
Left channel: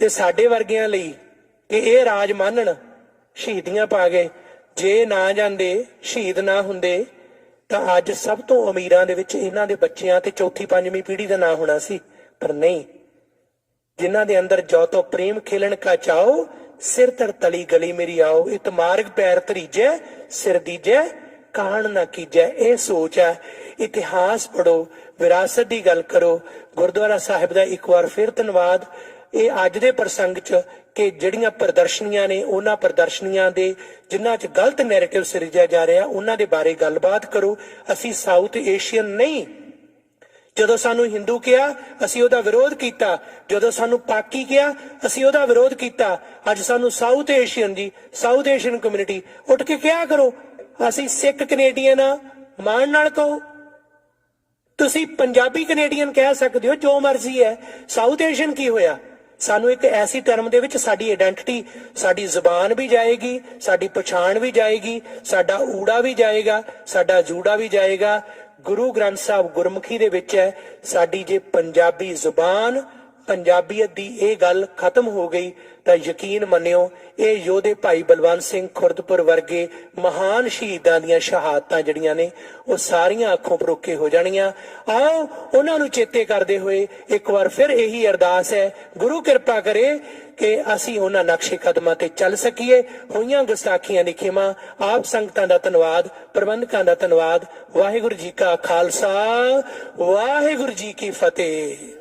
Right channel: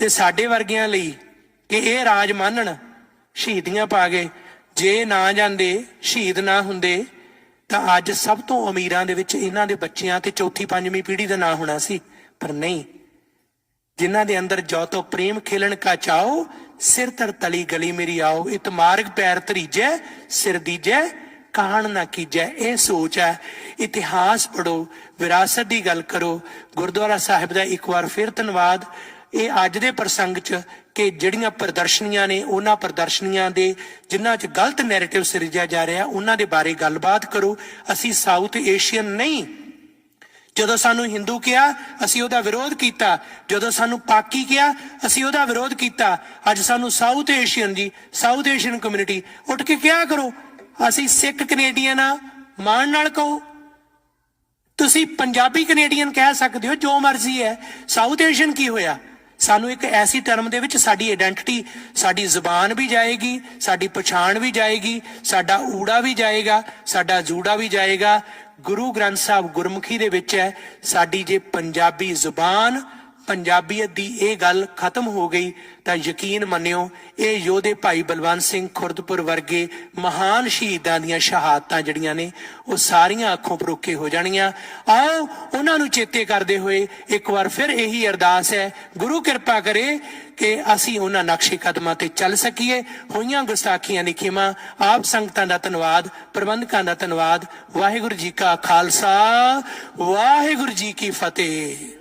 ਤੇ ਸਾਡੇ ਵਰਗਿਆਂ ਲਈ ਕਿ ਇਹ ਰਾਜ ਮੰਨਣ, ਸ਼ਹੀਦੀਆਂ ਪਾ ਗਏ। ਜੇ ਨਾ ਜਾਂਦੇ, ਸ਼ਹੀਦ ਨਾ ਹੁੰਦੇ, ਤਾਂ ਅੱਜ ਸਭ ਤੋਂ ਅਮੀਰਾਂ ਦੇ ਵਿੱਚ ਇਹਨਾਂ ਦੇ ਬੱਚਿਆਂ ਤੇ ਚੌਥੀ ਪੰਜਵੀਂ ਪੀੜ੍ਹੀ ਦਾ ਨਾਂ ਹੋਣਾ ਸੀ। ਪਰ ਨਹੀਂ, ਜਿਨ੍ਹਾਂ ਦੇ ਅੰਦਰ ਜੋ ਤੋ ਪ੍ਰੇਮ ਖੇਲਣ ਕਾ ਚਾਓ, ਸਿਰ ਧਰ ਤਲੀ ਗਲੀ ਮੇਰੀ ਆਓ, ਇਤ ਮਾਰਗ ਪੈਰ ਧਰੀਜੈ, ਸਿਰ ਦੀਜੈ ਕਾਣ ਨਾ ਕੀਜੈ। ਇਹ ਸੋਚ ਹੈ। ਇਤਿਹਾਸ ਪੜੋ, ਵਿਰਾਸਤ ਦੀ ਗੱਲ ਕਰੋ। ਗੁਰਦੁਆਰਾ ਸਾਹਿਬ ਦਾ ਇੱਕ ਵਾਰ ਫਿਰ ਧੰਨਵਾਦ। ਇਹ ਅੱਜ ਦੇ ਪ੍ਰਸੰਗ 'ਚ ਕਿ ਜਿਹੜੀਆਂ ਪ੍ਰਦਰਸ਼ਨੀਆਂ ਨੇ, ਉਹਨਾਂ ਪ੍ਰਦਰਸ਼ਨੀਆਂ ਦੇ ਜਿਨ੍ਹਾਂ 'ਚ ਗਲਤ ਨੈਰੇਟਿਵ ਸਿਰਜਿਆ ਜਾ ਰਿਹਾ, ਉਹਨਾਂ ਦੇ ਬਾਰੇ ਗੱਲਬਾਤ ਕਰੋ। ਅਸੀਂ ਸਾਊਥ ਏਸ਼ੀਅਨ ਨਹੀਂ। ਜਦੋਂ ਸਾਨੂੰ ਹਿੰਦੂ ਕਿਹਾ, ਅਸੀਂ ਉਹਦਾ ਵਿਰੋਧ ਕੀਤਾ। ਜਦੋਂ ਸਾਨੂੰ ਪਾਕੀ ਕਿਹਾ, ਅਸੀਂ ਉਹਦਾ ਵਿਰੋਧ ਕੀਤਾ। ਅੱਜ ਸਾਨੂੰ ਸਾਊਥ ਏਸ਼ੀਅਨ ਜੀ, ਸਾਊਥ ਏਸ਼ੀਅਨ ਕਮਿਊਨਿਟੀ, ਉੱਠ ਕੇ ਕਿਹਾ ਕਰੋ। ਅਸੀਂ ਸਿੱਖ ਕੈਨੇਡੀਅਨ ਆ, ਮਾਣ ਨਾਲ ਕਹੋ। ਤੁਸੀਂ ਪੰਜਾਬੀ ਕੈਨੇਡੀਅਨ ਕਹਿ ਸਕਦੇ ਹੋ, ਜੋ ਮਰਜ਼ੀ ਹੈ। ਸਾਊਥ ਏਸ਼ੀਅਨ ਕੀ ਹੋਇਆ? ਸਾਨੂੰ ਇੱਕ ਐਸੀ ਟਰਮ ਦੇ ਵਿੱਚ ਸਾਡੀ ਆਇਡੈਂਟੀਟੀ, ਸਾਡੀ ਜ਼ੁਬਾਨ ਵੀ ਜਾਏਗੀ, ਸਾਡੀ ਪਛਾਣ ਵੀ ਜਾਏਗੀ, ਸਾਡਾ ਊੜਾ ਵੀ ਜਾਏਗਾ, ਸਾਡਾ ਜੂੜਾ ਵੀ ਜਾਏਗਾ। ਗੁਰੂ ਗ੍ਰੰਥ ਸਾਹਿਬ ਗੁਰਮੁਖੀ ਦੇ ਵਿੱਚ ਹੈ। ਸਾਡੀ ਜੇ ਪੰਜਾਬੀ ਜ਼ੁਬਾਨ, ਪੰਜਾਬੀਅਤ ਦੀ ਇਹ ਗੱਲ ਖਤਮ ਹੋ ਗਈ ਤਾਂ ਯਕੀਨ ਮੰਨਿਓ, ਇਹ ਯੋਧੇ ਭਾਈ ਬਲਵੰਤ ਸਿੰਘ ਖੁਰਦਪੁਰ ਵਰਗੇ ਮਹਾਨ ਸ਼ਹੀਦਾਂ ਦੀਆਂ ਸ਼ਹਾਦਤਾਂ ਜਿਹੜੀਆਂ ਨੇ, ਉਹ ਸਾਰੀਆਂ ਅੱਖੋਂ ਪਰੋਖੇ ਹੋ ਜਾਣੀਆਂ। ਆਓ ਉਹਨਾਂ ਨੂੰ ਚੇਤੇ ਕਰਦੇ ਹੋਏ ਇੱਕ ਵਾਰ ਫਿਰ ਇਹੀ ਅਰਦਾਸ ਹੈ, ਗੁਰੂ ਕਿਰਪਾ ਕਰੇ ਕਿ ਅਸੀਂ ਉਹਨਾਂ ਨਕਸ਼ੇ ਕਦਮਾਂ ਤੇ ਚੱਲ ਸਕੀਏ। ਹੋਈਆਂ ਗੁਸਤਾਖੀਆਂ ਦੀ ਖਿਮਾ। ਆਪ ਸੰਗਤਾਂ ਦਾ ਧੰਨਵਾਦ, ਪ੍ਰਬੰਧਕਾਂ ਦਾ ਧੰਨਵਾਦ। ਵਾਹਿਗੁਰੂ ਜੀ ਕਾ ਖਾਲਸਾ, ਵਾਹਿਗੁਰੂ ਜੀ ਕੀ ਫਤਿਹ।